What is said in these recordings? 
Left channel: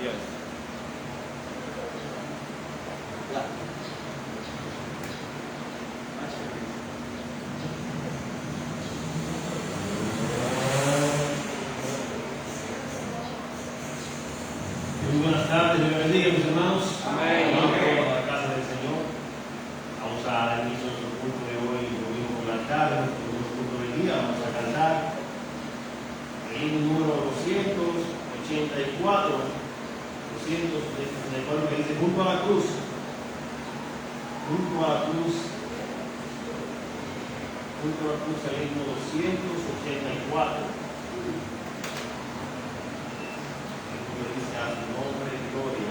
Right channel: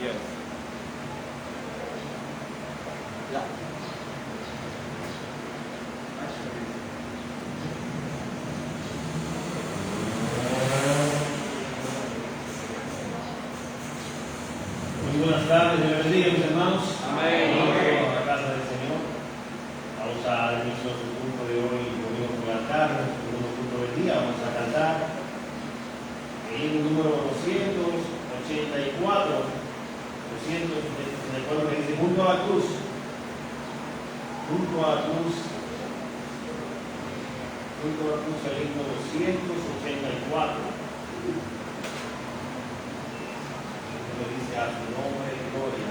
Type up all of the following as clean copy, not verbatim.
Yes. Muy buenas tardes, Dios bendiga, mis hermanos. Amén. Vamos a la casa del Señor. Vamos a dar inicio a nuestro culto de hoy, domingo por la tarde, nuestro segundo culto del día. Vamos a cantar el himno número 284, que dice junto a la cruz. Junto a la cruz. Junto a la cruz, el himno 284. Dice a su nombre de gloria.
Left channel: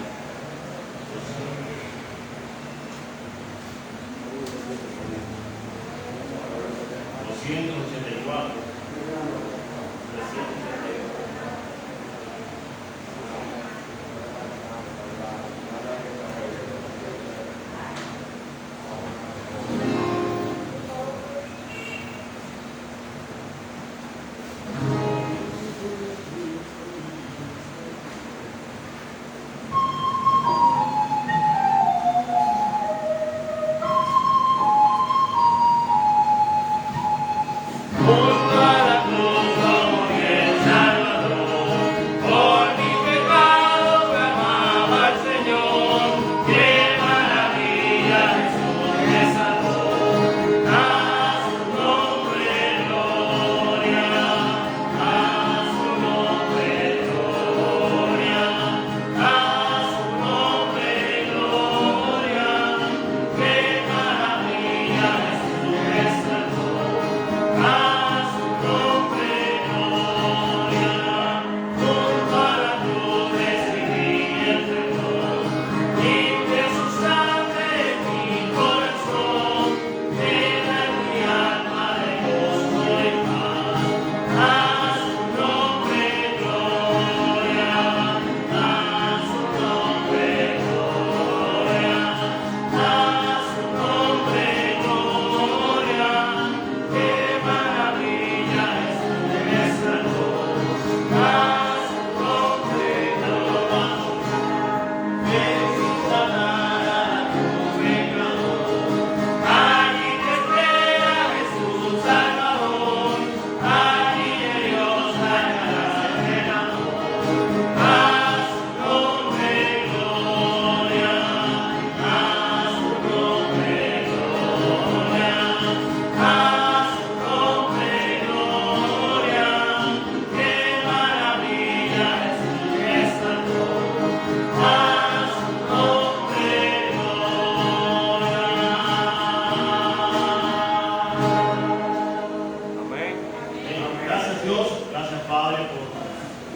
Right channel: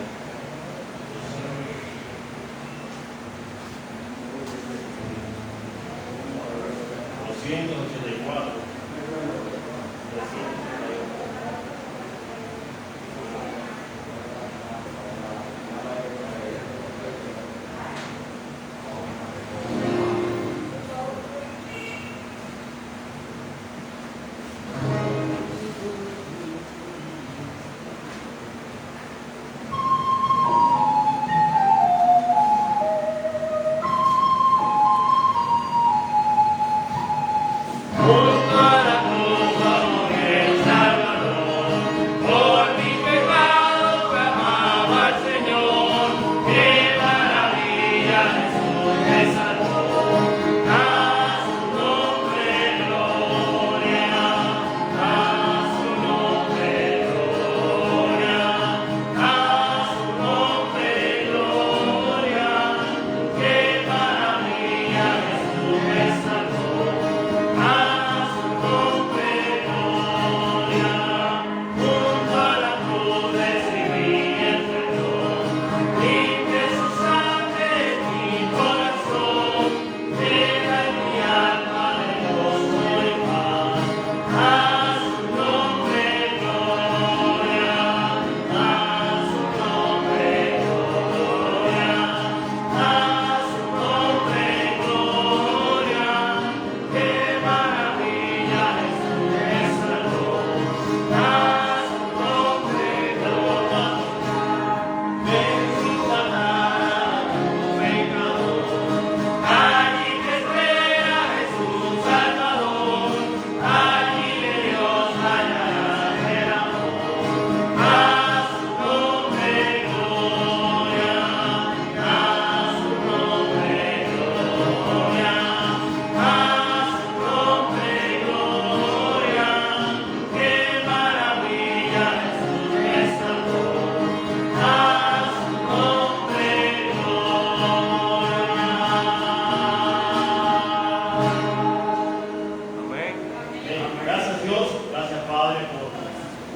Gracias Dios, gracias Padre por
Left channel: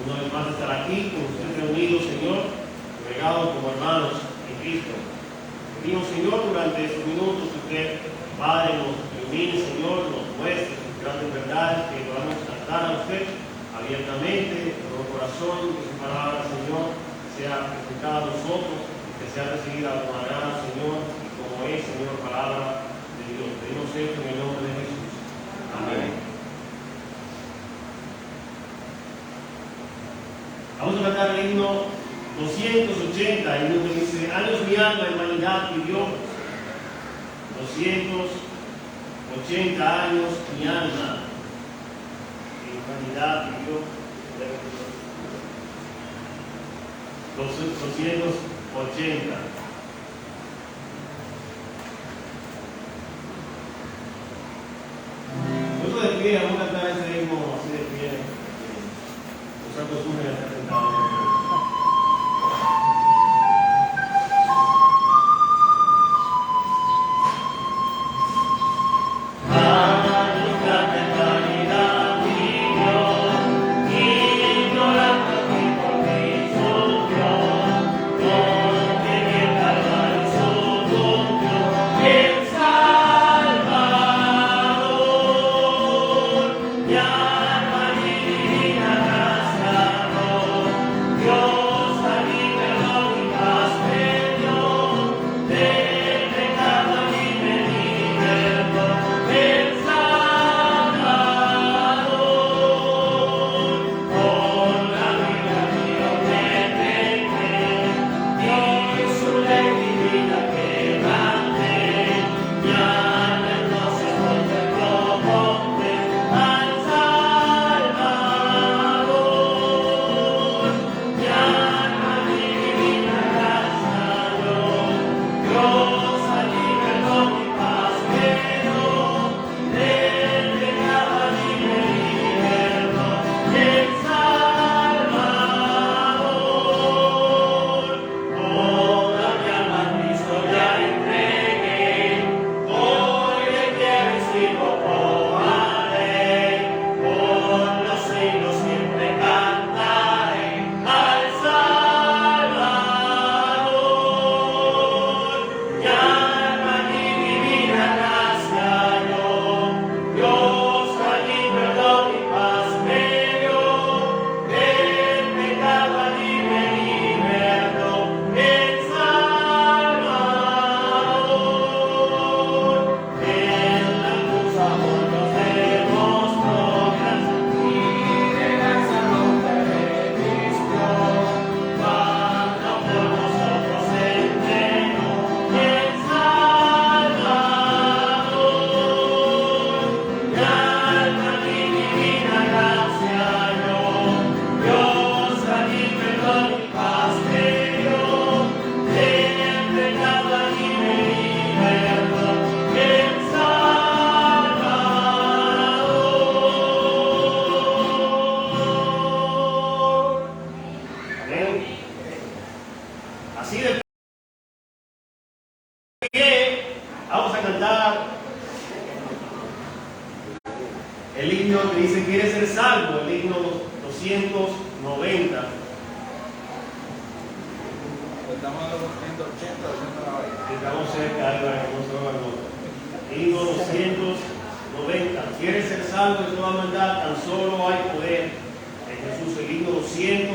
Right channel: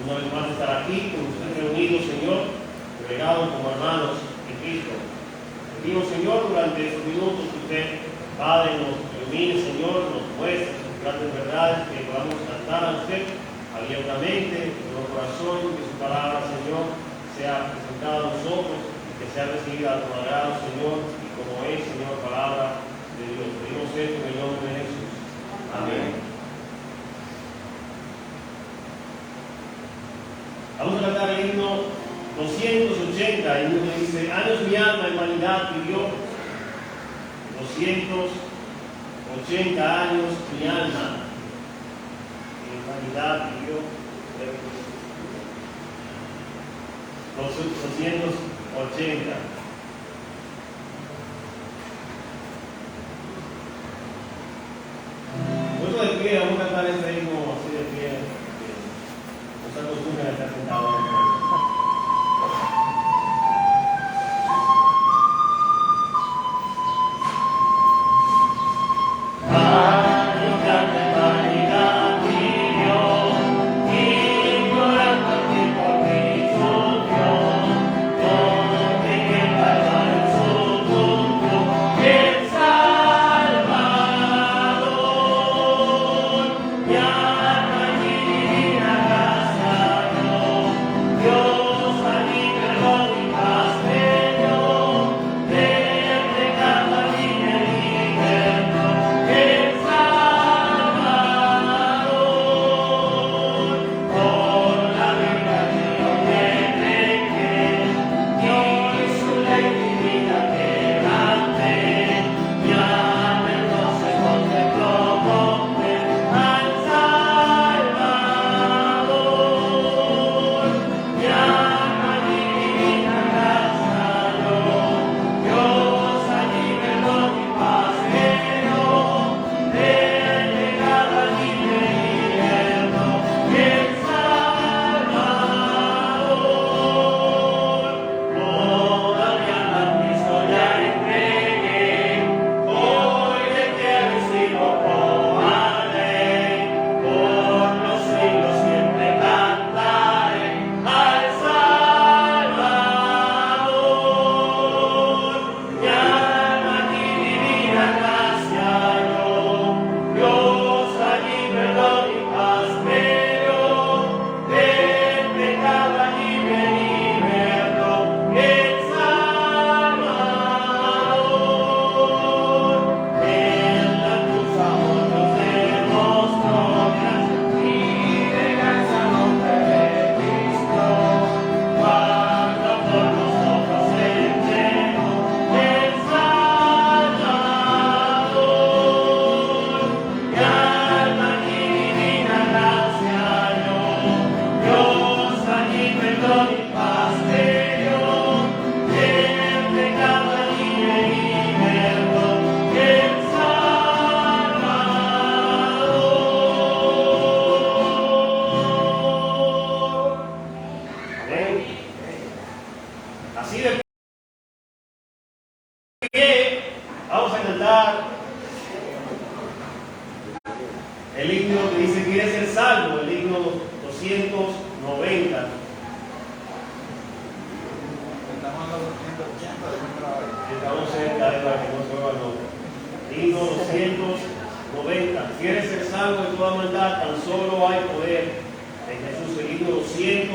una vez más estar aquí, con ustedes reunidos, Señor, regados como hermanos en Cristo. Pedimos, Señor, durante estos minutos que usted, Padre, nos ilumine, Señor, nos muestre sus grandes verdades, que podamos cantar a usted abiertamente, con nuestro corazón, que su palabra, Señor, sea presentada a nosotros, que sea recibida con agrado, Señor, y como es, Señor, palabra de Dios. Pedimos esto en el nombre de Jesús. Amén. Vamos a cantar el himno 280, el himno que dice: años mi alma en vanidad vivió, 280 años mi alma en vanidad vivió, 280. Nosotros de pie, vamos a cantar este himno así de pie. Nos acostumbran a estar sentados. Amén. Así de pie, vamos a cantar el himno que dice quiere ser salvo, el himno 290. Estamos cerca de la que no se va a nombrar. Himno 290. Quiere ser salvo de toda maldad, tan solo hay poder en Jesús. El himno 290.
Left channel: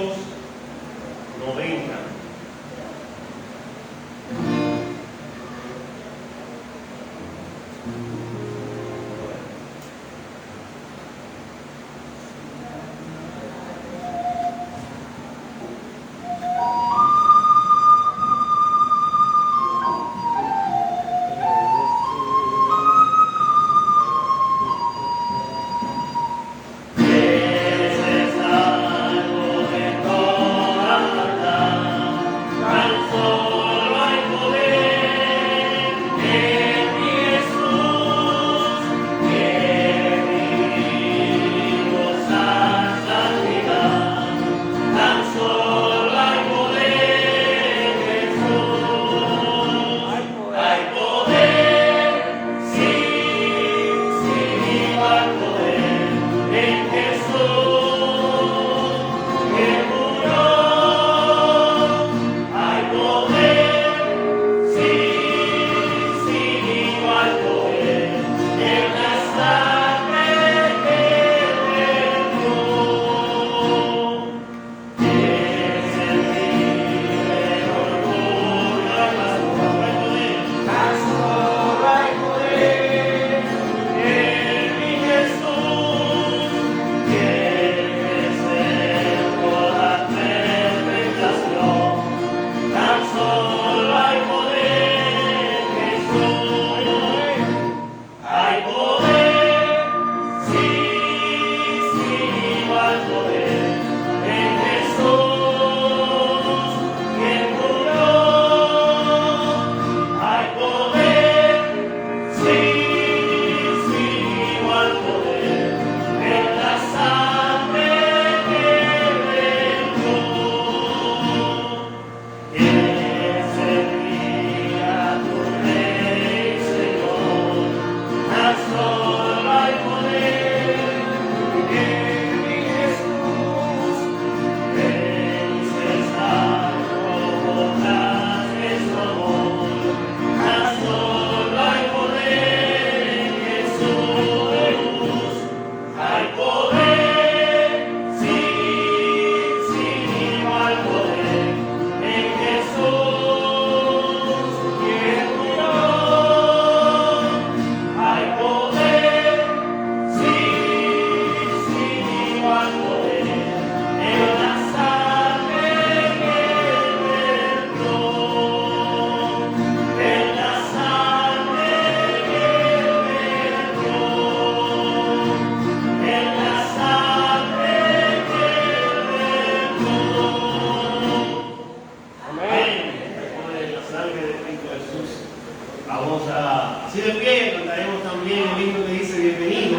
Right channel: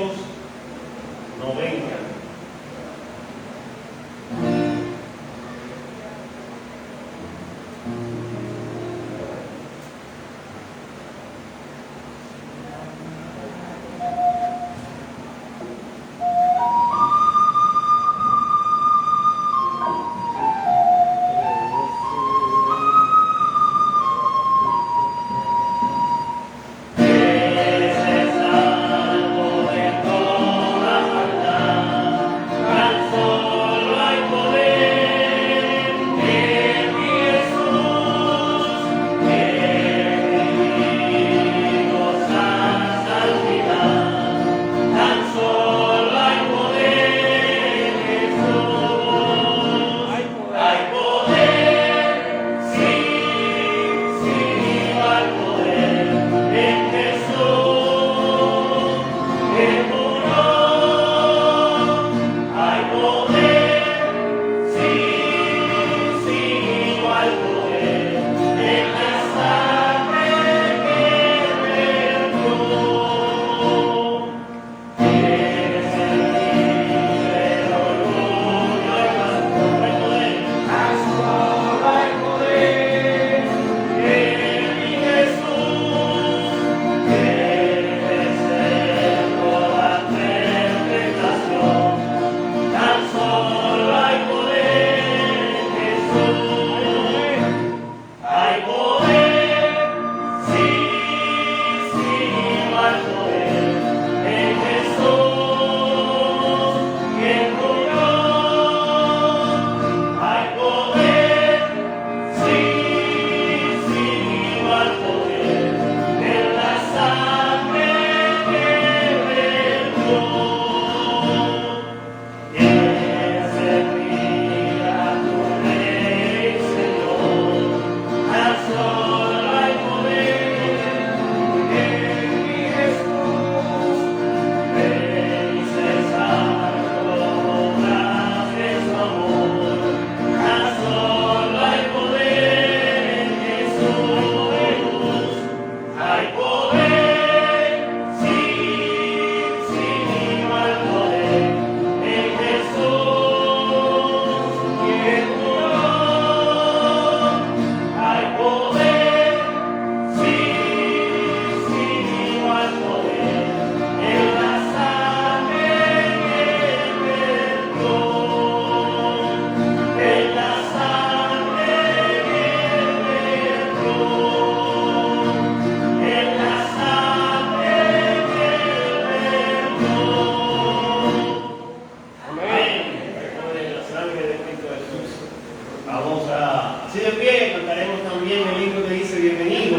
Así de pie, cantaremos también el himno que dice bienvenido,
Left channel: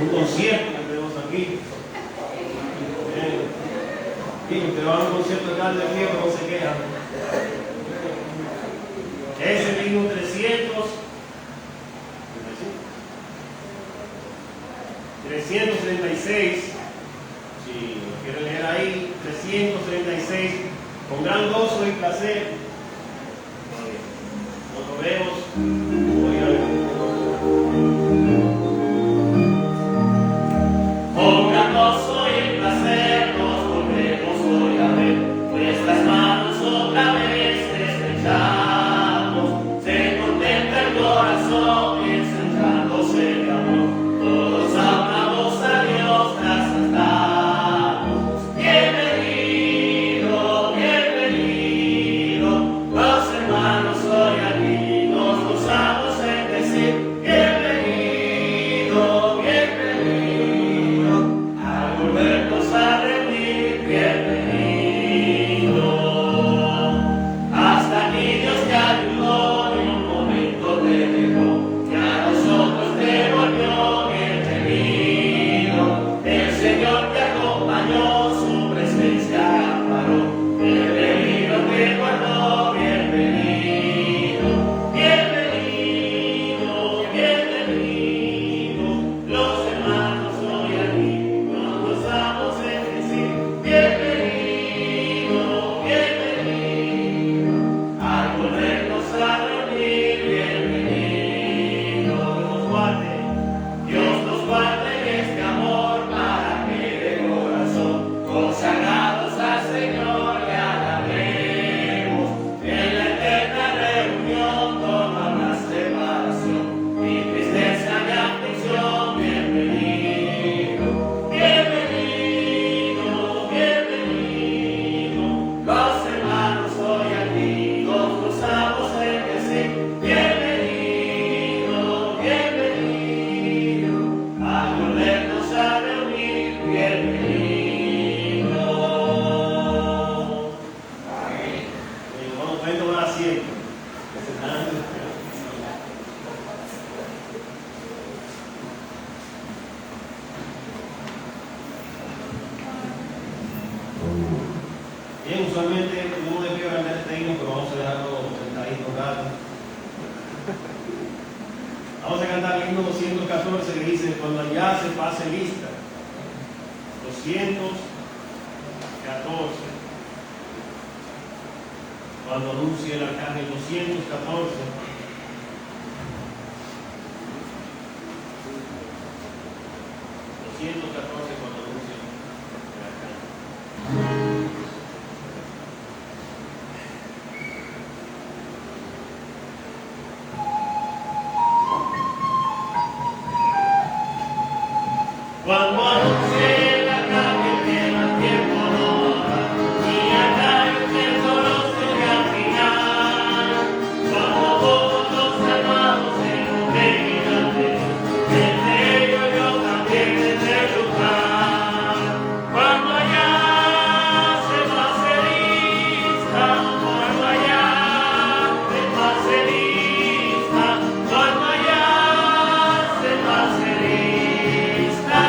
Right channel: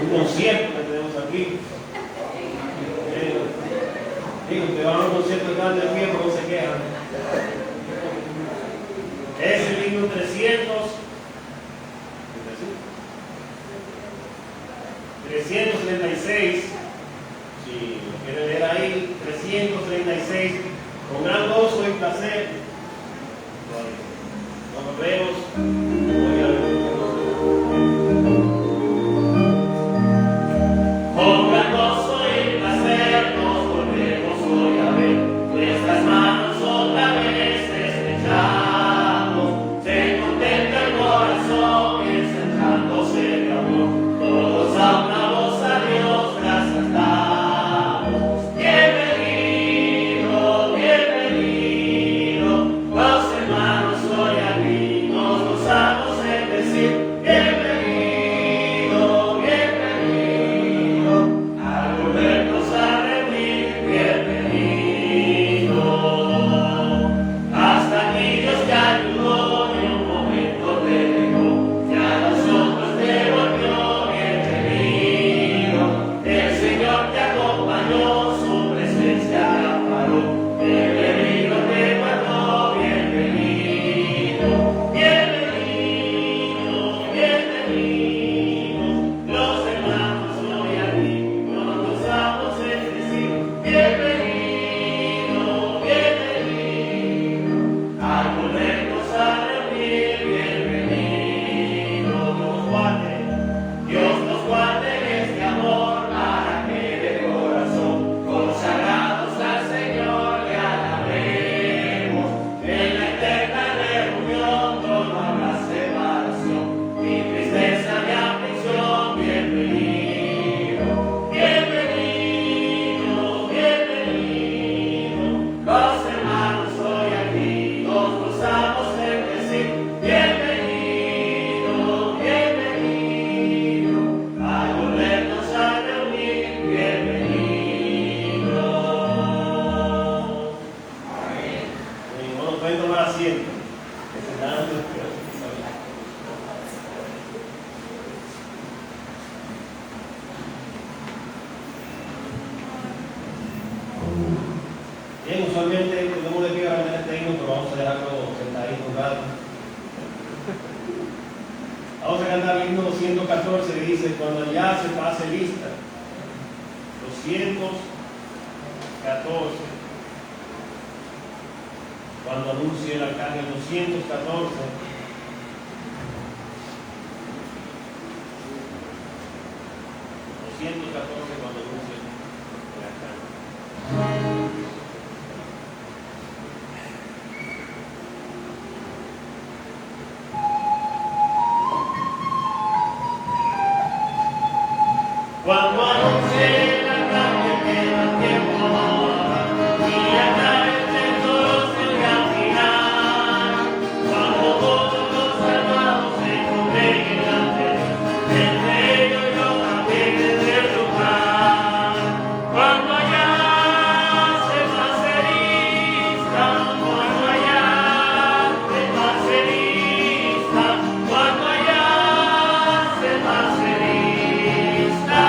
un concierto que tenemos aquí. Digo, que van a un concierto de carne de fierro, no se quejan. Es el himno 336, si lo quieren leer ahí, 336, con gran gozo y placer. Nos vemos. Voy a ver. Con gran gozo y placer nos volvemos hoy a ver. Nuestras manos otra vez estrechamos. Se contenta el corazón y ensanchándose de amor. Todos a una voz a Dios gracias damos. Bienvenido, bienvenido. Bien, usualmente no le quiero aprender este himno, pero vamos a dejarlo sentadito un rato. Vamos a cantar el himno 214 que dice: cuando ya se pase lista. 214. Cuando anuncie el arcángel 214. Cuando anuncie el arcángel. Cuando anuncie el arcángel que más tiempo no habrá, ni acaece solo se al final. Cuando todos los hermanos se congreguen ante Dios, entre ellos yo también desde lugar. Cuando allá se pase lista, cuando allá se pase lista, cuando allá se pase lista.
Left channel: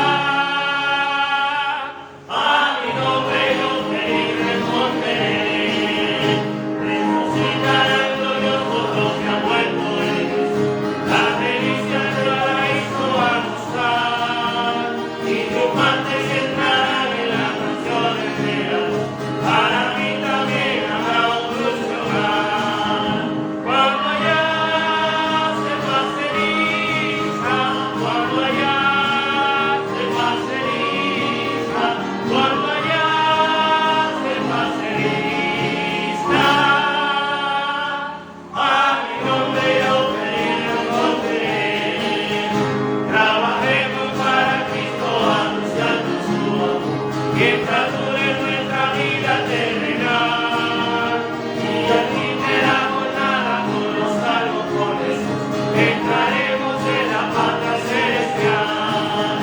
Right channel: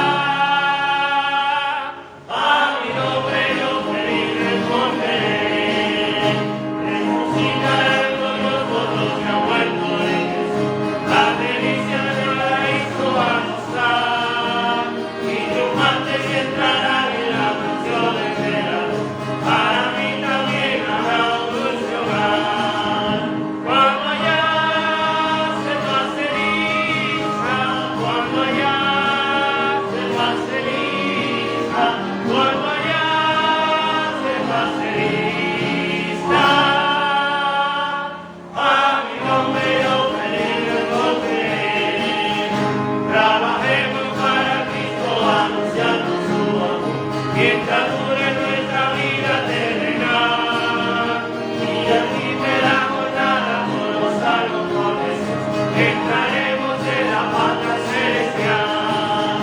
Mientras dure nuestra vida terrenal, y aquí de la jornada todos salvo con Jesús, entraremos en la patria celestial.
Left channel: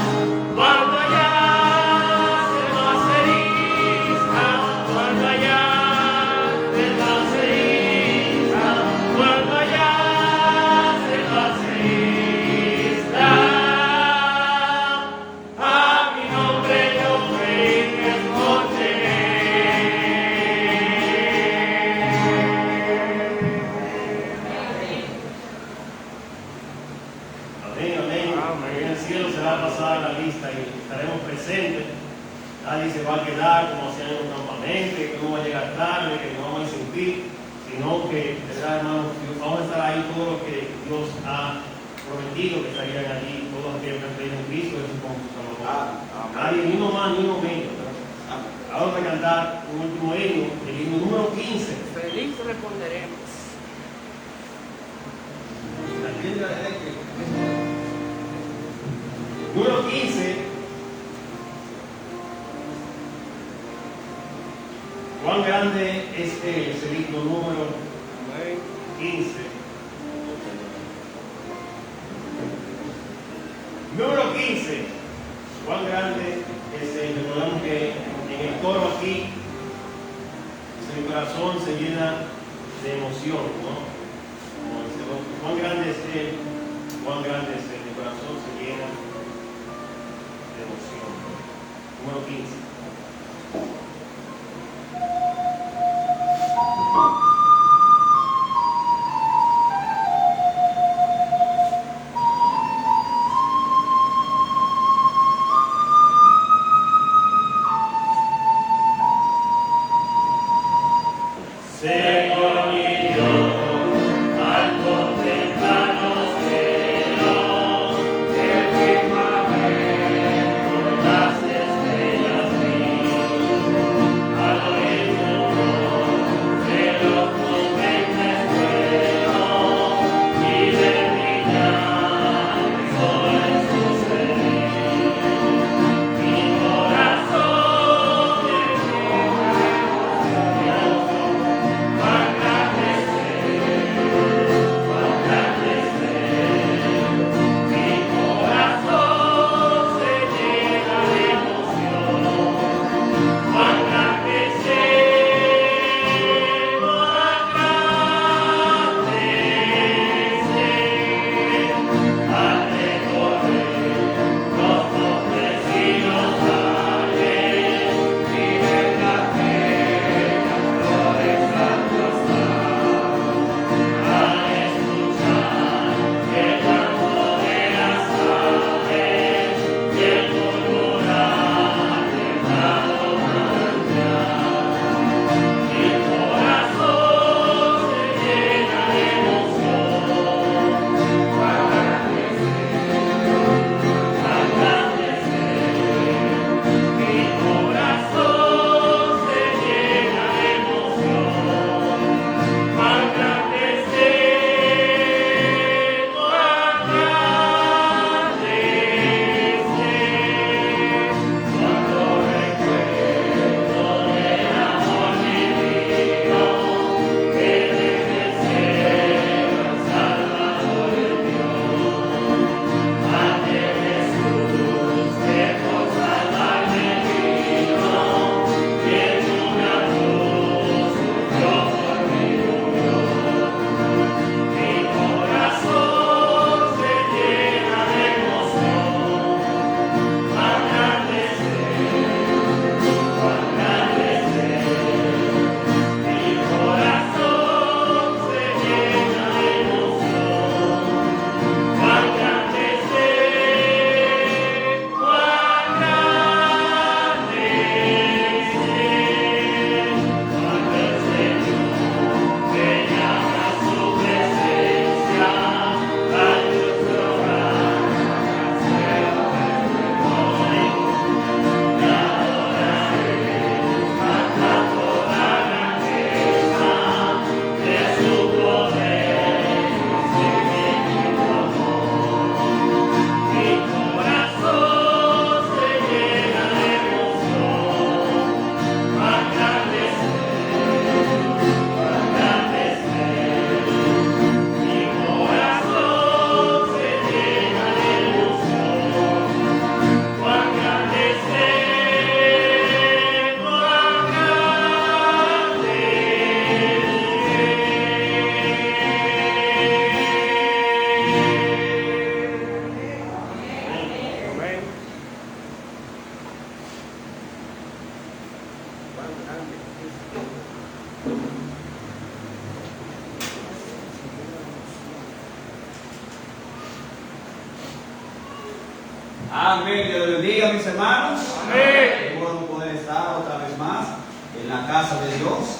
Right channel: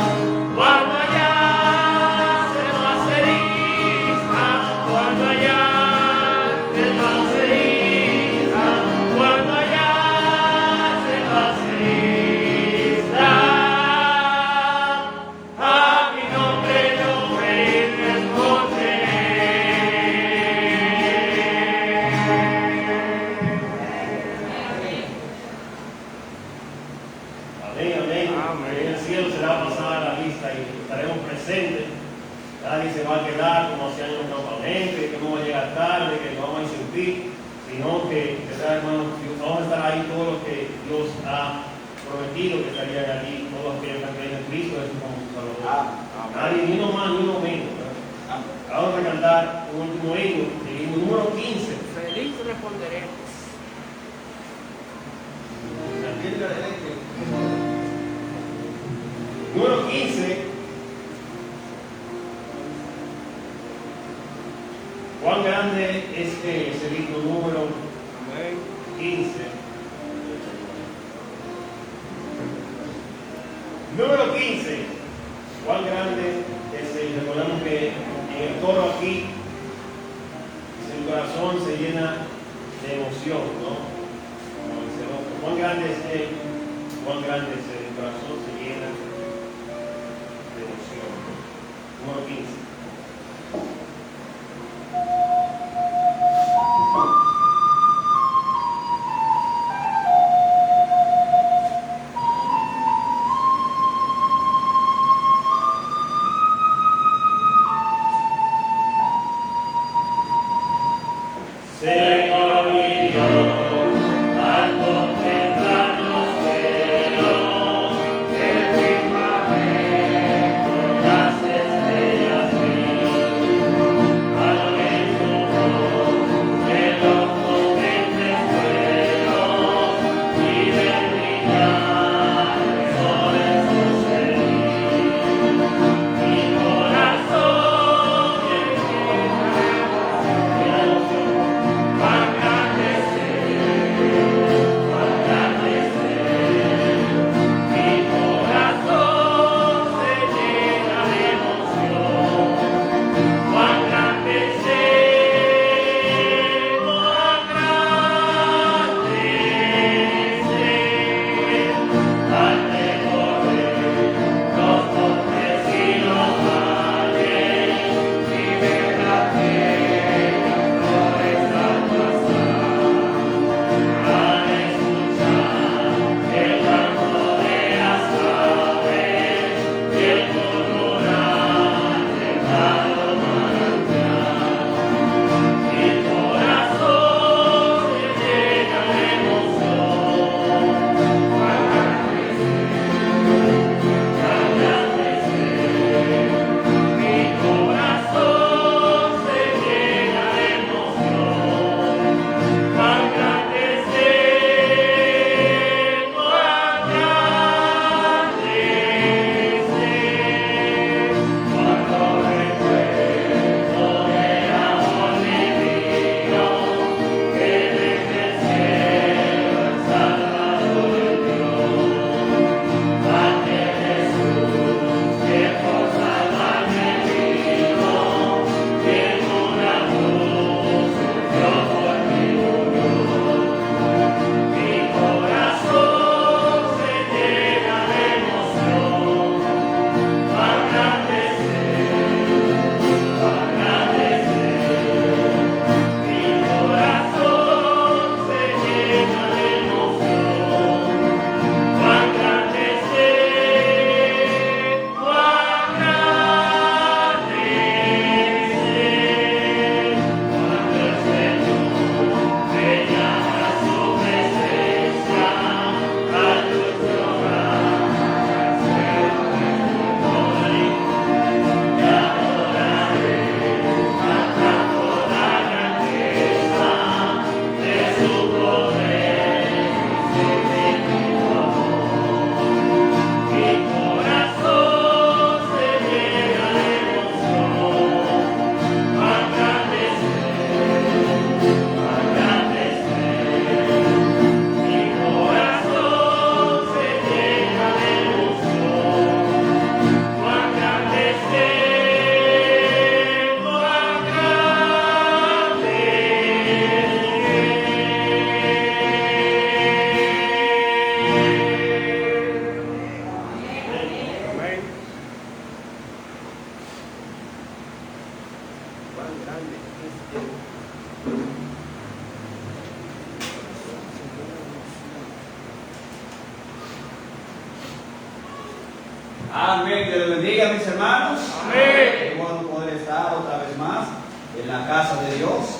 Cuando allá se pase lista, cuando allá se pase lista, cuando allá se pase lista, a mi nombre yo estaremos presentes. Nadie se va a quedar como hacían en los campamentos, que no va a llegar tarde, que no vamos a insistir, sino que, hermanos, vamos a estar ahí todos los que Dios ha prometido que estarían allí, todos los que han creído en Cristo, Jesús como su Salvador. Nadie, ni uno más, ni uno menos. Vamos a cantar un último himno, el himno número 15. Feliz responderemos. Número 15. ¿Cuán grande es el himno número 15? Número 15. ¿Cuán grande es? Recordamos que en el coro aquí el corazón se llena de emoción, ¿no? Como dice, ¿cuán grande es él? ¿Cuán grande es él? El corazón se llena de emoción. Número 15. Señor mi Dios, al contemplar los cielos, el firmamento, las estrellas vi, al oír tu voz de los potentes truenos y ver brillar el sol en su cenit. Mi corazón se llena de emoción. Amén. Dios bendiga, mis hermanos. Amén. Qué bueno poder estar otra vez más en la casa de Dios.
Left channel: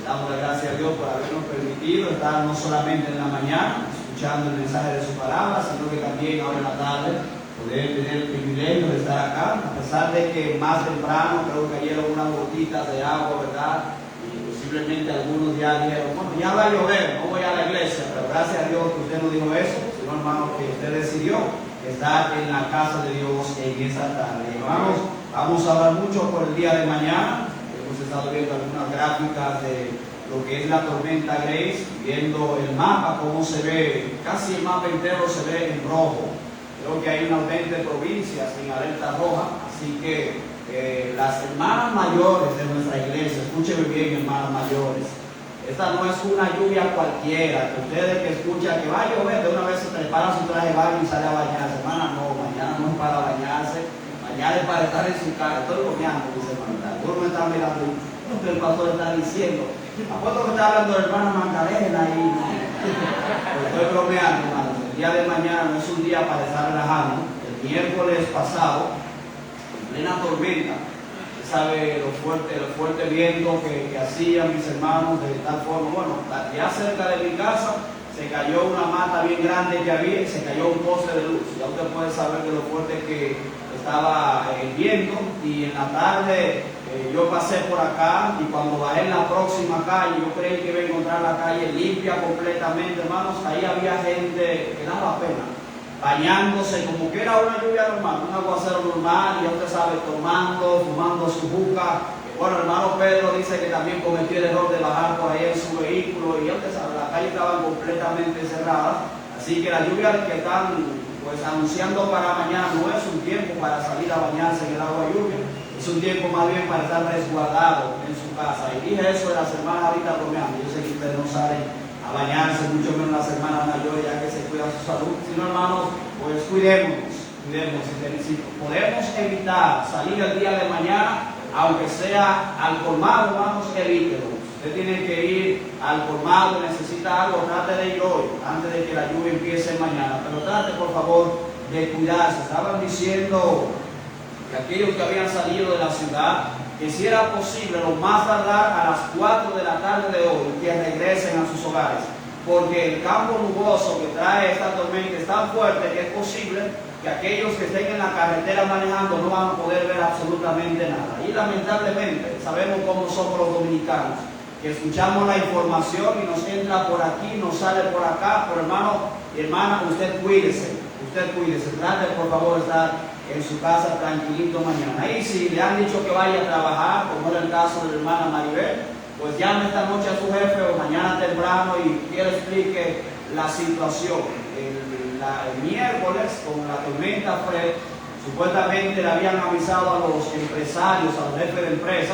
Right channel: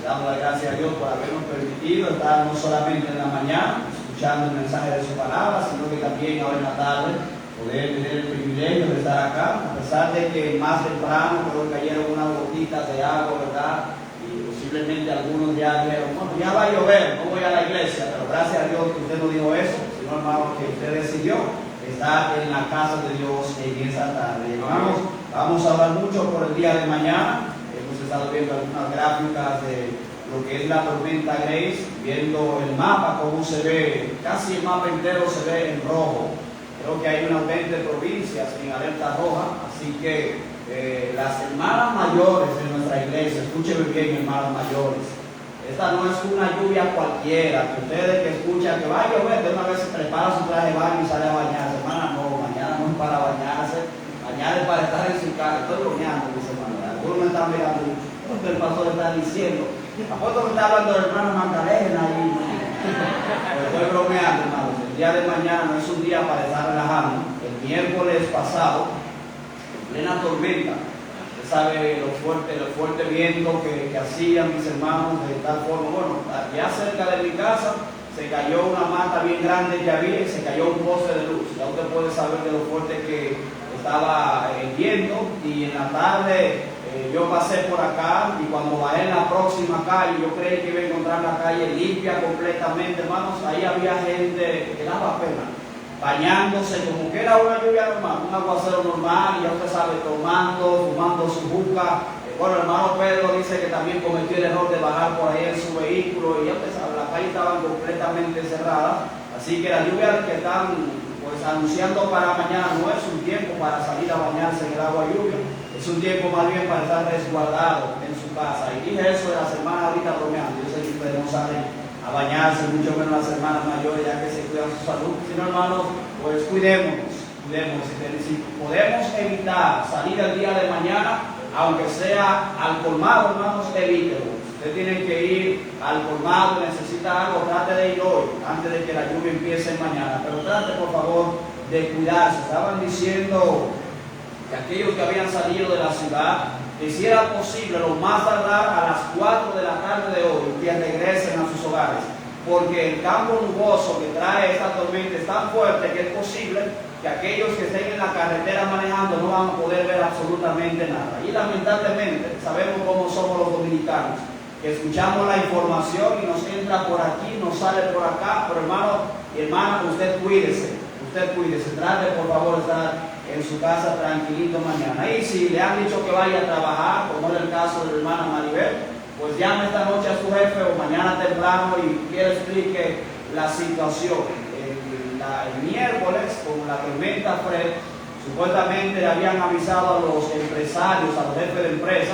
Le damos la gracia a Dios por habernos permitido estar no solamente en la mañana escuchando el mensaje de su palabra, sino que también ahora en la tarde poder tener el privilegio de estar acá, a pesar de que más temprano creo que cayeron unas gotitas de agua, ¿verdad? Y posiblemente algunos ya dijeron, bueno, ya va a llover, no voy a la iglesia, pero gracias a Dios que usted no dijo eso, sino hermano que usted decidió estar en la casa de Dios en esa tarde. Vamos a hablar mucho por el día de mañana. Hemos estado viendo algunas gráficas de lo que es la tormenta Grace, viendo el mapa, cómo se ve, casi el mapa entero se ve en rojo. Creo que hay unas 20 provincias en alerta roja, así que las hermanas mayores de nuestra iglesia, escúchenme bien, hermanas mayores, esta no es una lluvia cualquiera, que ustedes que escuchan que va a llover, de una vez se prepara su traje de baño y sale a bañarse. Hermana, no, mañana no es para bañarse, mañana es para estar en su casa. Estoy bromeando, dice hermana. Algunos me están mirando, lo que el pastor está diciendo. Apuesto que está hablando de hermana Magdalena y estoy bromeando, hermano. El día de mañana no es un día para estar relajando. El miércoles pasado, en plena tormenta, sabe lo fuerte viento que hacían mis hermanos, de tal forma, bueno, ya cerca de mi casa se cayó una mata bien grande que había y se cayó un poste de luz. Ya usted puede saber de lo fuerte que estaba el viento. Y en la tarde yo pasé por acá y cuando bajé en la próxima calle, yo creí que iba a encontrar la calle limpia completamente, hermanos. Ahí había gente que daba pena, bañándose como que era una lluvia normal, un aguacero normal, y ya usted sabe, fumando su juca. Bueno, hermano Pedro dice que también cometió el error de bajar por ahí en su vehículo, y ya usted sabe, las calles estaban completamente cerradas. Así que la lluvia que están pues anunciando para mañana no es un tiempo para salir a bañarse en el agua lluvia, es un tiempo más bien para estar resguardado en su casa. Y dije eso de las hermanas ahorita bromeando, yo sé que ustedes no salen a bañarse, mucho menos las hermanas mayores, ya que se cuidan su salud. Si no, hermanos, pues cuidémonos. Si podemos evitar salir el día de mañana, aunque sea al colmado, hermanos, evítelo. Usted tiene que ir al colmado, necesita algo, trate de ir hoy, antes de que la lluvia empiece mañana. Pero trate, por favor, de cuidarse. Estaban diciendo que aquellos que habían salido de la ciudad, que si era posible, lo más tardar a las 4 de la tarde de hoy, que regresen a sus hogares, porque el campo nuboso que trae esta tormenta es tan fuerte que es posible que aquellos que estén en la carretera manejando no van a poder ver absolutamente nada. Y lamentablemente sabemos cómo somos los dominicanos, que escuchamos la información y nos entra por aquí, nos sale por acá. Pero hermano y hermana, usted cuídese, trate por favor de estar en su casa tranquilito mañana. Y si le han dicho que vaya a trabajar, como era el caso de la hermana Maribel, pues llame esta noche a su jefe o mañana temprano y que le explique la situación. El miércoles, con la tormenta Fred, supuestamente le habían avisado a los empresarios, a los jefes de empresa,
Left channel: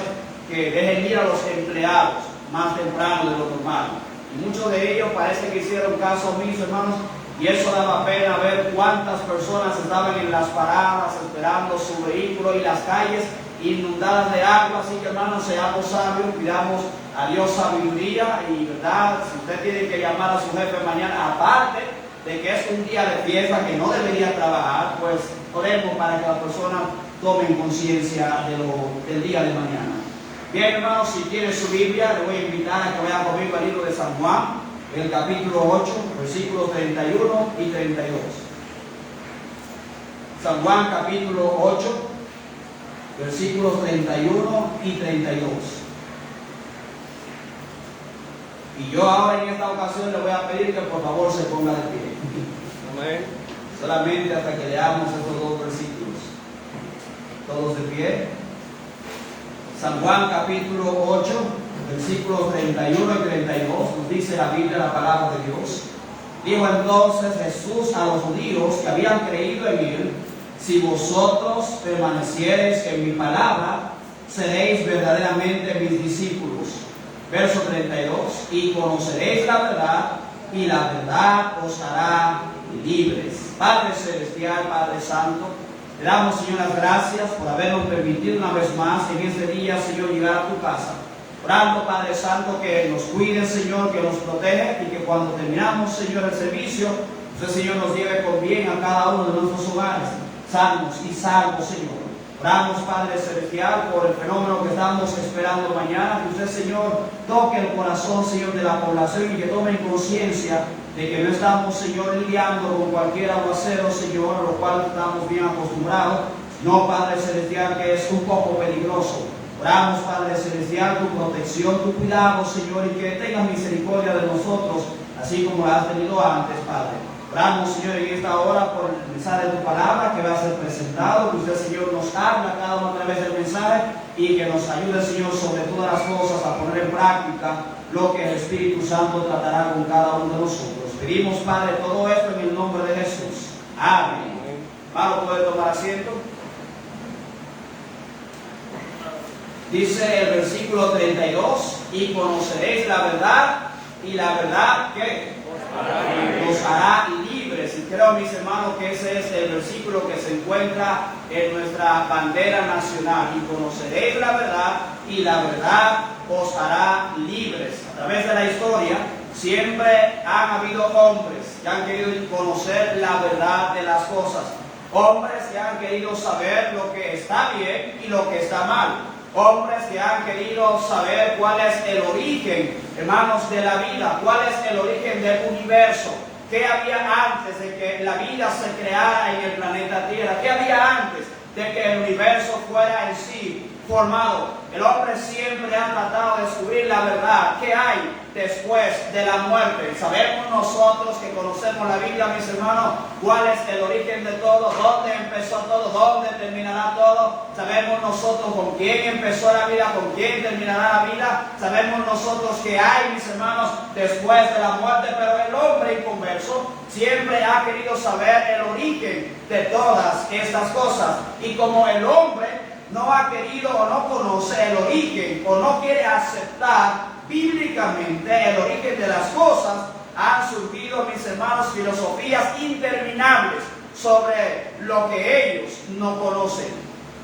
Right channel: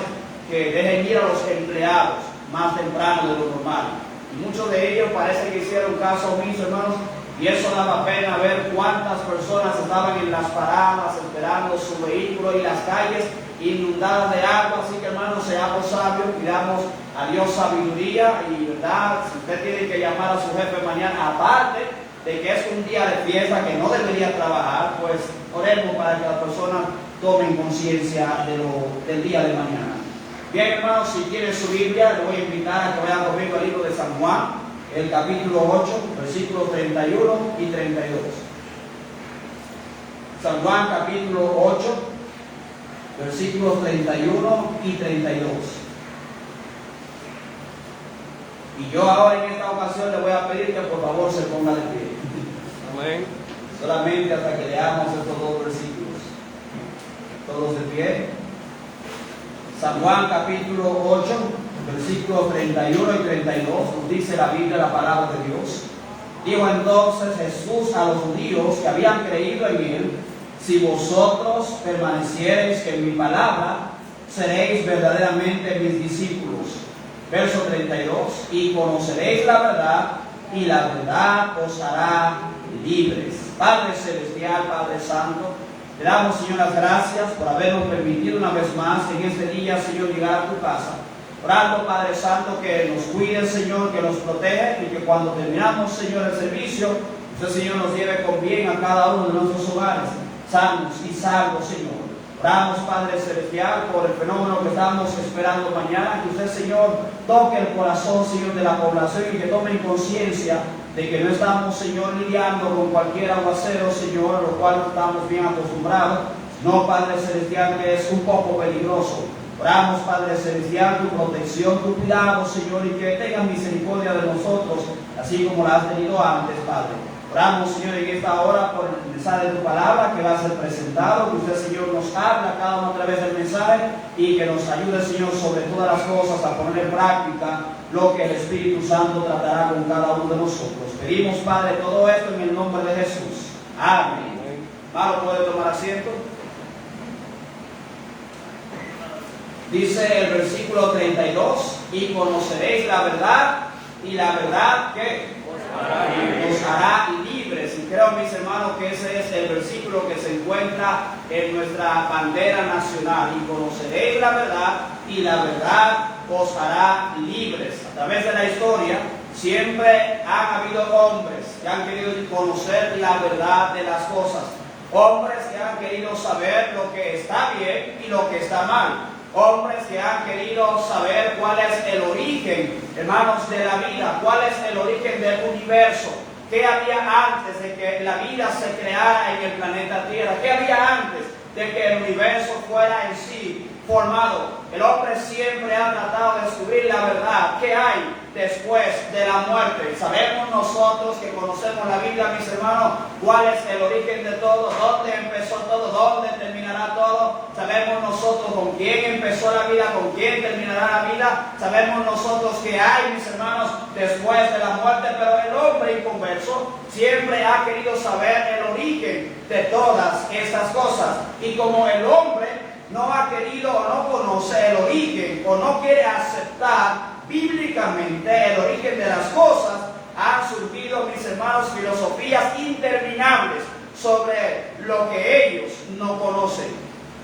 que dejen ir a los empleados más temprano de lo normal. Y muchos de ellos parece que hicieron caso omiso, hermanos, y eso daba pena ver cuántas personas estaban en las paradas esperando su vehículo y las calles inundadas de agua. Así que, hermanos, seamos sabios, pidamos a Dios sabiduría y verdad. Si usted tiene que llamar a su jefe mañana, aparte de que es un día de fiesta que no debería trabajar, pues oremos para que las personas tomen conciencia del día de mañana. Bien, hermanos, si quieren su Biblia, les voy a invitar a que vayan conmigo al libro de San Juan, el capítulo 8, versículos 31 y 32. San Juan, capítulo 8, versículos 31 y 32. Y yo ahora en esta ocasión le voy a pedir que por favor se ponga de pie. Amén. Solamente hasta que leamos estos dos versículos. Todos de pie. San Juan capítulo 8, versículos 31 y 32, nos dice la Biblia, la palabra de Dios. Dijo entonces Jesús a los judíos que habían creído en él: si vosotros permaneciereis en mi palabra, seréis verdaderamente mis discípulos. Verso 32, y conoceréis la verdad, y la verdad os hará libres. Padre Celestial, Padre Santo, Te damos, Señor, las gracias por habernos permitido una vez más en este día, Señor, llegar a tu casa. Orando, Padre Santo, que nos cuide, Señor, que nos proteja y que cuando terminamos, Señor, el servicio, usted, Señor, nos lleve con bien a cada uno de nuestros hogares, sanos y salvos, Señor. Oramos, Padre Celestial, por el fenómeno que estamos esperando mañana, que usted, Señor, toque el corazón, Señor, de la población y que tomen conciencia de que no estamos, Señor, lidiando con cualquier aguacero, Señor, a lo cual estamos bien acostumbrados. No, Padre Celestial, que es un poco peligroso. Oramos, Padre Celestial, tu protección, tu cuidado, Señor, y que tengas misericordia de nosotros, así como la has tenido antes, Padre. Oramos, Señor, en esta hora por el mensaje de tu palabra que va a ser presentado, que usted, Señor, nos habla cada uno a través del mensaje y que nos ayude, Señor, sobre todas las cosas a poner en práctica lo que el Espíritu Santo tratará con cada uno de nosotros. Pedimos, Padre, todo esto en el nombre de Jesús. Amén. Vamos, ¿puede tomar asiento? Dice el versículo 32, y conoceréis la verdad, y la verdad que os hará libres. Y creo, mis hermanos, que ese es el versículo que se encuentra en nuestra bandera nacional. Y conoceréis la verdad, y la verdad os hará libres. A través de la historia siempre han habido hombres que han querido conocer la verdad de las cosas. Hombres que han querido saber lo que está bien y lo que está mal. Hombres que han querido saber cuál es el origen, hermanos, de la vida, cuál es el origen del universo, qué había antes de que la vida se creara en el planeta Tierra, qué había antes de que el universo fuera en sí formado. El hombre siempre ha tratado de descubrir la verdad, qué hay después de la muerte. Sabemos nosotros que conocemos la Biblia, mis hermanos, cuál es el origen de todo, dónde empezó todo, dónde terminará todo. Sabemos nosotros con quién empezó la vida, con quién terminará la vida. Sabemos nosotros que hay, mis hermanos, después de la muerte, pero el hombre inconverso siempre ha querido saber el origen de todas estas cosas. Y como el hombre no ha querido o no conoce el origen o no quiere aceptar bíblicamente el origen de las cosas, han surgido, mis hermanos, filosofías interminables sobre lo que ellos no conocen.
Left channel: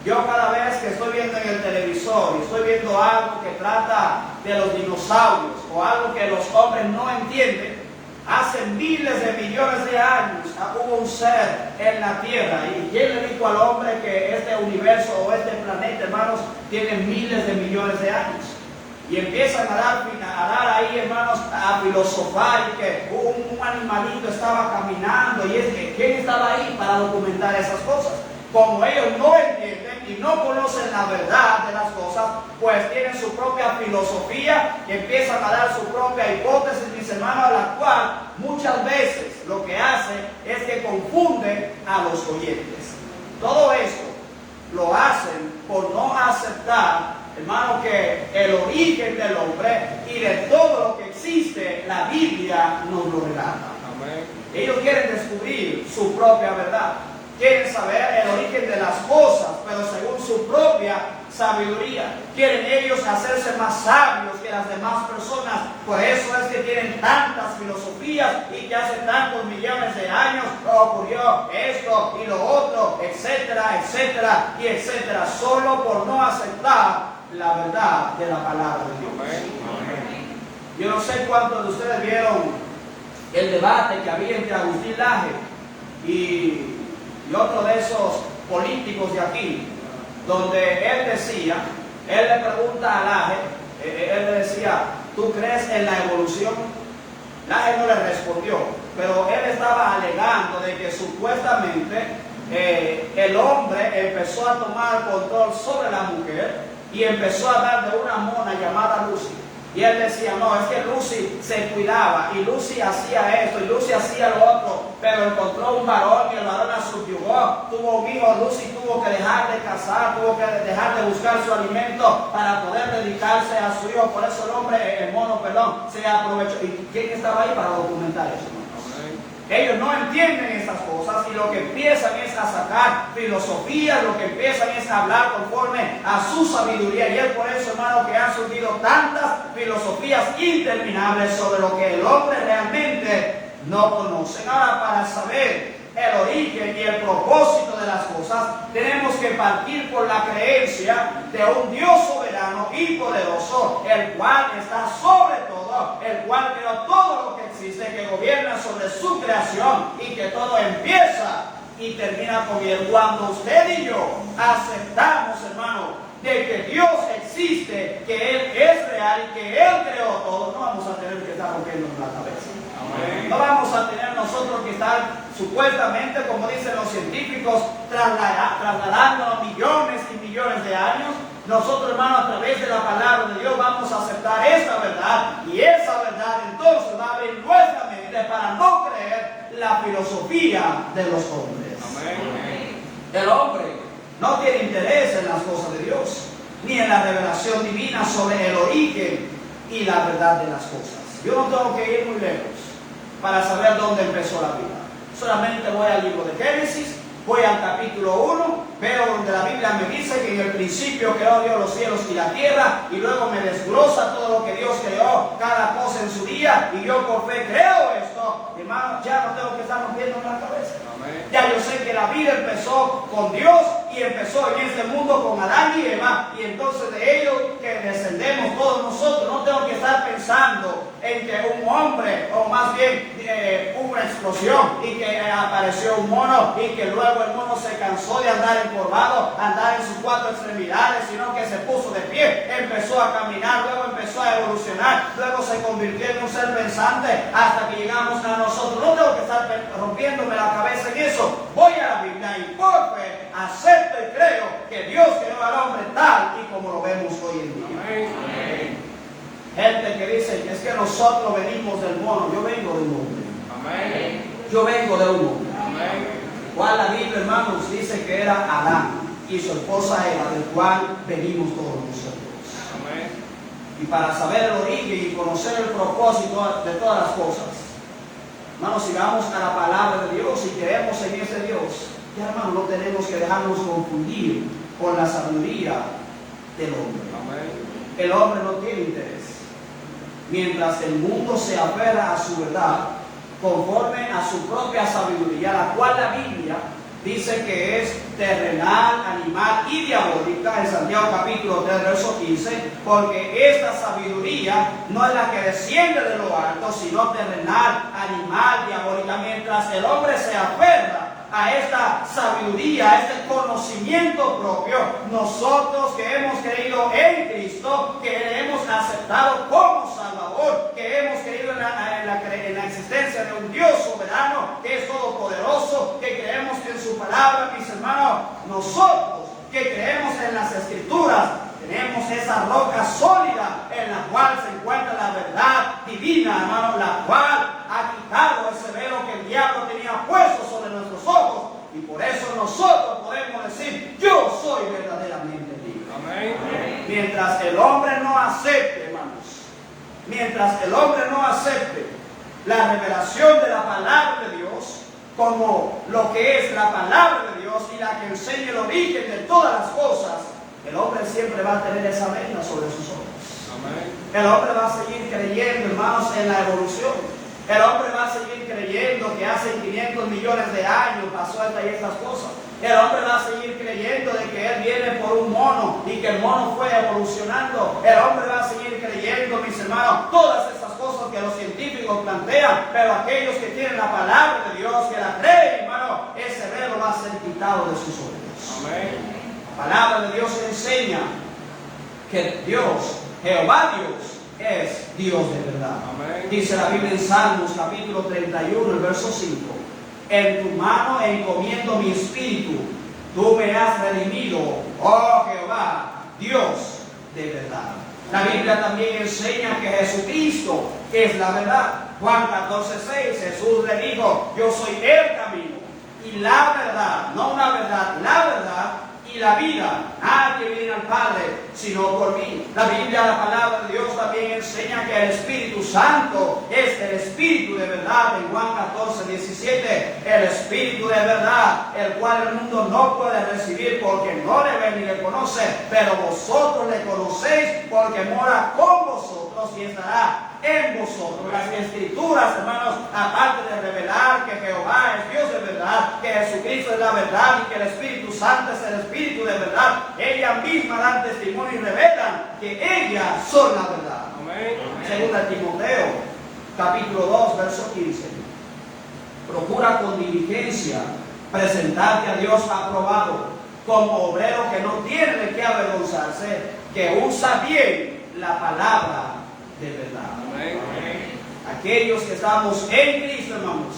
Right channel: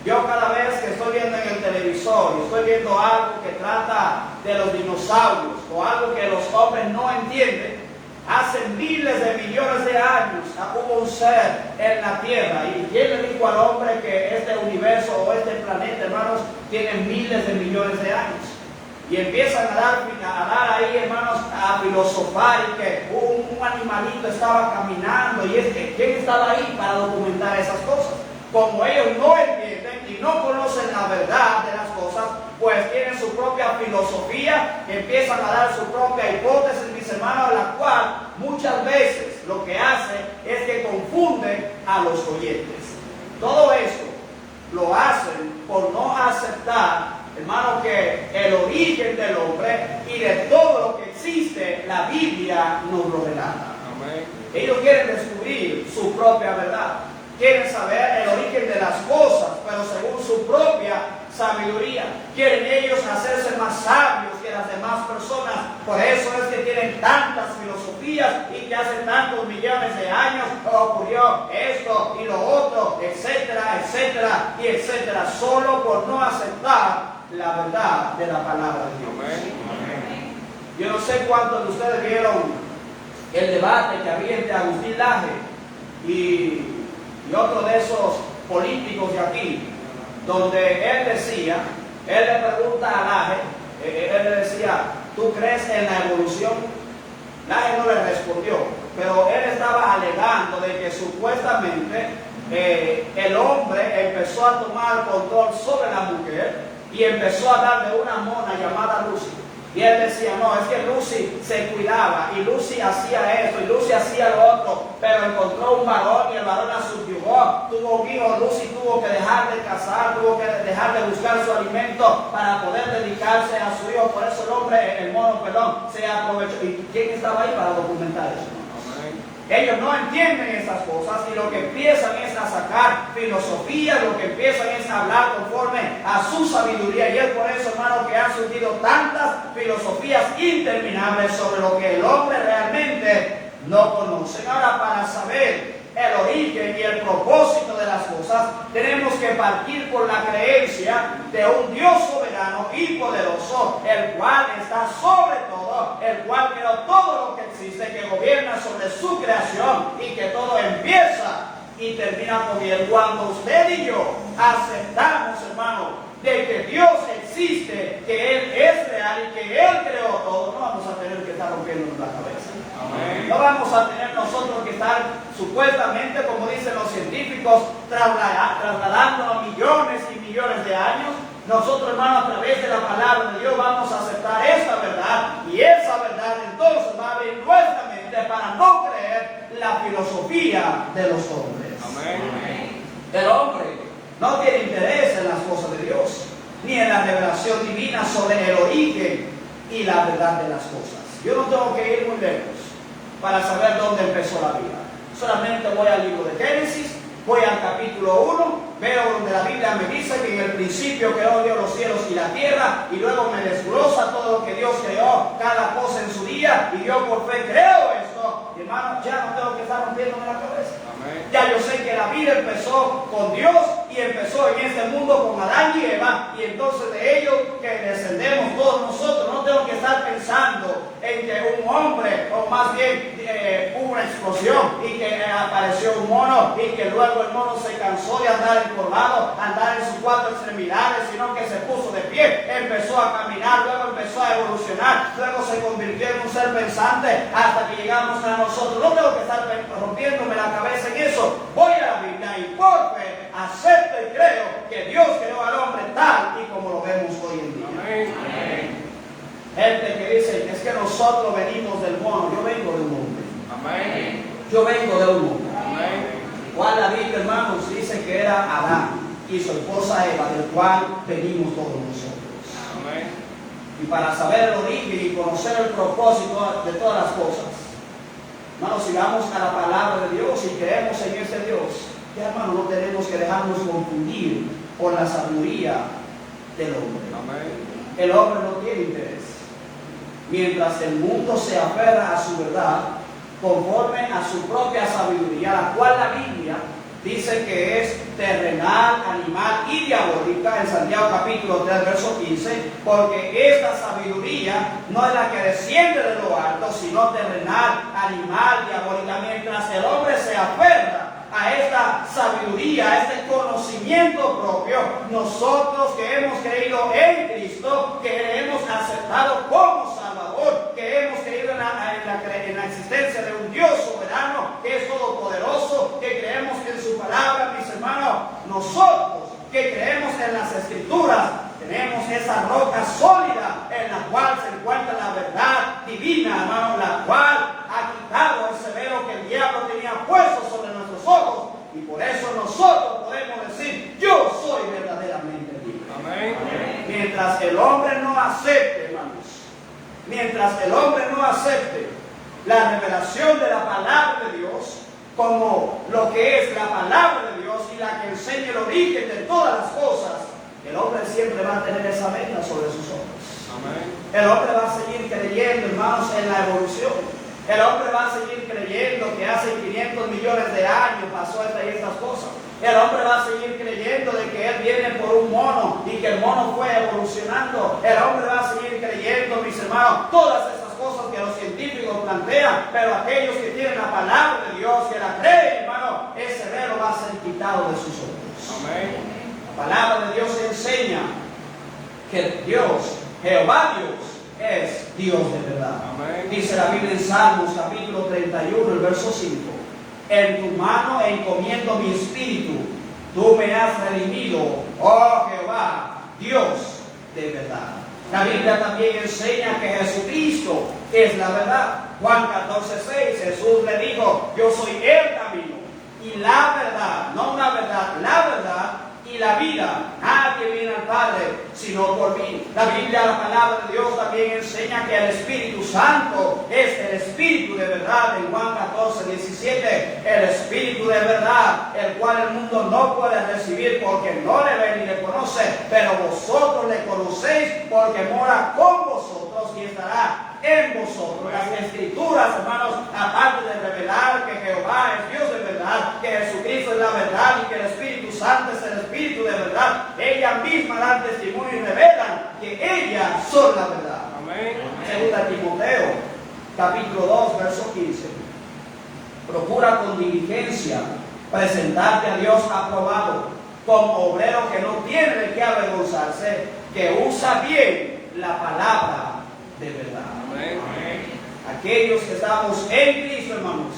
Yo cada vez que estoy viendo en el televisor y estoy viendo algo que trata de los dinosaurios o algo que los hombres no entienden, hace miles de millones de años hubo un ser en la tierra. ¿Y quién le dijo al hombre que este universo o este planeta, hermanos, tiene miles de millones de años? Y empiezan a dar ahí, hermanos, a filosofar y que un animalito estaba caminando. Y es que ¿quién estaba ahí para documentar esas cosas? Como ellos no entienden y no conocen la verdad de las cosas, pues tienen su propia filosofía y empiezan a dar su propia hipótesis, mis hermanos, a la cual muchas veces lo que hace es que confunde a los oyentes. Todo esto lo hacen por no aceptar, hermano, que el origen del hombre y de todo lo que existe, la Biblia nos lo relata. Amén. Ellos quieren descubrir su propia verdad. Quieren saber el origen de las cosas, pero según su propia sabiduría. Quieren ellos hacerse más sabios que las demás personas. Por eso es que tienen tantas filosofías y que hace tantos millones de años ocurrió esto y lo otro, etcétera, etcétera y etcétera, solo por no aceptar la verdad de la palabra de Dios. Amén. Yo no sé cuántos de ustedes vieron el debate que había entre Agustín Laje y otro de esos políticos de aquí, donde él le pregunta a Laje, él le decía, ¿tú crees en la evolución? Laje no le respondió, pero él estaba alegando de que supuestamente el hombre empezó a tomar control sobre la mujer y empezó a darle una mona llamada Lucy. Y él decía, no, es que Lucy se cuidaba y Lucy hacía esto y Lucy hacía lo otro, pero encontró un varón y el varón la subyugó, tuvo un hijo, Lucy tuvo que dejar de casar, tuvo que dejar de buscar su alimento para poder dedicarse a su hijo. Por eso el hombre, el mono, se aprovechó. ¿Y quién estaba ahí para documentar eso? Ellos no entienden esas cosas y lo que empiezan es a sacar filosofía, lo que empiezan es a hablar conforme a su sabiduría. Y es por eso, hermano, que han surgido tantas filosofías interminables sobre lo que el hombre realmente no conoce. Ahora, para saber el origen y el propósito de las cosas, cosas, tenemos que partir por la creencia de un Dios soberano y poderoso, el cual está sobre todo, el cual creó todo lo que existe, que gobierna sobre su creación y que todo empieza y termina con él. Cuando usted y yo aceptamos, hermano, de que Dios existe, que Él es real y que Él creó todo, no vamos a tener que estar rompiéndonos la cabeza. Amén. No vamos a tener nosotros que estar supuestamente, como dicen los científicos, trasladando millones y millones de años. Nosotros, hermanos, a través de la palabra de Dios vamos a aceptar esa verdad, y esa verdad entonces va a abrir nuestra mente para no creer la filosofía de los hombres. Amén. El hombre no tiene interés en las cosas de Dios, ni en la revelación divina sobre el origen y la verdad de las cosas. Yo no tengo que ir muy lejos para saber dónde empezó la vida. Solamente voy al libro de Génesis, voy al capítulo 1, veo donde la Biblia me dice que en el principio creó Dios los cielos y la tierra, y luego me desglosa todo lo que Dios creó, cada cosa en su día, y yo por fe creo esto. Hermano, ya no tengo que estar rompiéndome la cabeza. Amén. Ya yo sé que la vida empezó con Dios y empezó en este mundo con Adán y Eva, y entonces de ellos que descendemos todos nosotros. No tengo que estar pensando en que un hombre, o más bien hubo una explosión y que apareció un mono y que luego el mono se cansó de andar encorvado, andar en sus cuatro extremidades, sino que se puso de pie, empezó a caminar, luego empezó a evolucionar, luego se convirtió en un ser pensante hasta que llegamos a nosotros. No tengo que estar rompiéndome la cabeza en eso. Voy a la Biblia y por fe acepto y creo que Dios creó al hombre tal y como lo vemos hoy en día. Amén. Amén. Gente que dice, es que nosotros venimos del mono. Yo vengo de un hombre. Amén. Yo vengo de un hombre. Amén. Cual la Biblia, hermanos, dice que era Adán y su esposa Eva, del cual venimos todos nosotros. Amén. Y para saber el origen y conocer el propósito de todas las cosas, hermanos, si vamos a la palabra de Dios y creemos en ese Dios, ya, hermanos, no tenemos que dejarnos confundir por la sabiduría del hombre. Amén. El hombre no tiene interés. Mientras el mundo se aferra a su verdad, conforme a su propia sabiduría, la cual la Biblia dice que es terrenal, animal y diabólica, en Santiago capítulo 3, verso 15, porque esta sabiduría no es la que desciende de lo alto, sino terrenal, animal, diabólica. Mientras el hombre se aferra a esta sabiduría, a este conocimiento propio, nosotros que hemos creído en Cristo, que le hemos aceptado como Salvador, que hemos creído en la existencia de un Dios soberano, que es todopoderoso, que creemos en su palabra, mis hermanos, nosotros que creemos en las Escrituras, tenemos esa roca sólida en la cual se encuentra la verdad divina, hermano, la cual ha quitado ese velo que el diablo tenía puesto sobre nuestros ojos, y por eso nosotros podemos decir, yo soy verdaderamente libre. Amén. Mientras el hombre no acepte, hermanos, mientras el hombre no acepte la revelación de la palabra de Dios como lo que es la palabra de Dios y la que enseña el origen de todas las cosas, el hombre siempre va a tener esa venda sobre sus ojos. Amén. El hombre va a seguir creyendo, hermanos, en la evolución. El hombre va a seguir creyendo que hace 500 millones de años pasó esta y estas cosas. El hombre va a seguir creyendo de que él viene por un mono y que el mono fue evolucionando. El hombre va a seguir creyendo, mis hermanos, todas estas cosas que los científicos plantean, pero aquellos que tienen la palabra de Dios, que la creen, hermano, ese velo va a ser quitado de sus ojos. Amén. La palabra de Dios enseña que Dios, Jehová Dios, es Dios de verdad. Amén. Dice la Biblia en Salmos capítulo 31, el verso 5. En tu mano encomiendo mi espíritu, tú me has redimido, oh Jehová, Dios de verdad. La Biblia también enseña que Jesucristo es la verdad. Juan 14:6, Jesús le dijo, yo soy el camino y la verdad, no una verdad, la verdad y la vida. Nadie viene al Padre sino por mí. La Biblia, la palabra de Dios, también enseña que el Espíritu Santo es el Espíritu de verdad. En Juan 14:17, el Espíritu de verdad, el cual el mundo no puede recibir porque no le ve ni le conoce, pero vosotros le conocéis porque mora con vosotros vosotros y estará en vosotros. Las Escrituras, hermanos, aparte de revelar que Jehová es Dios de verdad, que Jesucristo es la verdad y que el Espíritu Santo es el Espíritu de verdad, ellas mismas dan testimonio y revelan que ellas son la verdad. Amén. Segunda Timoteo, capítulo 2, verso 15. Procura con diligencia presentarte a Dios aprobado, como obrero que no tiene de qué avergonzarse, que usa bien la palabra de verdad. Amén. Aquellos que estamos en Cristo, hermanos,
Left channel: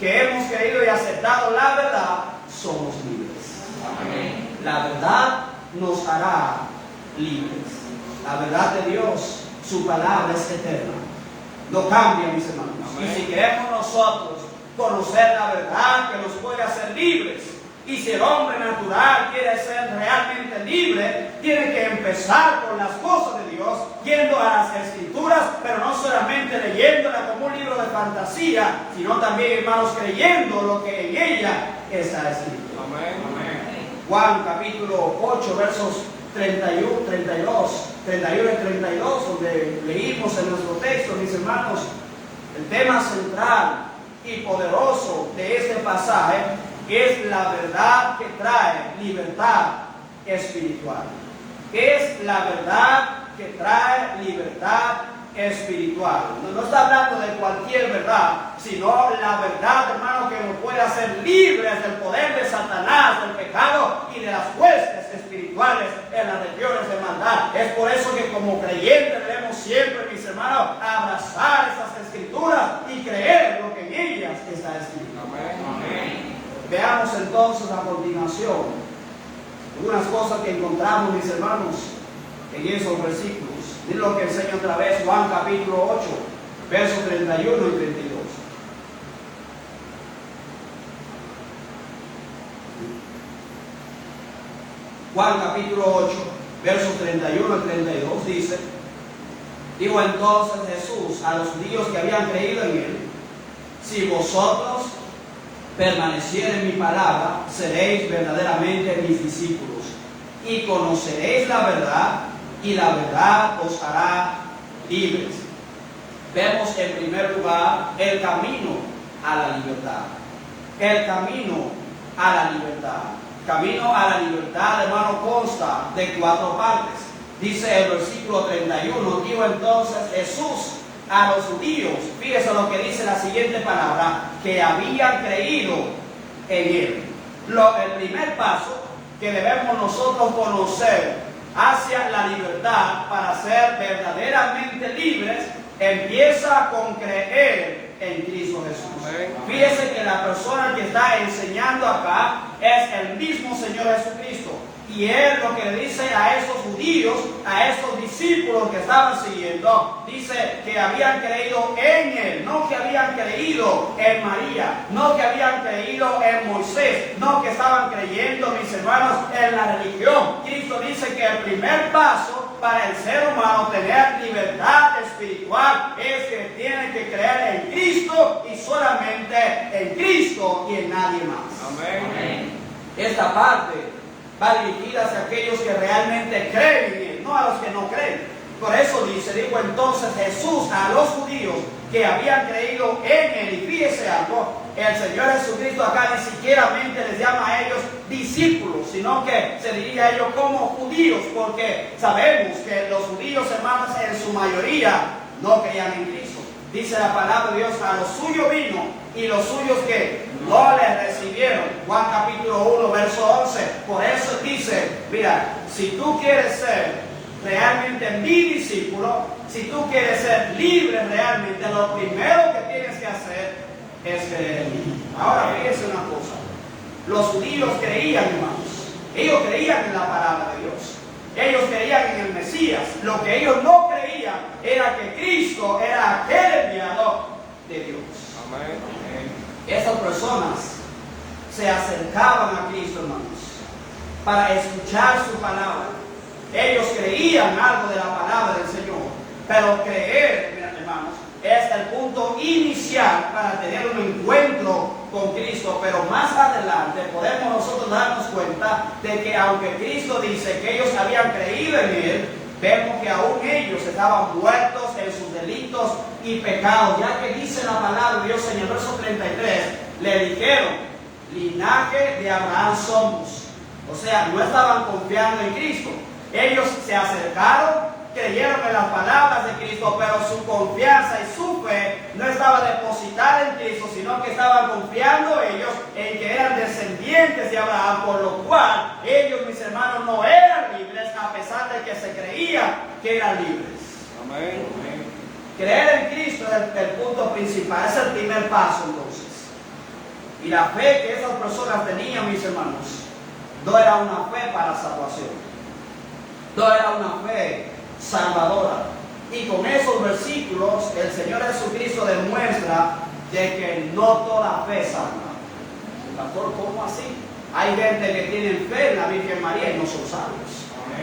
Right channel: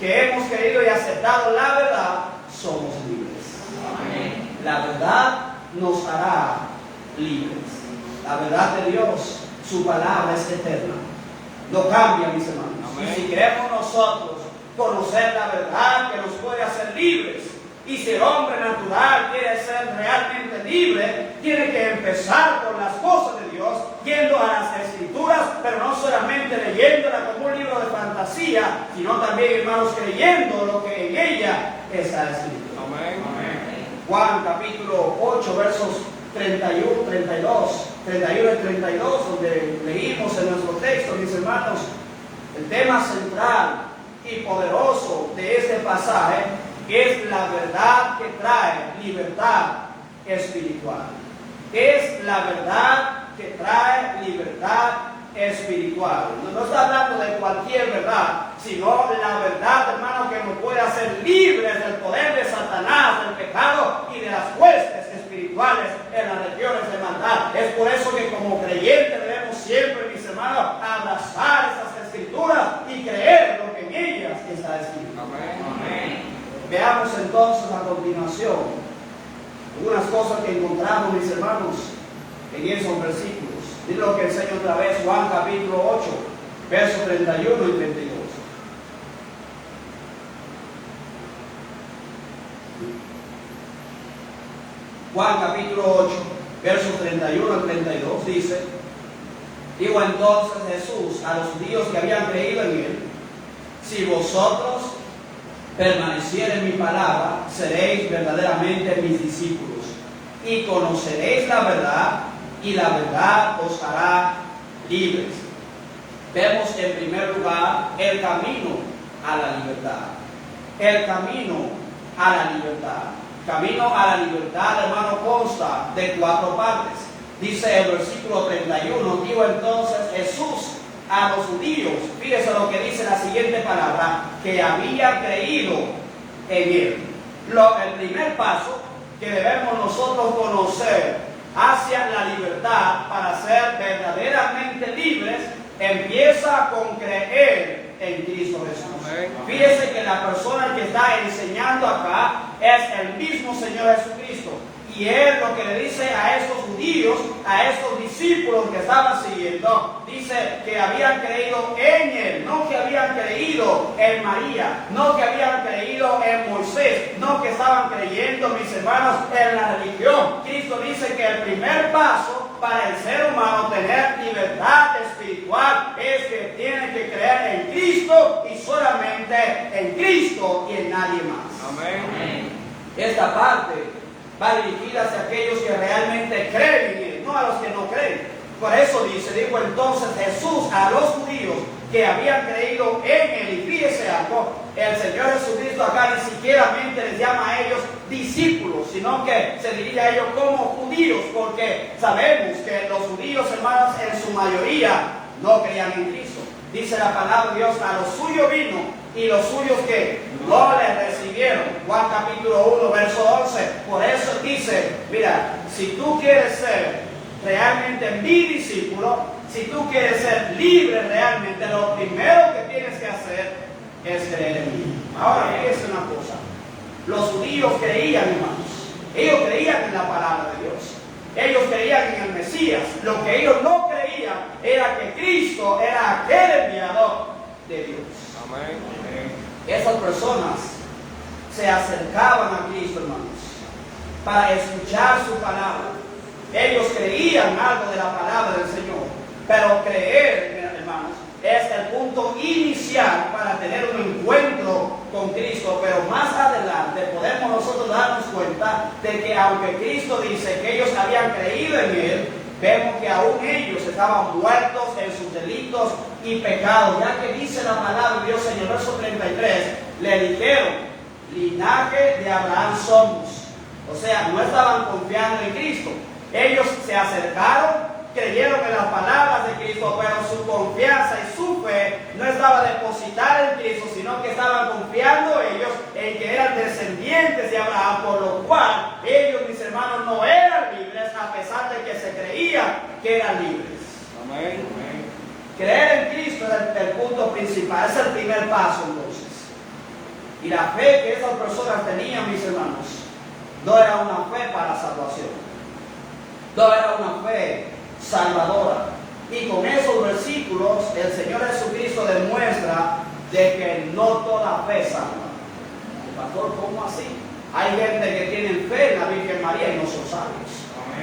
que hemos creído y aceptado la verdad, somos libres. Amén. La verdad nos hará libres. La verdad de Dios, su palabra es eterna. No cambia, mis hermanos. Amén. Y si queremos nosotros conocer la verdad que nos puede hacer libres, y si el hombre natural quiere ser realmente libre, tiene que empezar por las cosas de Dios, yendo a las Escrituras, pero no solamente leyéndola como un libro de fantasía, sino también, hermanos, creyendo lo que en ella está escrito. Amén. Juan capítulo 8, versos 31 y 32, donde leímos en nuestro texto, mis hermanos, el tema central y poderoso de este pasaje es la verdad que trae libertad espiritual. Es la verdad que trae libertad espiritual. No está hablando de cualquier verdad, sino la verdad, hermano, que nos puede hacer libres del poder de Satanás, del pecado y de las huestes espirituales en las regiones de maldad. Es por eso que como creyentes debemos siempre, mis hermanos, abrazar esas Escrituras y creer lo que en ellas está escrito. Amén. Veamos entonces a continuación algunas cosas que encontramos, mis hermanos, en esos versículos. Miren lo que enseña otra vez Juan capítulo 8, versos 31 y 32. Juan capítulo 8, versos 31 y 32 dice: dijo entonces Jesús a los judíos que habían creído en él: si vosotros permaneciere en mi palabra, seréis verdaderamente mis discípulos, y conoceréis la verdad, y la verdad os hará libres. Vemos en primer lugar el camino a la libertad. El camino a la libertad. Camino a la libertad, hermano, consta de 4 partes. Dice el versículo 31, dijo entonces Jesús a los judíos, fíjese lo que dice la siguiente palabra, que habían creído en él. El primer paso que debemos nosotros conocer hacia la libertad para ser verdaderamente libres empieza con creer en Cristo Jesús. Amén. Fíjese que la persona que está enseñando acá es el mismo Señor Jesucristo. Y él lo que le dice a esos judíos, a esos discípulos que estaban siguiendo, dice que habían creído en él, no que habían creído en María, no que habían creído en Moisés, no que estaban creyendo, mis hermanos, en la religión. Cristo dice que el primer paso para el ser humano tener libertad espiritual es que tiene que creer en Cristo y solamente en Cristo y en nadie más. Amén. Esta parte va dirigida hacia aquellos que realmente creen en él, no a los que no creen. Por eso dijo entonces Jesús a los judíos que habían creído en él. Y fíjese algo, el Señor Jesucristo acá ni siquiera les llama a ellos discípulos, sino que se dirige a ellos como judíos, porque sabemos que los judíos, hermanos, en su mayoría no creían en Cristo. Dice la palabra de Dios, a los suyos vino y los suyos que no le recibieron. Juan capítulo 1, verso 11. Por eso dice, mira, si tú quieres ser realmente mi discípulo, si tú quieres ser libre realmente, lo primero que tienes que hacer es creer en mí. Ahora, fíjense una cosa. Los judíos creían, hermanos. Ellos creían en la palabra de Dios. Ellos creían en el Mesías. Lo que ellos no creían era que Cristo era aquel enviado de Dios. Amén. Esas personas se acercaban a Cristo, hermanos, para escuchar su palabra. Ellos creían algo de la palabra del Señor, pero creer, hermanos, es el punto inicial para tener un encuentro con Cristo. Pero más adelante podemos nosotros darnos cuenta de que aunque Cristo dice que ellos habían creído en él, vemos que aún ellos estaban muertos delitos y pecados, ya que dice la palabra de Dios en el verso 33, le dijeron, linaje de Abraham somos. O sea, no estaban confiando en Cristo. Ellos se acercaron, creyeron en las palabras de Cristo, pero su confianza y su fe no estaba depositada en Cristo, sino que estaban confiando ellos en que eran descendientes de Abraham, por lo cual ellos, mis hermanos, no eran libres, a pesar de que se creían que eran libres. Amén. Creer en Cristo es el punto principal, es el primer paso entonces. Y la fe que esas personas tenían, mis hermanos, no era una fe para salvación, no era una fe salvadora. Y con esos versículos el Señor Jesucristo demuestra de que no toda fe salva. Pastor, ¿cómo así? Hay gente que tiene fe en la Virgen María y no son salvos.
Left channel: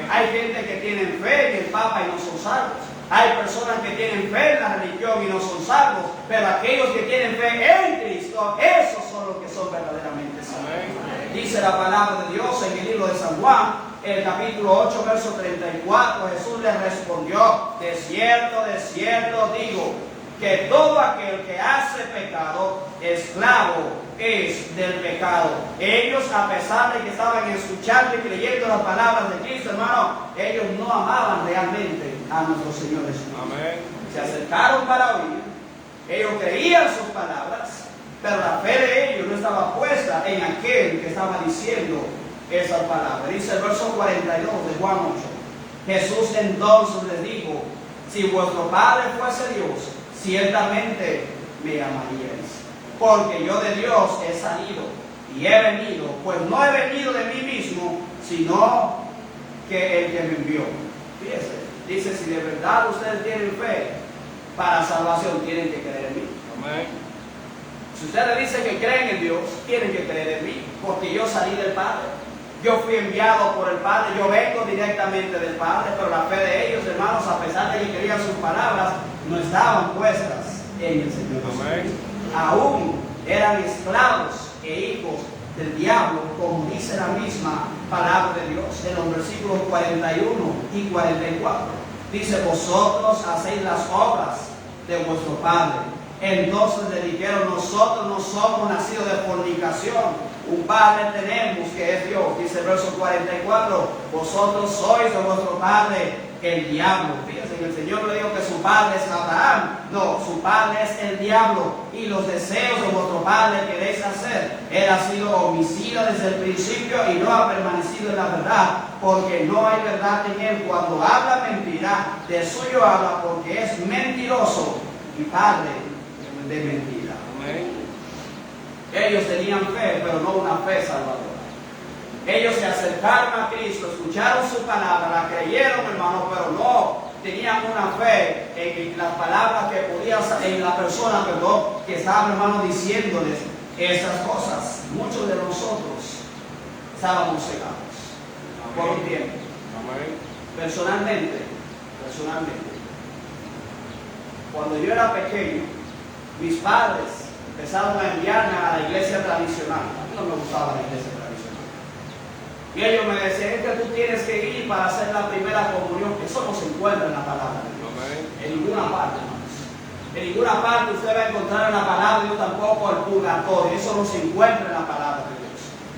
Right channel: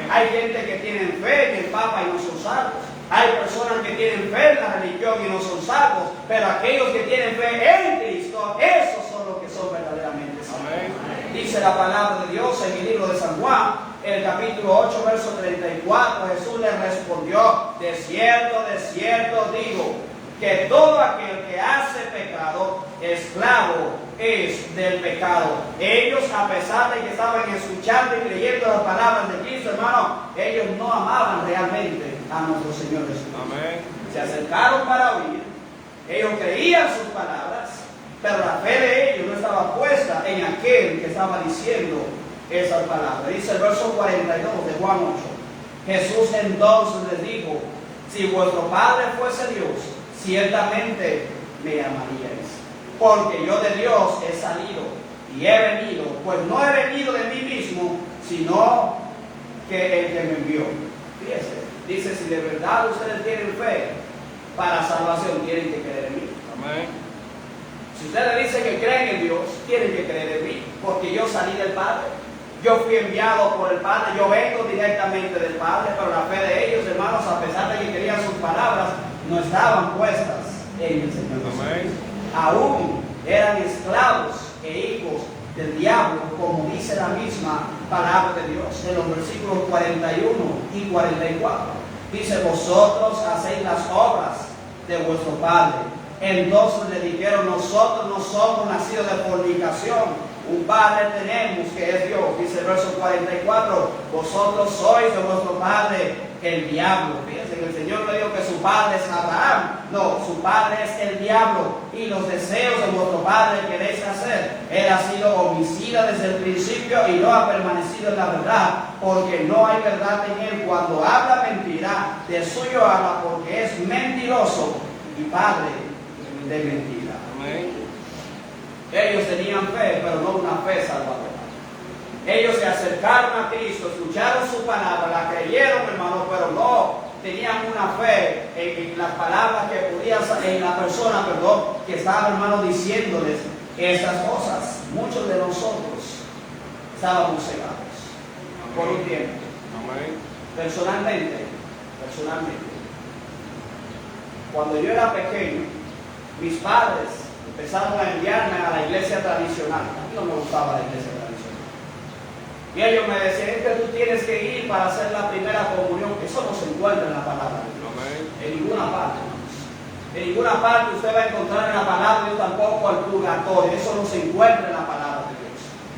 Hay gente que tiene fe en el Papa y no son salvos. Hay personas que tienen fe en la religión y no son salvos. Pero aquellos que tienen fe en Cristo, esos son los que son verdaderamente salvos. Dice la palabra de Dios en el libro de San Juan, en el capítulo 8, verso 34, Jesús le respondió, de cierto digo, que todo aquel que hace pecado, esclavo es del pecado. Ellos, a pesar de que estaban escuchando y creyendo las palabras de Cristo, hermano, ellos no amaban realmente a nuestro Señor Jesús. Amén. Se acercaron para oír, ellos creían sus palabras, pero la fe de ellos no estaba puesta en aquel que estaba diciendo esas palabras. Dice el verso 42 de Juan 8. Jesús entonces les dijo, si vuestro Padre fuese Dios, ciertamente me amaríais, porque yo de Dios he salido y he venido, pues no he venido de mí mismo, sino que el que me envió. Fíjense, dice, si de verdad ustedes tienen fe para salvación, tienen que creer en mí. Amén. Si ustedes dicen que creen en Dios, tienen que creer en mí, porque yo salí del Padre, yo fui enviado por el Padre, yo vengo directamente del Padre, pero la fe de ellos, hermanos, a pesar de que querían sus palabras, no estaban puestas en el Señor Jesús. Amén. Aún eran esclavos e hijos del diablo, como dice la misma palabra de Dios en los versículos 41 y 44. Dice, vosotros hacéis las obras de vuestro Padre. Entonces le dijeron, nosotros no somos nacidos de fornicación, un Padre tenemos que es Dios. Dice el verso 44, vosotros sois de vuestro padre el diablo. Fíjense que el Señor le dijo que su padre es Abraham. No, su padre es el diablo, y los deseos de vuestro padre queréis hacer. Él ha sido homicida desde el principio y no ha permanecido en la verdad, porque no hay verdad en él. Cuando habla mentira, de suyo habla, porque es mentiroso y padre de mentira. Amén. Ellos tenían fe, pero no una fe salvadora. Ellos se acercaron a Cristo, escucharon su palabra, la creyeron, hermano, pero no tenían una fe en las palabras que podía salir, en la persona, que estaba, hermano, diciéndoles estas cosas. Muchos de nosotros estábamos cegados por un tiempo. Amén. Personalmente, cuando yo era pequeño, mis padres empezaron a enviarme a la iglesia tradicional. A mí no me gustaba la iglesia tradicional. Y ellos me decían que tú tienes que ir para hacer la primera comunión. Eso no se encuentra en la palabra de Dios. Amén. En ninguna parte, hermanos. En ninguna parte usted va a encontrar en la palabra de Dios tampoco el purgatorio. Eso no se encuentra en la palabra de Dios.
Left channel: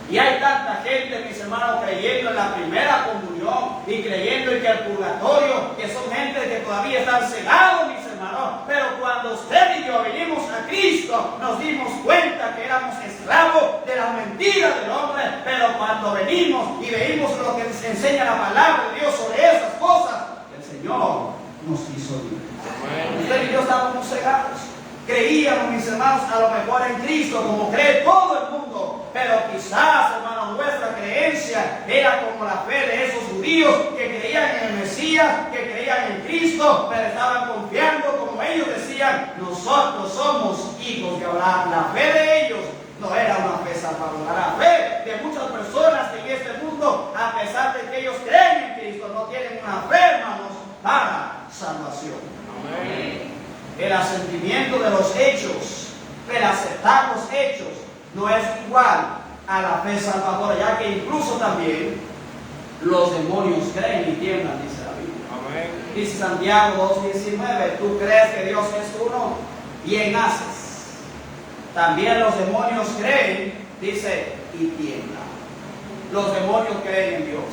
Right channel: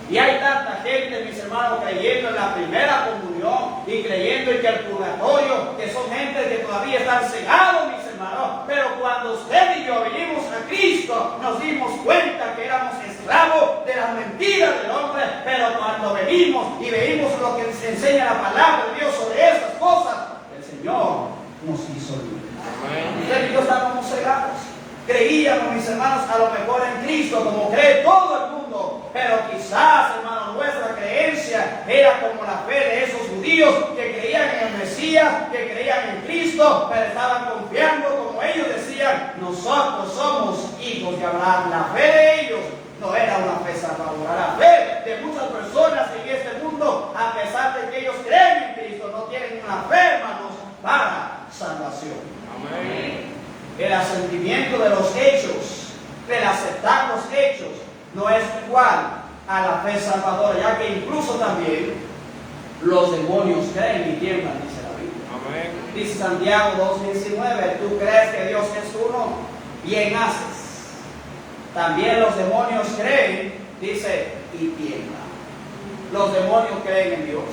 Y hay tanta gente, mis hermanos, creyendo en la primera comunión y creyendo en que el purgatorio, que son gente que todavía están cegados, mis hermanos. Pero cuando usted y yo vinimos a Cristo, nos dimos cuenta que éramos esclavos de las mentiras del hombre. Pero cuando venimos y veimos lo que se enseña la palabra de Dios sobre esas cosas, el Señor nos hizo libres. Amén. Usted y yo estábamos cegados. Creíamos, mis hermanos, a lo mejor en Cristo, como cree todo el mundo. Pero quizás, hermanos, nuestra creencia era como la fe de esos judíos que creían en el Mesías, que creían en Cristo, pero estaban confiando, como ellos decían, nosotros somos hijos de Abraham. La fe de ellos no era una fe salvadora. La fe de muchas personas en este mundo, a pesar de que ellos creen en Cristo, no tienen una fe, hermanos, para salvación. Amén. El asentimiento de los hechos, el aceptar los hechos, no es igual a la fe salvadora, ya que incluso también los demonios creen y tiemblan, dice la Biblia. Amén. Dice Santiago 2:19, tú crees que Dios es uno, bien haces. También los demonios creen, dice, y tiemblan. Los demonios creen en Dios.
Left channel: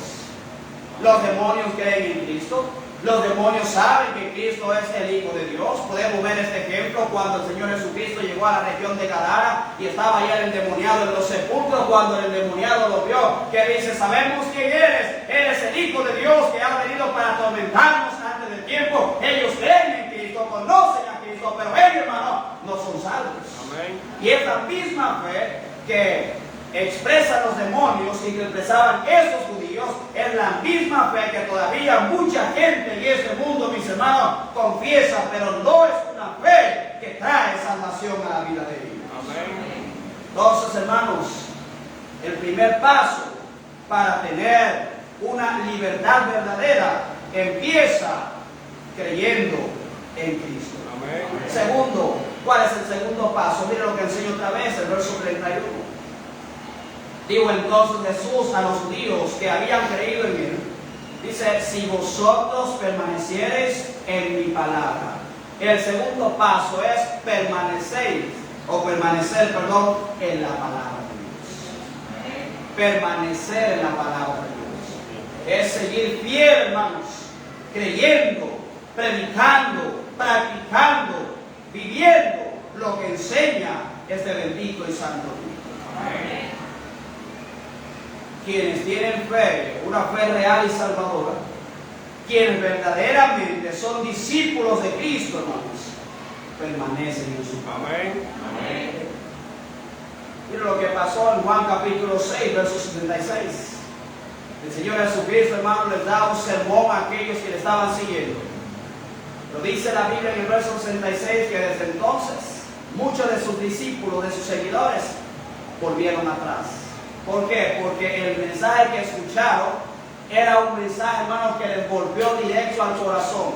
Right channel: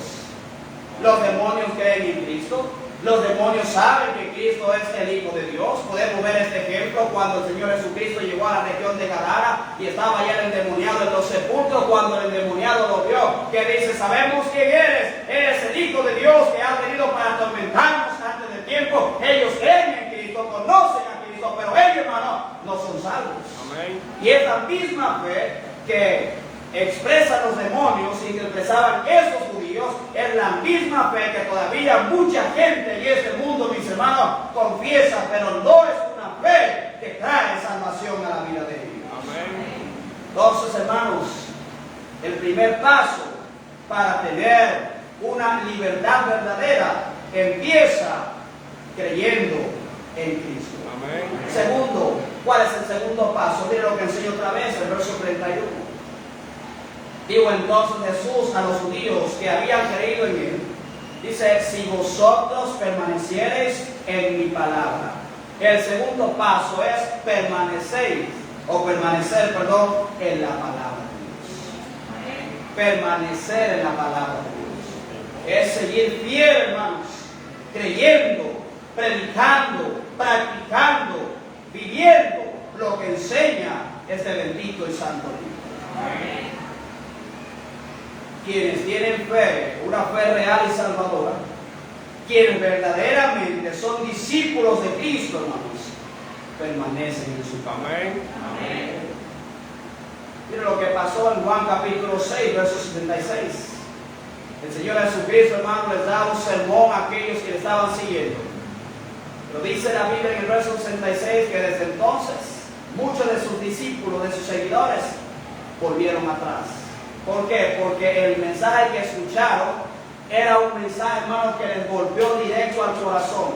Los demonios creen en Cristo. Los demonios saben que Cristo es el Hijo de Dios. Podemos ver este ejemplo cuando el Señor Jesucristo llegó a la región de Gadara y estaba allá el endemoniado en los sepulcros. Cuando el endemoniado lo vio, que dice, sabemos quién eres. Eres el Hijo de Dios que ha venido para atormentarnos antes del tiempo. Ellos creen en Cristo, conocen a Cristo, pero ellos, hermano, no son salvos. Amén. Y esa misma fe que expresan los demonios y que expresaban esos judíos es la misma fe que todavía mucha gente en este mundo, mis hermanos, confiesa, pero no es una fe que trae salvación a la vida de ellos. Amén. Entonces, hermanos, el primer paso para tener una libertad verdadera empieza creyendo en Cristo. Amén. Segundo, ¿cuál es el segundo paso? Mira lo que enseño otra vez, el verso 31. Digo entonces Jesús a los judíos que habían creído en él, dice, si vosotros permaneciereis en mi palabra. El segundo paso es permanecer en la palabra de Dios. Permanecer en la palabra de Dios. Es seguir fiel, hermanos, creyendo, predicando, practicando, viviendo lo que enseña este bendito y santo Dios. Amén. Quienes tienen fe, una fe real y salvadora, quienes verdaderamente son discípulos de Cristo, hermanos, permanecen en su palabra. Amén. Amén. Mira lo que pasó en Juan capítulo 6, verso 76. El Señor Jesucristo, hermano, les da un sermón a aquellos que le estaban siguiendo. Lo dice la Biblia en el verso 66, que desde entonces muchos de sus discípulos, de sus seguidores, volvieron atrás. ¿Por qué? Porque el mensaje que escucharon era un mensaje, hermano, que les golpeó directo al corazón.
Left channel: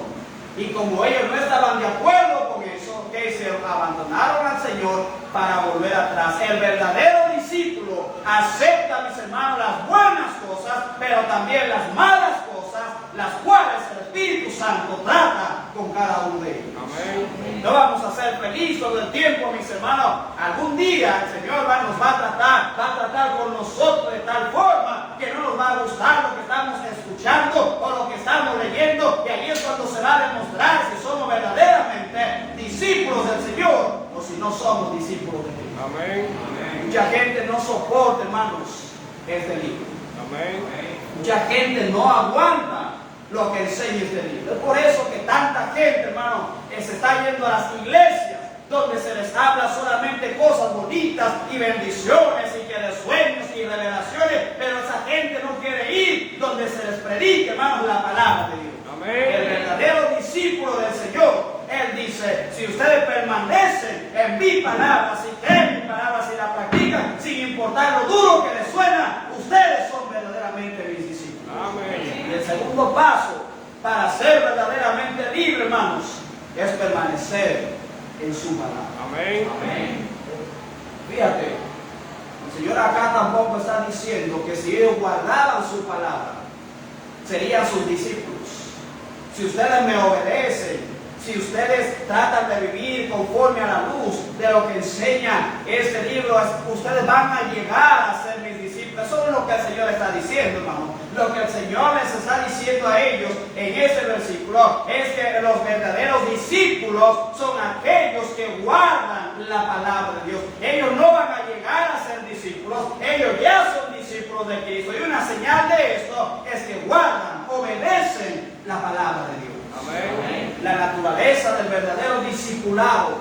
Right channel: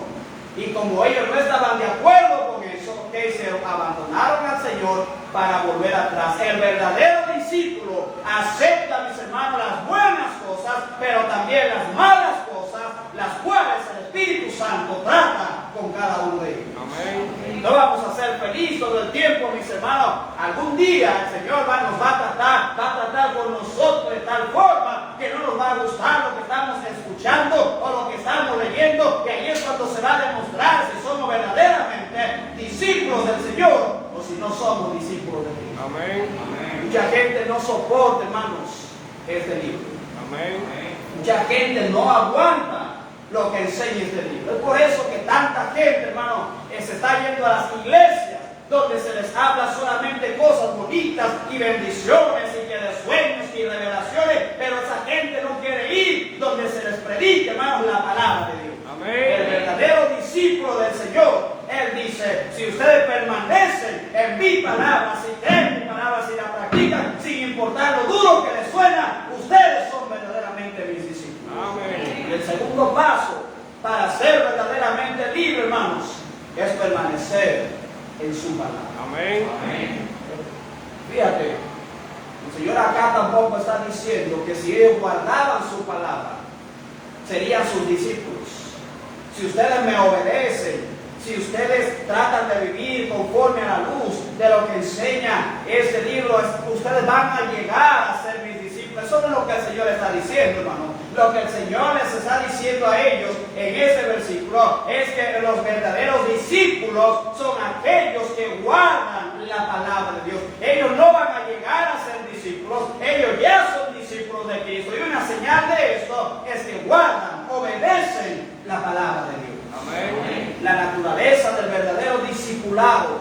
Y como ellos no estaban de acuerdo con eso, ¿qué hicieron? Abandonaron al Señor para volver atrás. El verdadero discípulo acepta, mis hermanos, las buenas cosas, pero también las malas cosas, las cuales el Espíritu Santo trata con cada uno de ellos. Amén. No vamos a ser felices todo el tiempo, mis hermanos. Algún día el Señor nos va a tratar con nosotros de tal forma que no nos va a gustar lo que estamos escuchando o lo que estamos leyendo, y ahí es cuando se va a demostrar si somos verdaderamente discípulos del Señor o si no somos discípulos de Cristo. Amén. Mucha gente no soporta, hermanos, este libro. Amén. Mucha gente no aguanta lo que enseña este libro. Es por eso que tanta gente, hermano, se está yendo a las iglesias donde se les habla solamente cosas bonitas y bendiciones y que de sueños y revelaciones, pero esa gente no quiere ir donde se les predique, hermanos, la palabra de Dios. Amén. El verdadero discípulo del Señor, Él dice, si ustedes permanecen en mi palabra, si creen en mi palabra, si la practican, sin importar lo duro que les suena, ustedes son verdaderamente mis discípulos. Amén. Y el segundo paso para ser verdaderamente libre, hermanos, es permanecer en su palabra. Amén. Amén. Fíjate, el Señor acá tampoco está diciendo que si ellos guardaban su palabra, serían sus discípulos. Si ustedes me obedecen, si ustedes tratan de vivir conforme a la luz de lo que enseña este libro, ustedes van a llegar a ser mis discípulos. Eso es lo que el Señor está diciendo, hermano. Lo que el Señor les está diciendo a ellos en ese versículo es que los verdaderos discípulos son aquellos que guardan la palabra de Dios. Ellos no van a llegar a ser discípulos, ellos ya son discípulos de Cristo. Y una señal de esto es que guardan, obedecen la palabra de Dios. Amén. La naturaleza del verdadero discipulado,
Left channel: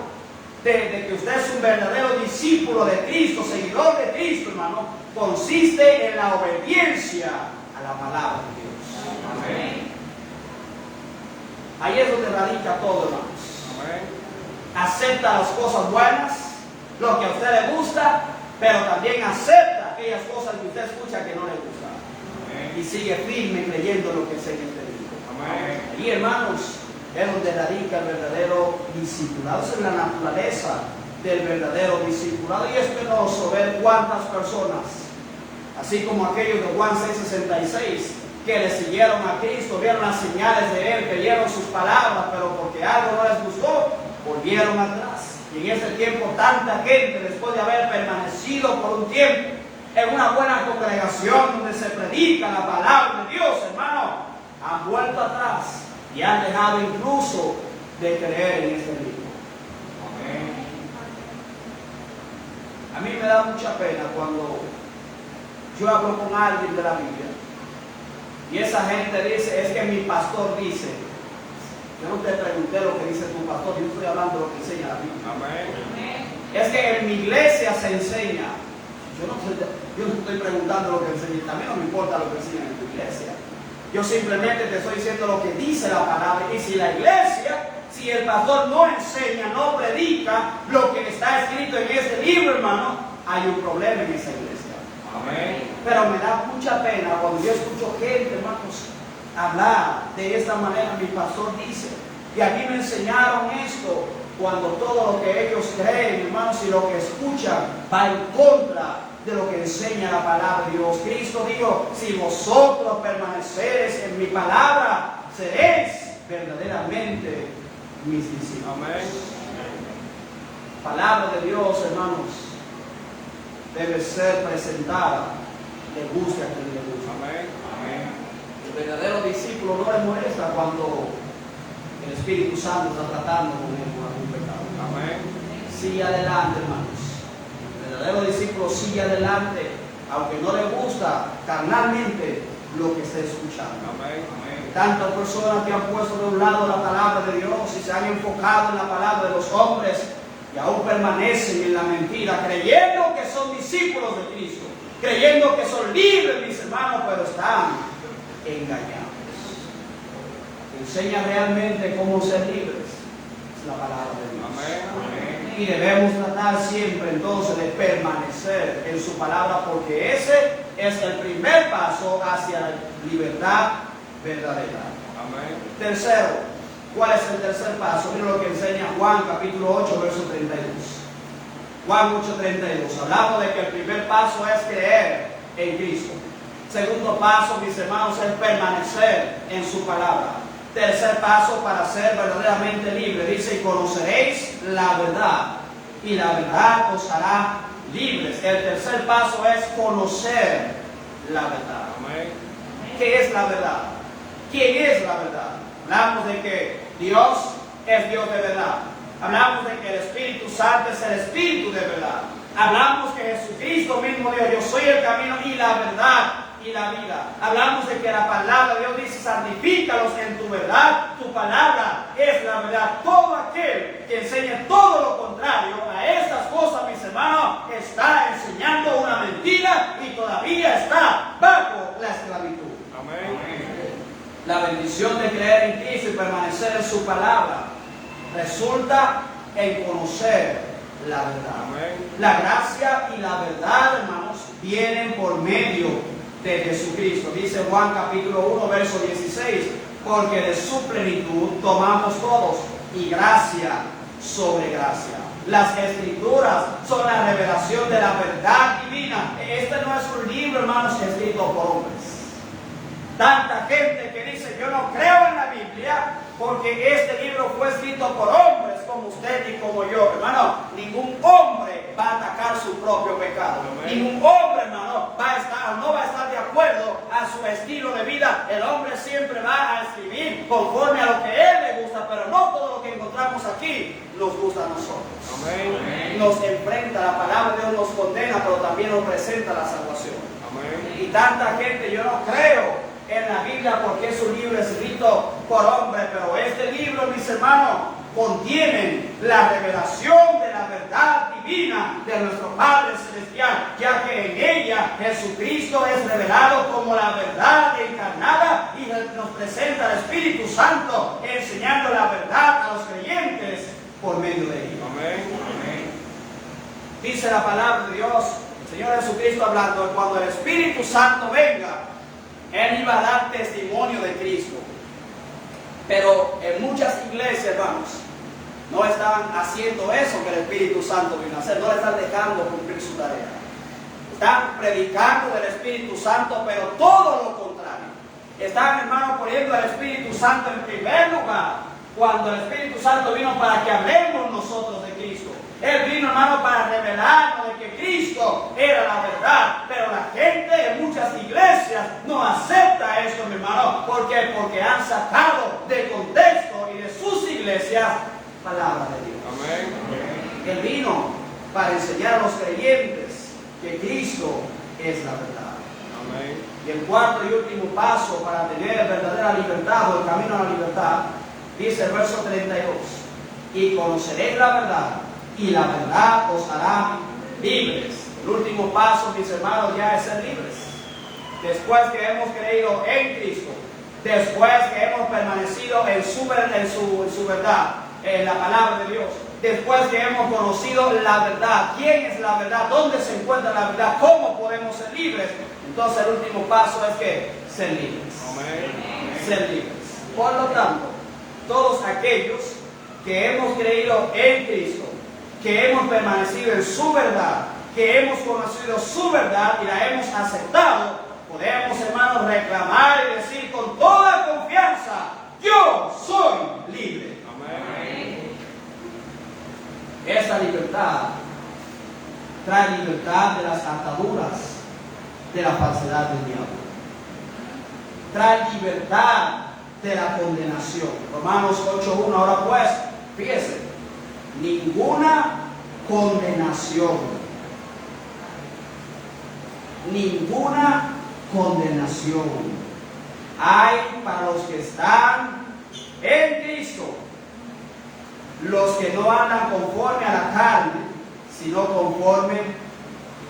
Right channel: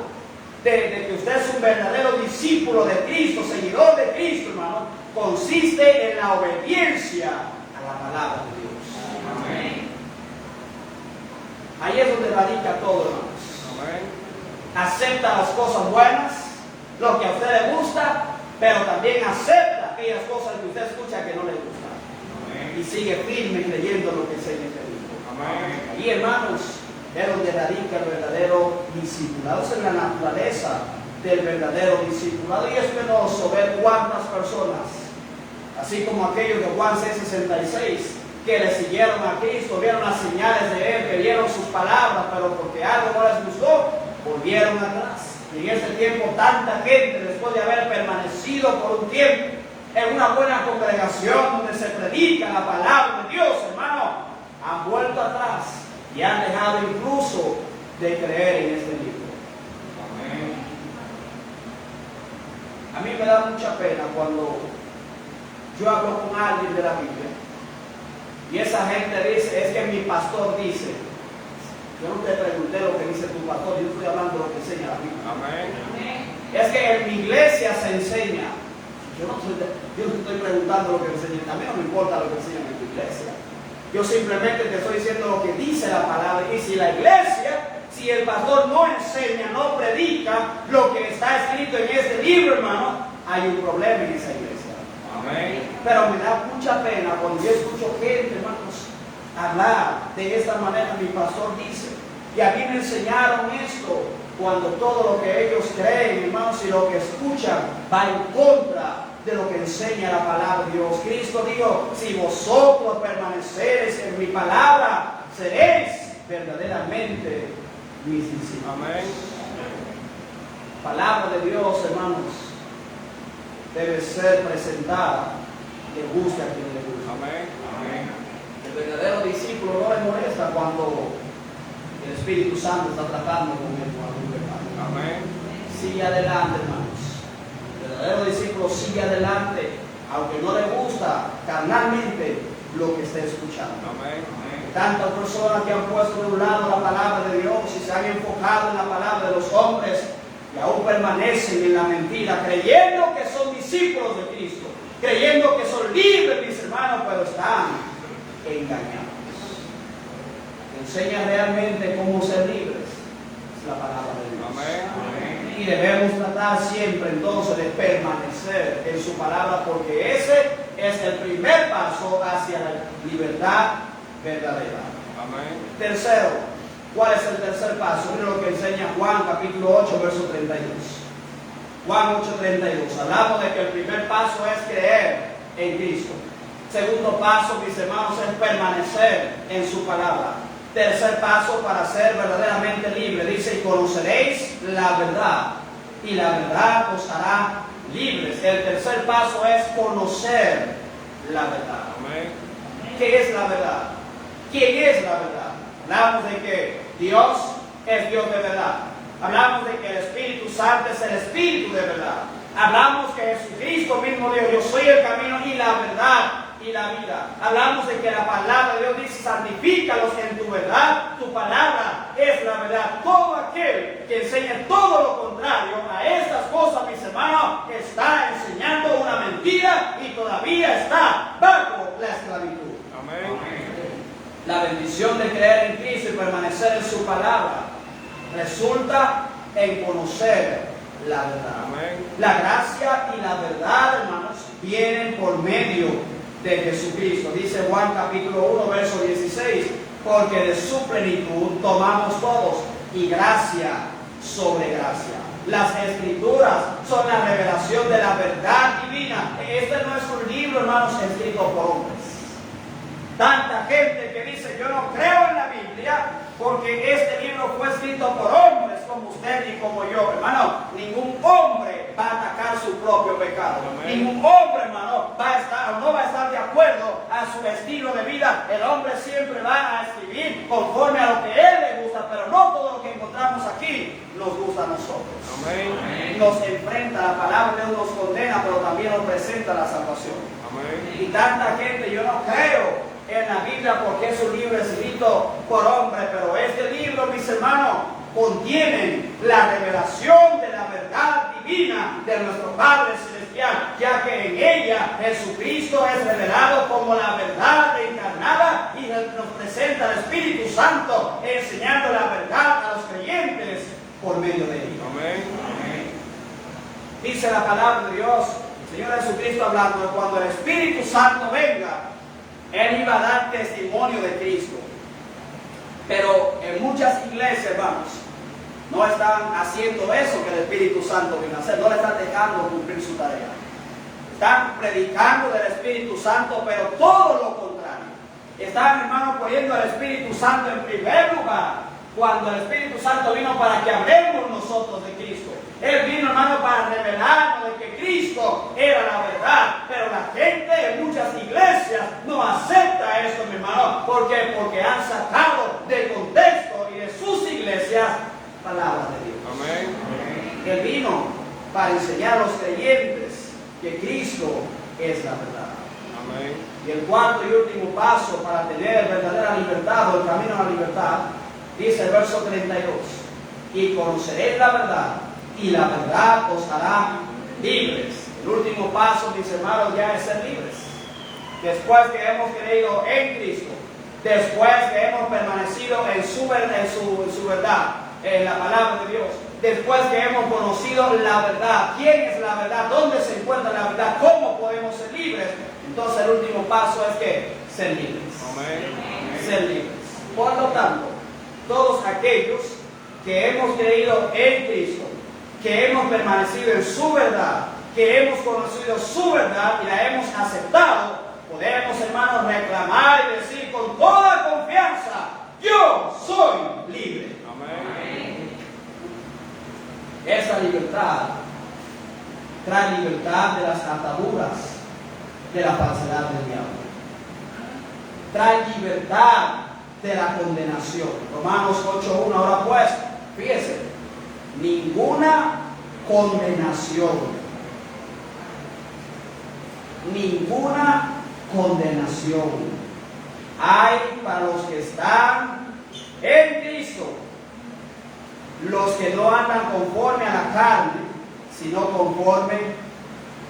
de que usted es un verdadero discípulo de Cristo, seguidor de Cristo, hermano, consiste en la obediencia a la palabra de Dios. Amén. Ahí es donde radica todo, hermanos. Amén. Acepta las cosas buenas, lo que a usted le gusta, pero también acepta aquellas cosas que usted escucha que no le gustan. Amén. Y sigue firme creyendo lo que enseña este libro. Amén. Ahí, hermanos, es donde radica el verdadero discipulado. Esa es la naturaleza del verdadero discipulado. Y es penoso ver cuántas personas, así como aquellos de Juan 6:66, que le siguieron a Cristo, vieron las señales de Él, creyeron sus palabras, pero porque algo no les gustó, volvieron atrás. Y en ese tiempo tanta gente, después de haber permanecido por un tiempo en una buena congregación donde se predica la palabra de Dios, hermano, han vuelto atrás y han dejado incluso de creer en este libro. Amén. A mí me da mucha pena cuando yo hablo con alguien de la Biblia y esa gente dice, es que mi pastor dice. Yo no te pregunté lo que dice tu pastor, yo estoy hablando de lo que enseña la Biblia. Amén. Es que en mi iglesia se enseña. Yo no te estoy preguntando lo que enseña, a mí no me importa lo que enseña en tu iglesia. Yo simplemente te estoy diciendo lo que dice la palabra. Y si la iglesia, si el pastor no enseña, no predica lo que está escrito en este libro, hermano, hay un problema en esa iglesia. Amén. Pero me da mucha pena cuando yo escucho gente, hermanos, hablar de esta manera. Mi pastor dice, y aquí me enseñaron esto, cuando todo lo que ellos creen, hermanos, y lo que escuchan va en contra de lo que enseña la palabra de Dios. Cristo dijo, si vosotros permaneceréis en mi palabra, seréis verdaderamente mis discípulos. Amén. Palabra de Dios, hermanos, debe ser presentada, le guste a quien le guste. Amén. Amén. El verdadero discípulo no le molesta cuando el Espíritu Santo está tratando con él con algún pecado. Amén. Sigue adelante, hermanos. El verdadero discípulo sigue adelante, aunque no le gusta carnalmente lo que está escuchando. Amén. Amén. Tantas personas que han puesto de un lado la palabra de Dios y se han enfocado en la palabra de los hombres y aún permanecen en la mentira, creyendo que son discípulos de Cristo, creyendo que son libres, mis hermanos, pero están engañados. Enseña realmente cómo ser libres es la palabra de Dios. Amén. Amén. Y debemos tratar siempre entonces de permanecer en su palabra, porque ese es el primer paso hacia la libertad verdadera. Amén. Tercero, ¿cuál es el tercer paso? Miren lo que enseña Juan capítulo 8, verso 32. Juan 8:32. Hablamos de que el primer paso es creer en Cristo. Segundo paso, mis hermanos, es permanecer en su palabra. Tercer paso para ser verdaderamente libre. Dice, y conoceréis la verdad, y la verdad os hará libres. El tercer paso es conocer la verdad. Amén. ¿Qué es la verdad? ¿Quién es la verdad? Hablamos de que Dios es Dios de verdad. Hablamos de que el Espíritu Santo es el Espíritu de verdad. Hablamos que Jesucristo mismo dijo, yo soy el camino y la verdad y la vida. Hablamos de que la palabra de Dios dice, santifícalos en tu verdad, tu palabra es la verdad. Todo aquel que enseñe todo lo contrario a estas cosas, mis hermanos, está enseñando una mentira y todavía está bajo la esclavitud. Amén. La bendición de creer en Cristo y permanecer en su palabra resulta en conocer la verdad. Amén. La gracia y la verdad, hermanos, vienen por medio de Jesucristo. Dice Juan capítulo 1, verso 16, porque de su plenitud tomamos todos, y gracia sobre gracia. Las escrituras son la revelación de la verdad divina. Este no es un libro, hermanos, escrito por hombres. Tanta gente que dice, yo no creo en la Biblia porque este libro fue escrito por hombres como usted y como yo. Hermano, ningún hombre va a atacar su propio pecado. Amén. Ningún hombre, hermano, no va a estar de acuerdo a su estilo de vida. El hombre siempre va a escribir conforme a lo que él le gusta, pero no todo lo que encontramos aquí nos gusta a nosotros. Amén. Nos enfrenta, la palabra de Dios nos condena, pero también nos presenta la salvación. Amén. Y tanta gente, yo no creo en la Biblia porque es un libro escrito por hombres, pero este libro, mis hermanos, contiene la revelación de la verdad divina de nuestro Padre Celestial, ya que en ella Jesucristo es revelado como la verdad encarnada y nos presenta el Espíritu Santo enseñando la verdad a los creyentes por medio de ella. Amén. Dice la palabra de Dios, el Señor Jesucristo hablando, que cuando el Espíritu Santo venga, Él iba a dar testimonio de Cristo. Pero en muchas iglesias, vamos, no están haciendo eso que el Espíritu Santo vino a hacer. No le están dejando cumplir su tarea. Están predicando del Espíritu Santo, pero todo lo contrario. están, hermanos, poniendo al Espíritu Santo en primer lugar, cuando el Espíritu Santo vino para que hablemos nosotros de Cristo. Él vino, hermano, para revelarnos de que Cristo era la verdad. Pero la gente en muchas iglesias no acepta esto, mi hermano. ¿Por qué? Porque han sacado de contexto y de sus iglesias palabra de Dios. Amén. Él vino para enseñar a los creyentes que Cristo es la verdad. Amén. Y el cuarto y último paso para tener verdadera libertad o el camino a la libertad, dice el verso 32, y conoceréis la verdad, y la verdad os hará libres. El último paso, mis hermanos, ya es ser libres. Después que hemos creído en Cristo, después que hemos permanecido en su verdad, en la palabra de Dios, después que hemos conocido la verdad, quién es la verdad, dónde se encuentra la verdad, cómo podemos ser libres, entonces el último paso es que ser libres. Amén. Ser libres. Por lo tanto, todos aquellos que hemos creído en Cristo, que hemos permanecido en su verdad, que hemos conocido su verdad y la hemos aceptado, podemos, hermanos, reclamar y decir con toda confianza: yo soy libre. Amén. Esa libertad trae libertad de las ataduras de la falsedad del diablo. Trae libertad de la condenación. Romanos 8:1. Ahora pues, fíjese, ninguna condenación. Ninguna condenación hay para los que están en Cristo, los que no andan conforme a la carne, sino conforme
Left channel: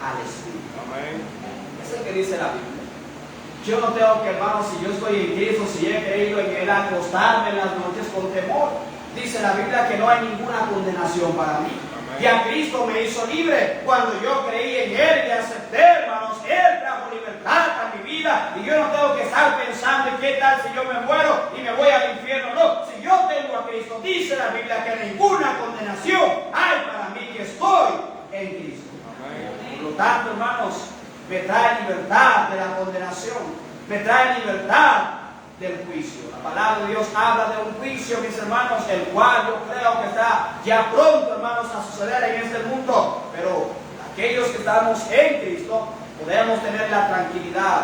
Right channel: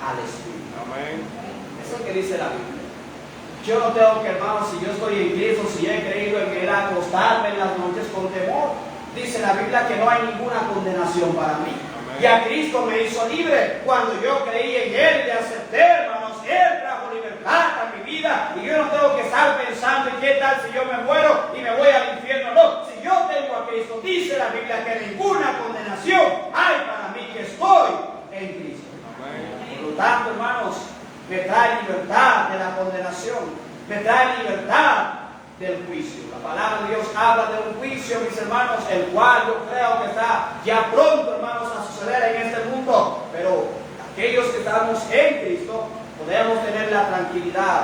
al Espíritu. Amén. Eso es lo que dice la Biblia. Yo no tengo que, hermanos, si yo estoy en Cristo, si he creído en Él, acostarme en las noches con temor. Dice la Biblia que no hay ninguna condenación para mí. Amén. Ya Cristo me hizo libre cuando yo creí en Él y le acepté, hermanos. Él trajo libertad a mi vida y yo no tengo que estar pensando en qué tal si yo me muero y me voy al infierno. No, si yo tengo a Cristo, dice la Biblia que ninguna condenación hay para mí que estoy en Cristo. Amén. Por lo tanto, hermanos, me trae libertad de la condenación, me trae libertad del juicio. La palabra de Dios habla de un juicio, mis hermanos, el cual yo creo que está ya pronto, hermanos, a suceder en este mundo. Pero aquellos que estamos en Cristo, podemos tener la tranquilidad,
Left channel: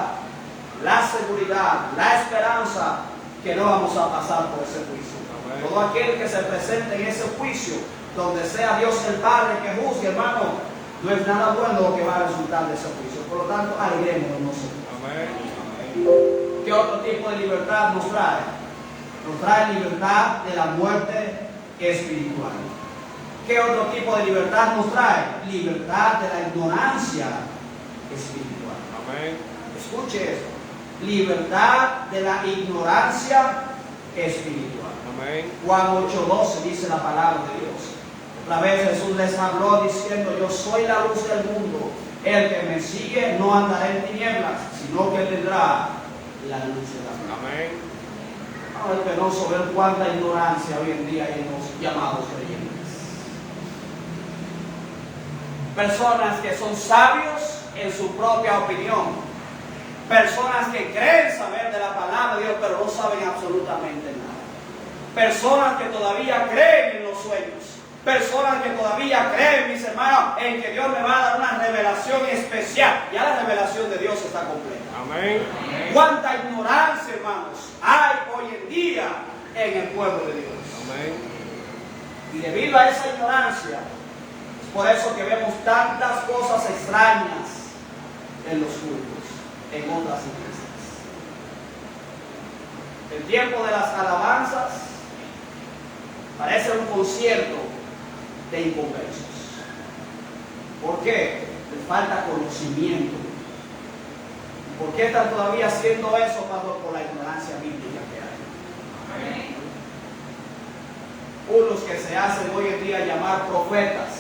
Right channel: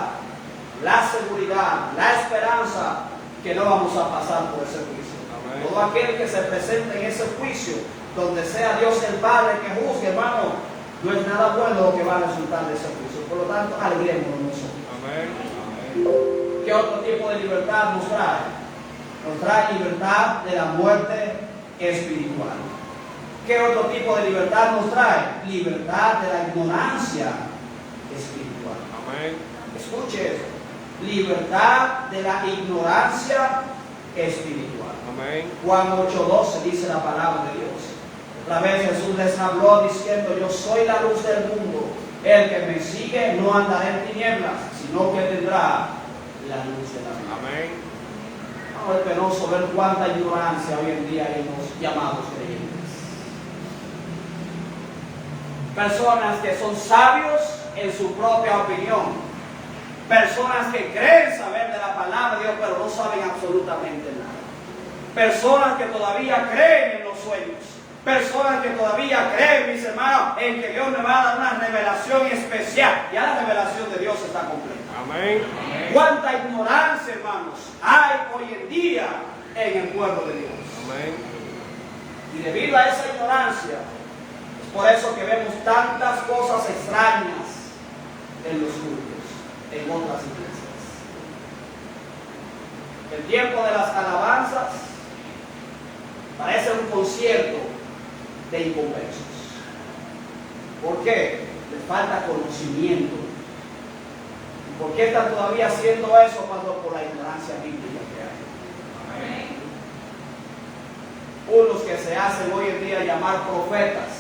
la seguridad, la esperanza que no vamos a pasar por ese juicio. Amén. Todo aquel que se presente en ese juicio, donde sea Dios el Padre que juzgue, hermano, no es nada bueno lo que va a resultar de ese juicio. Por lo tanto, alegrémonos nosotros. Amén. ¿Qué otro tipo de libertad nos trae? Nos trae libertad de la muerte espiritual. ¿Qué otro tipo de libertad nos trae? Libertad de la ignorancia espiritual. Amén. Escuche esto. Libertad de la ignorancia espiritual. Amén. Juan 8:12 dice la palabra de Dios. Otra vez Jesús les habló diciendo: yo soy la luz del mundo. El que me sigue no andará en tinieblas, sino que tendrá la luz de la vida. Amén. Ahora es penoso ver cuánta ignorancia hoy en día hay en los llamados creyentes. Personas que son sabios en su propia opinión. Personas que creen saber de la palabra de Dios, pero no saben absolutamente nada. Personas que todavía creen en los sueños. Personas que todavía creen, mis hermanos, en que Dios me va a dar una revelación especial. Ya la revelación de Dios está completa. Amén. Cuánta ignorancia, hermanos, hay hoy en día en el pueblo de Dios. Amén. Y debido a esa ignorancia, es por eso que vemos tantas cosas extrañas en los cultos, en otras iglesias. El tiempo de las alabanzas parece un concierto de inconversos. ¿Por qué? Les falta conocimiento. ¿Por qué están todavía haciendo eso, pastor? Por la ignorancia bíblica que hay. Amén. Unos que se hacen hoy en día llamar profetas.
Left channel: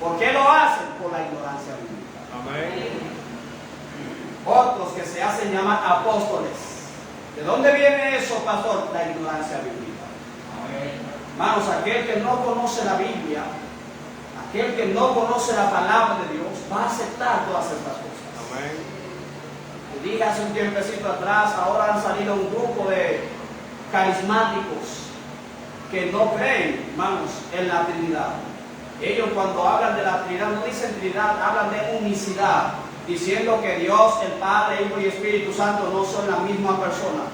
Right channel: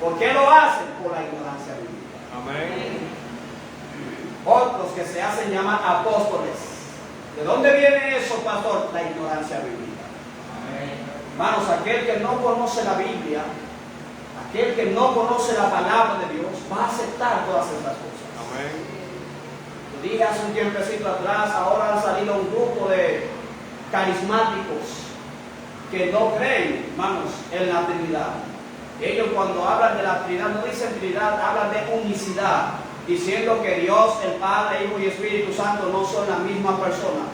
¿Por qué lo hacen? Por la ignorancia bíblica. Amén. Otros que se hacen llamar apóstoles. ¿De dónde viene eso, pastor? La ignorancia bíblica. Amén. Hermanos, aquel que no conoce la Biblia, aquel que no conoce la palabra de Dios, va a aceptar todas estas cosas. Amén. Dije hace un tiempecito atrás, ahora han salido un grupo de carismáticos que no creen, hermanos, en la Trinidad. Ellos cuando hablan de la Trinidad no dicen Trinidad, hablan de unicidad, diciendo que Dios, el Padre, Hijo y Espíritu Santo no son la misma persona.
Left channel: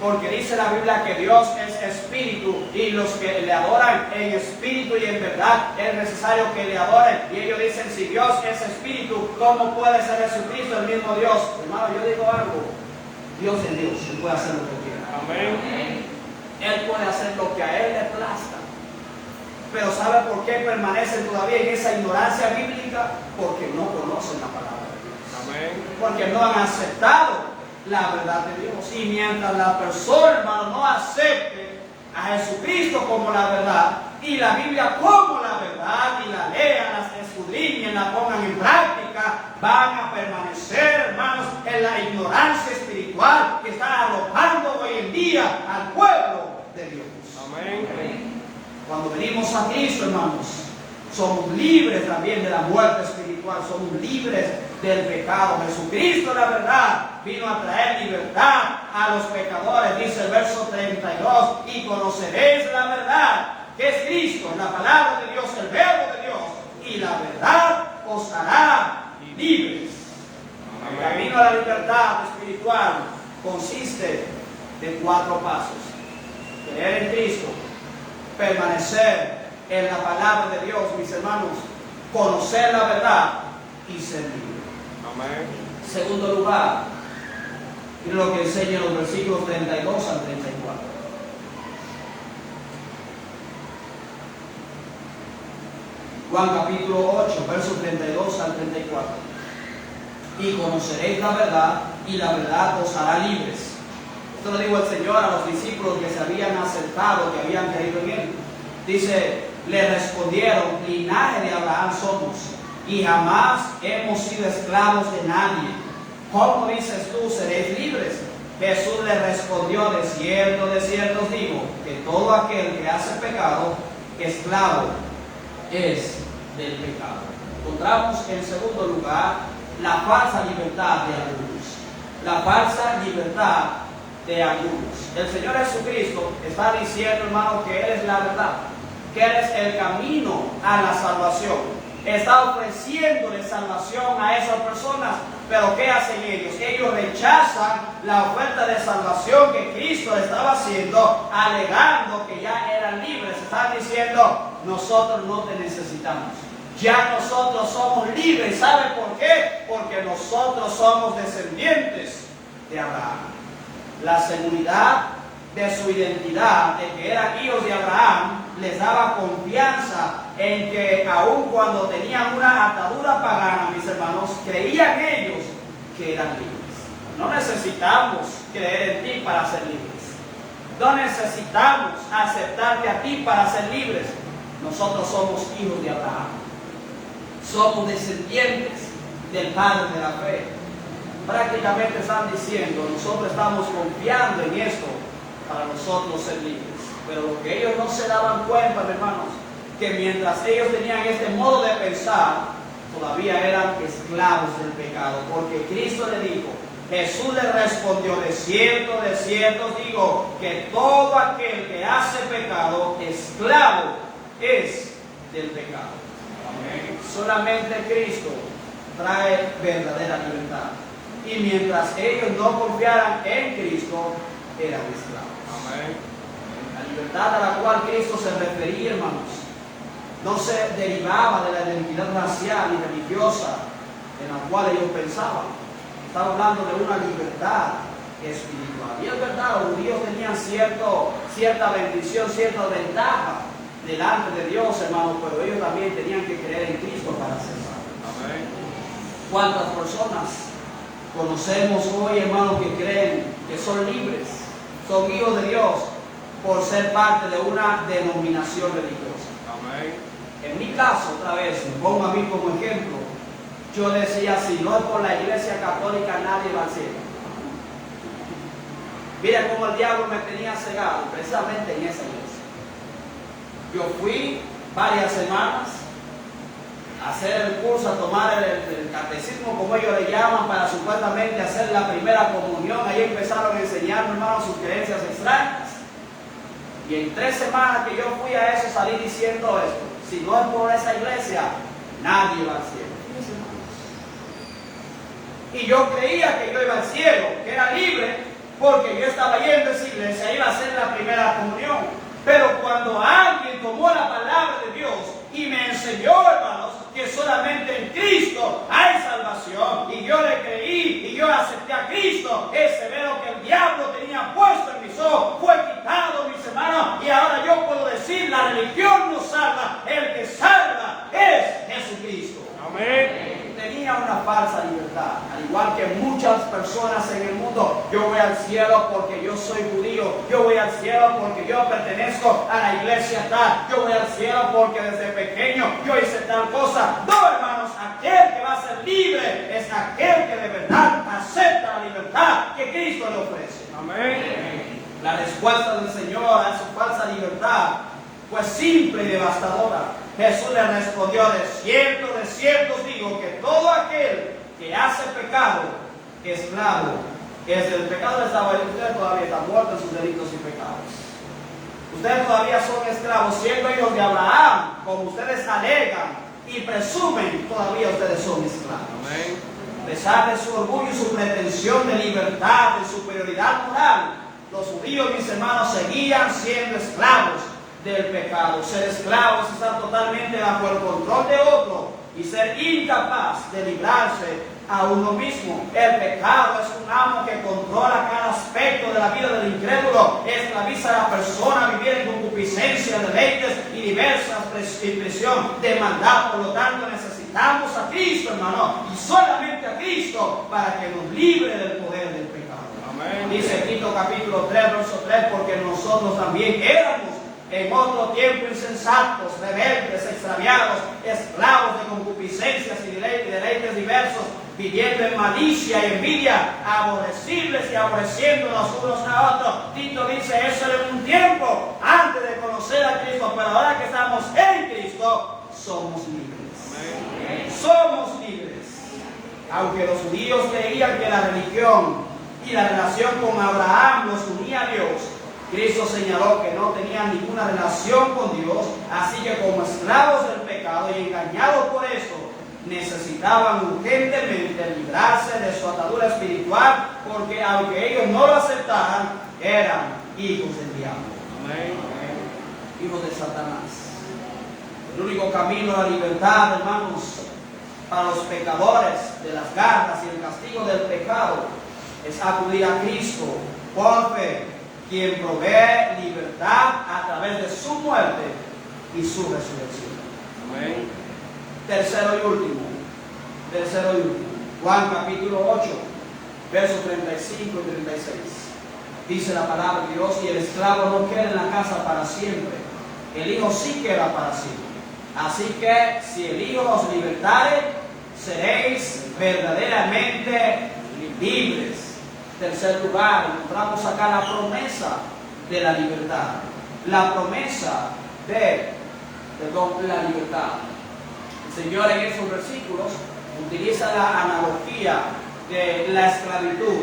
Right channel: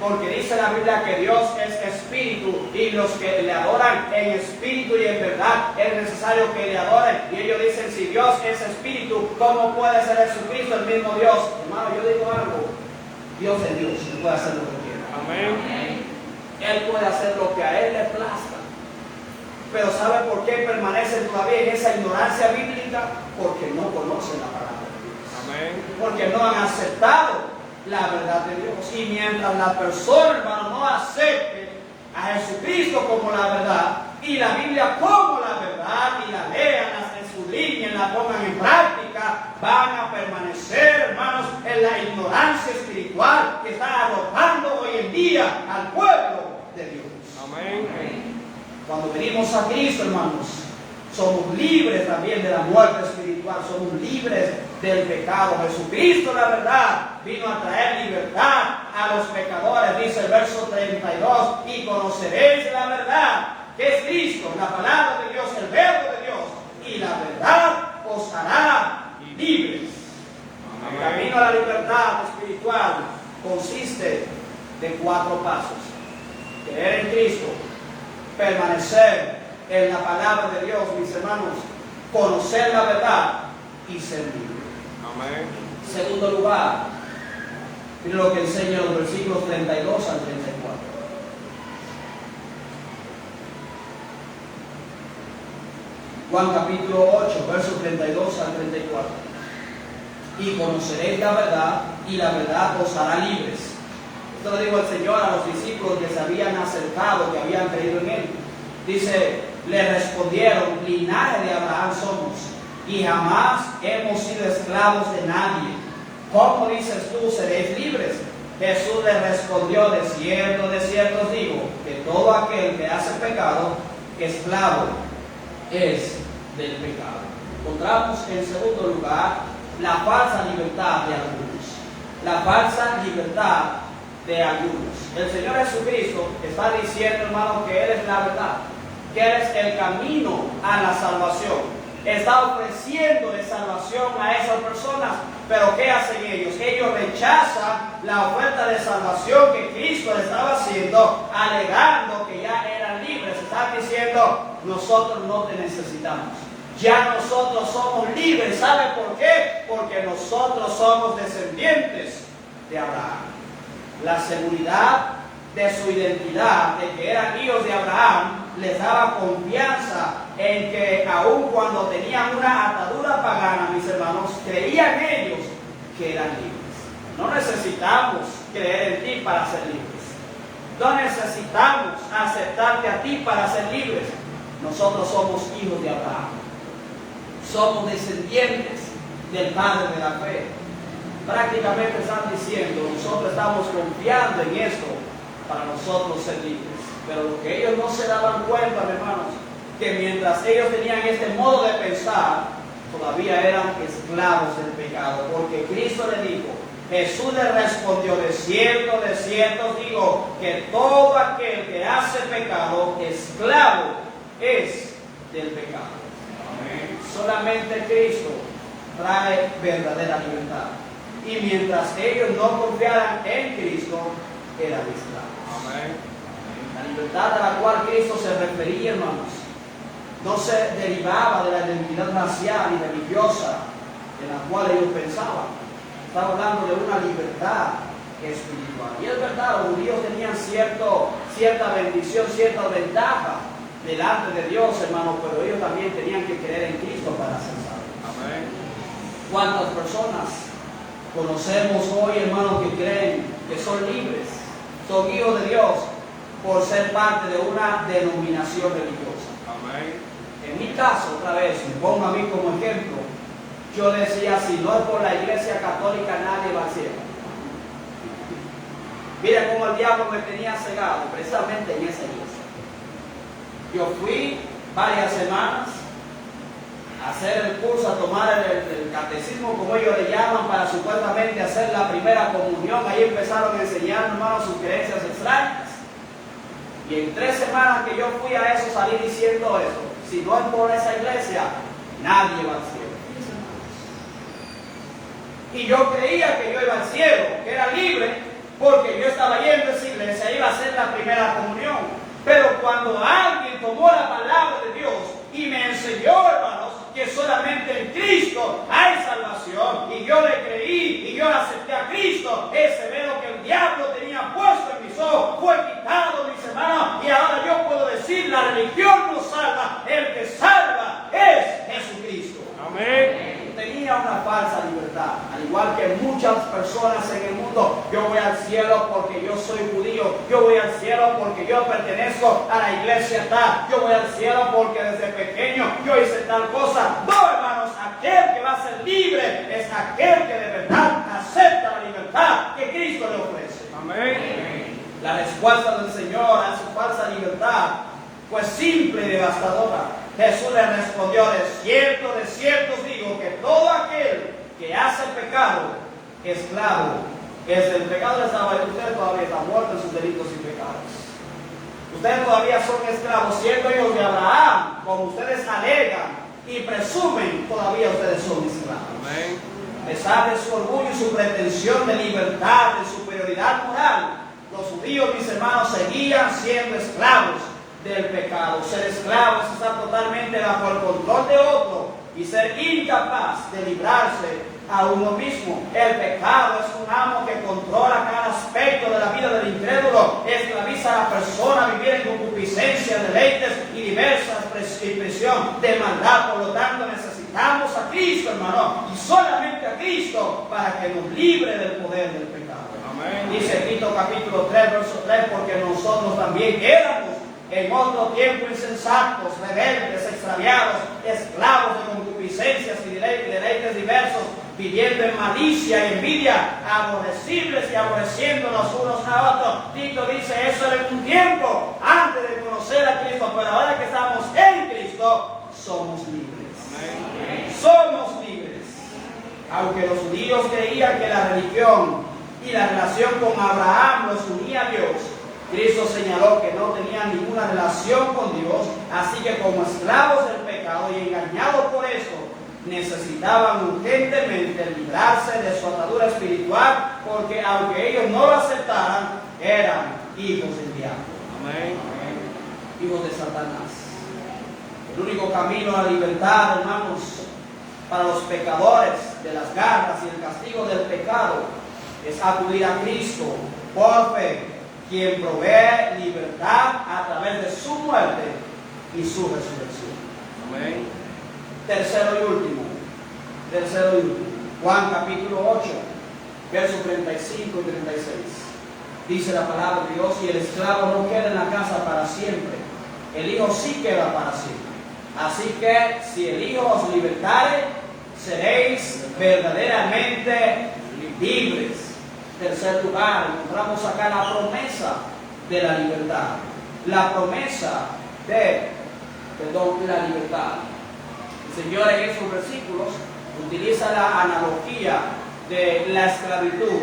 Porque dice la Biblia que Dios es espíritu y los que le adoran en espíritu y en verdad es necesario que le adoren. Y ellos dicen, si Dios es espíritu, ¿cómo puede ser Jesucristo el mismo Dios? Hermano, yo digo algo, Dios es Dios, Él puede hacer lo que quiera. Amén. Él puede hacer lo que a Él le plazca. Pero ¿sabe por qué permanecen todavía en esa ignorancia bíblica? Porque no conocen la palabra de Dios. Amén. Porque no han aceptado la verdad de Dios. Y mientras la persona, hermano, no acepte a Jesucristo como la verdad y la Biblia como la verdad y la lean, la escudriñen, la pongan en práctica, van a permanecer, hermanos, en la ignorancia espiritual que está arropando hoy en día al pueblo de Dios. Amén. Cuando venimos a Cristo, hermanos, somos libres también de la muerte espiritual, somos libres del pecado. Jesucristo, la verdad, vino a traer libertad a los pecadores, dice el verso 32, y conoceréis la verdad, que es Cristo, la palabra de Dios, el verbo de Dios, y la verdad os hará libres. El camino a la libertad espiritual consiste de 4 pasos: creer en Cristo, permanecer en la palabra de Dios, mis hermanos, conocer la verdad y ser libre. Amén. Segundo lugar, miren lo que enseña los versículos 32 al 34. Juan capítulo 8, versos 32 al 34. Y conoceréis la verdad, y la verdad os hará libres. Esto lo dijo el Señor a los discípulos que se habían acercado, que habían creído en Él. Dice, le respondieron, linaje de Abraham somos, y jamás hemos sido esclavos de nadie. ¿Cómo dices tú, seréis libres? Jesús le respondió, de cierto os digo, que todo aquel que hace pecado, esclavo es del pecado. Encontramos en segundo lugar la falsa libertad de algunos. La falsa libertad de algunos. El Señor Jesucristo está diciendo, hermano, que Él es la verdad, que Él es el camino a la salvación. Está ofreciéndole salvación a esas personas, pero ¿qué hacen ellos? Ellos rechazan la oferta de salvación que Cristo estaba haciendo, alegando que ya eran libres. Están diciendo, nosotros no te necesitamos, ya nosotros somos libres. ¿Sabe por qué? Porque nosotros somos descendientes de Abraham. La seguridad de su identidad, de que eran hijos de Abraham, les daba confianza en que aun cuando tenían una atadura pagana, mis hermanos, creían ellos que eran libres. No necesitamos creer en ti para ser libres. No necesitamos aceptarte a ti para ser libres. Nosotros somos hijos de Abraham. Somos descendientes del Padre de la fe. Prácticamente están diciendo, nosotros estamos confiando en esto para nosotros ser libres. Pero lo que ellos no se daban cuenta, hermanos, que mientras ellos tenían este modo de pensar, todavía eran esclavos del pecado. Porque Cristo le dijo, Jesús le respondió, de cierto digo, que todo aquel que hace pecado, esclavo es del pecado. Amén. Solamente Cristo trae verdadera libertad. Y mientras ellos no confiaran en Cristo, eran esclavos. Amén. La libertad a la cual Cristo se refería, hermanos, no se derivaba de la identidad racial y religiosa en la cual ellos pensaban. Estaba hablando de una libertad espiritual. Y es verdad, los judíos tenían cierta bendición, cierta ventaja delante de Dios, hermanos, pero ellos también tenían que creer en Cristo para ser salvos. Amén. ¿Cuántas personas conocemos hoy, hermanos, que creen que son libres, son hijos de Dios, por ser parte de una denominación religiosa? Amén. En mi caso, otra vez, me pongo a mí como ejemplo, yo decía, si no es por la Iglesia Católica, nadie va al cielo. Mira cómo el diablo me tenía cegado, precisamente en esa iglesia. Yo fui varias semanas hacer el curso, a tomar el catecismo, como ellos le llaman, para supuestamente hacer la primera comunión. Ahí empezaron a enseñar, hermanos, sus creencias extrañas. Y en 3 semanas que yo fui a eso, salí diciendo esto: si no es por esa iglesia, nadie va al cielo. Y yo creía que yo iba al cielo, que era libre, porque yo estaba yendo a esa iglesia, iba a hacer la primera comunión. Pero cuando alguien tomó la palabra de Dios y me enseñó, hermanos, que solamente en Cristo hay salvación, y yo le creí y yo acepté a Cristo, ese velo que el diablo tenía puesto en mis ojos fue quitado, mis hermanos, y ahora yo puedo decir: la religión no salva, el que salva es Jesucristo. Amén. Tenía una falsa libertad, al igual que muchas personas en el mundo. Yo voy al cielo porque yo soy judío, yo voy al cielo porque yo pertenezco a la iglesia tal, yo voy al cielo porque desde pequeño yo hice tal cosa. No, hermanos, aquel que va a ser libre es aquel que de verdad acepta la libertad que Cristo le ofrece. Amén. La respuesta del Señor a su falsa libertad fue simple y devastadora. Jesús le respondió: de cierto os digo, que todo aquel que hace pecado, esclavo es del pecado. Ustedes todavía están muertos en sus delitos y pecados. Ustedes todavía son esclavos, siendo hijos de Abraham, como ustedes alegan y presumen, todavía ustedes son esclavos. Amén. A pesar de su orgullo y su pretensión de libertad, de superioridad moral, los judíos, mis hermanos, seguían siendo esclavos del pecado. Ser esclavo es estar totalmente bajo el control de otro y ser incapaz de librarse a uno mismo. El pecado es un amo que controla cada aspecto de la vida del incrédulo, esclaviza a la persona a vivir en concupiscencia, deleites y diversas expresión de maldad. Por lo tanto, necesitamos a Cristo, hermano, y solamente a Cristo, para que nos libre del poder del pecado. Amén. Dice Tito capítulo 3, verso 3: porque nosotros también éramos en otro tiempo insensatos, rebeldes, extraviados, esclavos de concupiscencias y deleites diversos, viviendo en malicia y envidia, aborrecibles y aborreciéndonos unos a otros. Tito dice: eso era en un tiempo antes de conocer a Cristo, pero ahora que estamos en Cristo, somos libres. Amén. Somos libres. Aunque los judíos creían que la religión y la relación con Abraham los unía a Dios, Cristo señaló que no tenían ninguna relación con Dios, así que como esclavos del pecado y engañados por esto, necesitaban urgentemente librarse de su atadura espiritual, porque aunque ellos no lo aceptaran, eran hijos del diablo. Amén. Hijos de Satanás. El único camino a la libertad, hermanos, para los pecadores de las garras y el castigo del pecado, es acudir a Cristo por fe, quien provee libertad a través de su muerte y su resurrección. Amén. Tercero y último. Juan capítulo 8, versos 35 y 36. Dice la palabra de Dios: y el esclavo no queda en la casa para siempre, el Hijo sí queda para siempre. Así que si el Hijo os libertare, seréis verdaderamente libres. Tercer lugar, encontramos acá la promesa de la libertad. La promesa de la libertad. El Señor en esos versículos utiliza la analogía de la esclavitud.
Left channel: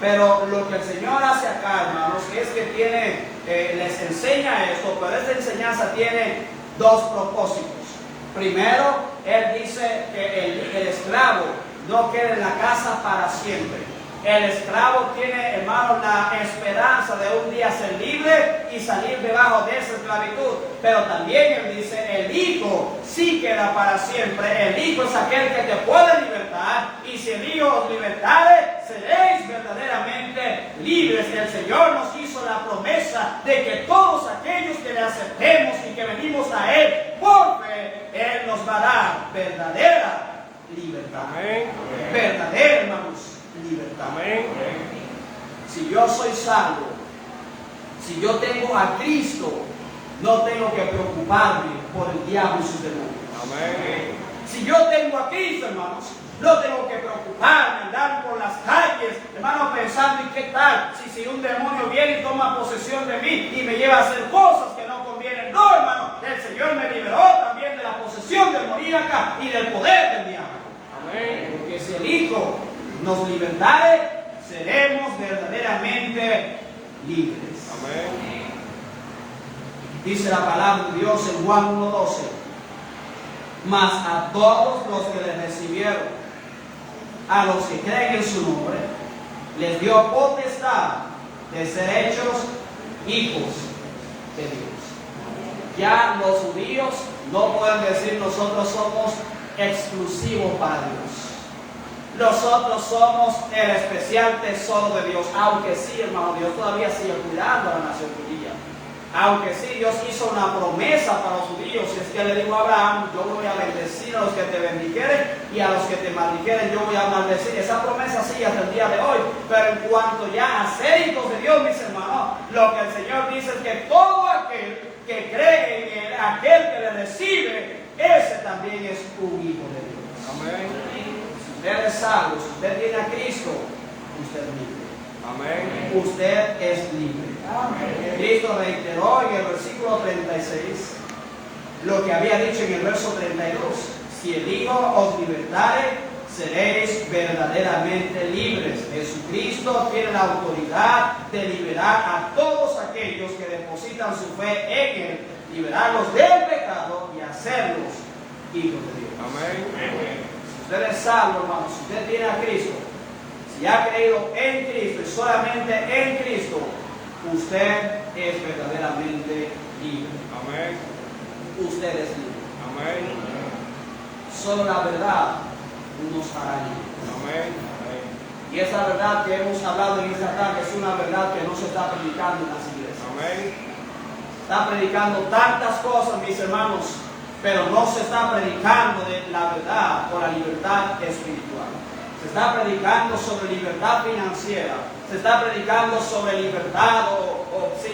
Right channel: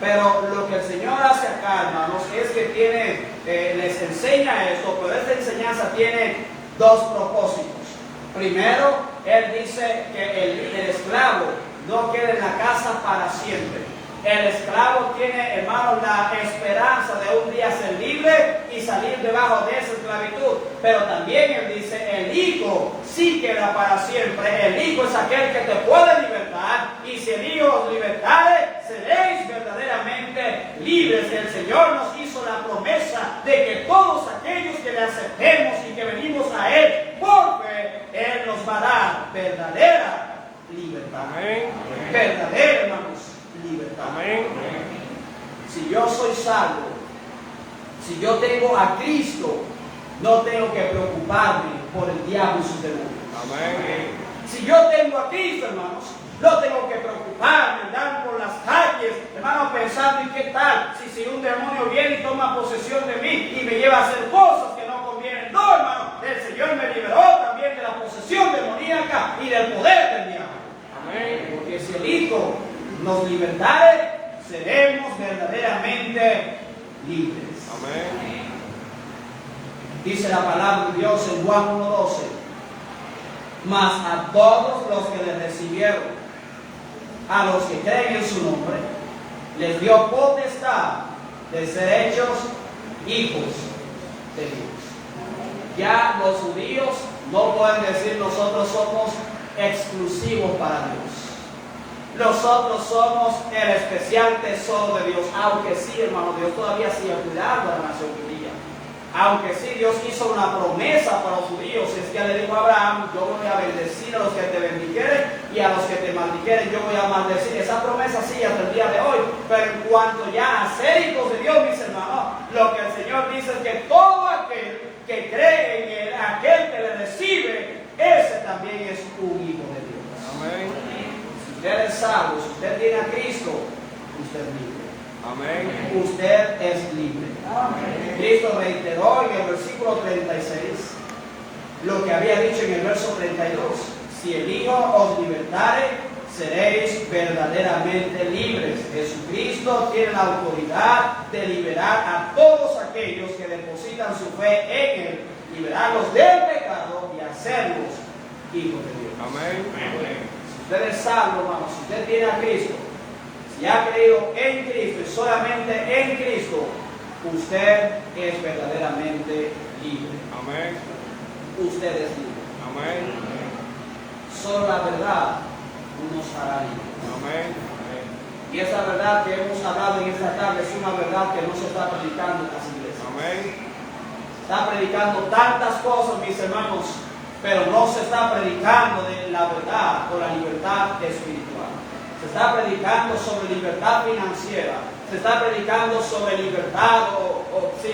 Pero lo que el Señor hace acá, hermanos, es que les enseña esto, pero esta enseñanza tiene 2 propósitos. Primero, Él dice que el esclavo no queda en la casa para siempre. El esclavo tiene, hermanos, la esperanza de un día ser libre y salir debajo de esa esclavitud. Pero también Él dice: el Hijo sí queda para siempre. El Hijo es aquel que te puede libertar, y si el Hijo os libertare, seréis verdaderamente libres. El Señor nos hizo la promesa de que todos aquellos que le aceptemos y que venimos a Él por fe, Él nos va a dar verdadera libertad. Amén. Verdadera, hermanos, libertad. Amén. Si yo soy salvo, si yo tengo a Cristo, no tengo que preocuparme por el diablo y sus demonios. Amén. Si yo tengo a Cristo, hermanos, no tengo que preocuparme, andar por las calles, hermanos, pensando: ¿y qué tal si un demonio viene y toma posesión de mí y me lleva a hacer cosas que no convienen? No, hermano, el Señor me liberó también de la posesión demoníaca. demoníaca y del poder del diablo. Amén. Porque si el Hijo nos libertare, seremos verdaderamente libres. Amén. Dice la palabra de Dios en Juan 1:12. Mas a todos los que le recibieron, a los que creen en su nombre, les dio potestad de ser hechos hijos de Dios. Ya los judíos no pueden decir nosotros somos exclusivos para Dios. Nosotros somos el especial tesoro de Dios, aunque sí, hermano, Dios todavía sigue cuidando a la nación judía. Aunque sí, Dios hizo una promesa para los judíos, es que le dijo a Abraham, yo voy a bendecir a los que te bendijeren y a los que te maldijeren yo voy a maldecir. Esa promesa sigue hasta el día de hoy, pero en cuanto ya a ser hijos de Dios, mis hermanos, lo que el Señor dice es que todo aquel que cree en Él, aquel que le recibe, ese también es un hijo de Dios. Amén. Si usted es salvo, si usted tiene a Cristo, usted es libre. Amén. Usted es libre. Cristo reiteró en el versículo 36 lo que había dicho en el verso 32. Si el Hijo os libertare, seréis verdaderamente libres. Jesucristo tiene la autoridad de liberar a todos aquellos que depositan su fe en Él, liberarlos del pecado y hacerlos hijos de Dios. Amén. Si usted es salvo, hermano, si usted tiene a Cristo, si ha creído en Cristo y solamente en Cristo, usted es verdaderamente libre. Amén. Usted es libre. Amén. Solo la verdad nos hará libres. Amén. Y esa verdad que hemos hablado en esta tarde es una verdad que no se está predicando en las iglesias. Amén. Está predicando tantas cosas, mis hermanos, pero no se está predicando de la verdad o la libertad espiritual. Se está predicando sobre libertad financiera, se está predicando sobre libertad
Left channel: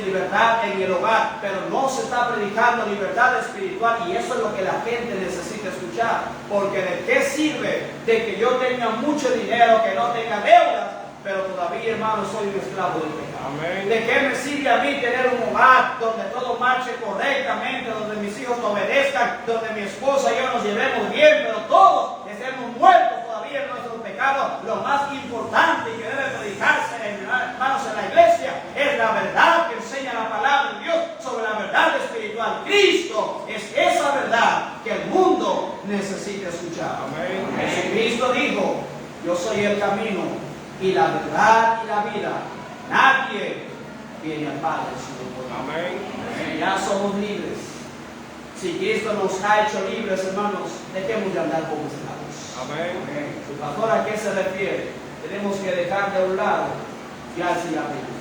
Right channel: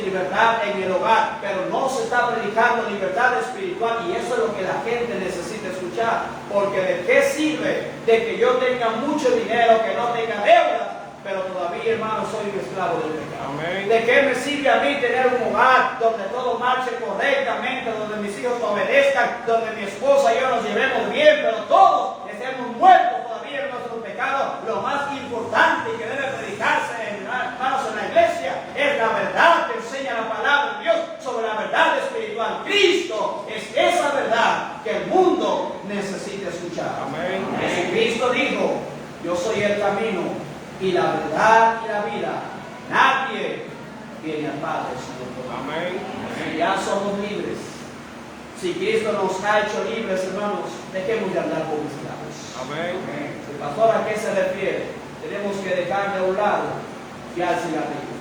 libertad en el hogar, pero no se está predicando libertad espiritual, y eso es lo que la gente necesita escuchar. Porque ¿de qué sirve de que yo tenga mucho dinero, que no tenga deudas, pero todavía, hermano, soy un esclavo del pecado? Amén. ¿De qué me sirve a mí tener un hogar donde todo marche correctamente, donde mis hijos obedezcan, donde mi esposa y yo nos llevemos bien, pero todos estemos muertos todavía en nuestro pecado? Lo más importante que debe predicarse, hermanos, en la iglesia es la verdad que enseña la palabra de Dios sobre la verdad espiritual. Cristo es esa verdad que el mundo necesita escuchar. Amén. Jesucristo dijo: yo soy el camino y la verdad y la vida. Nadie viene al Padre sino por mí. Amén. Si ya somos libres, si Cristo nos ha hecho libres, hermanos, dejemos de andar como esclavos. Amén. El pastor, ¿a qué se refiere? Tenemos que dejar de un lado fiarse a Dios.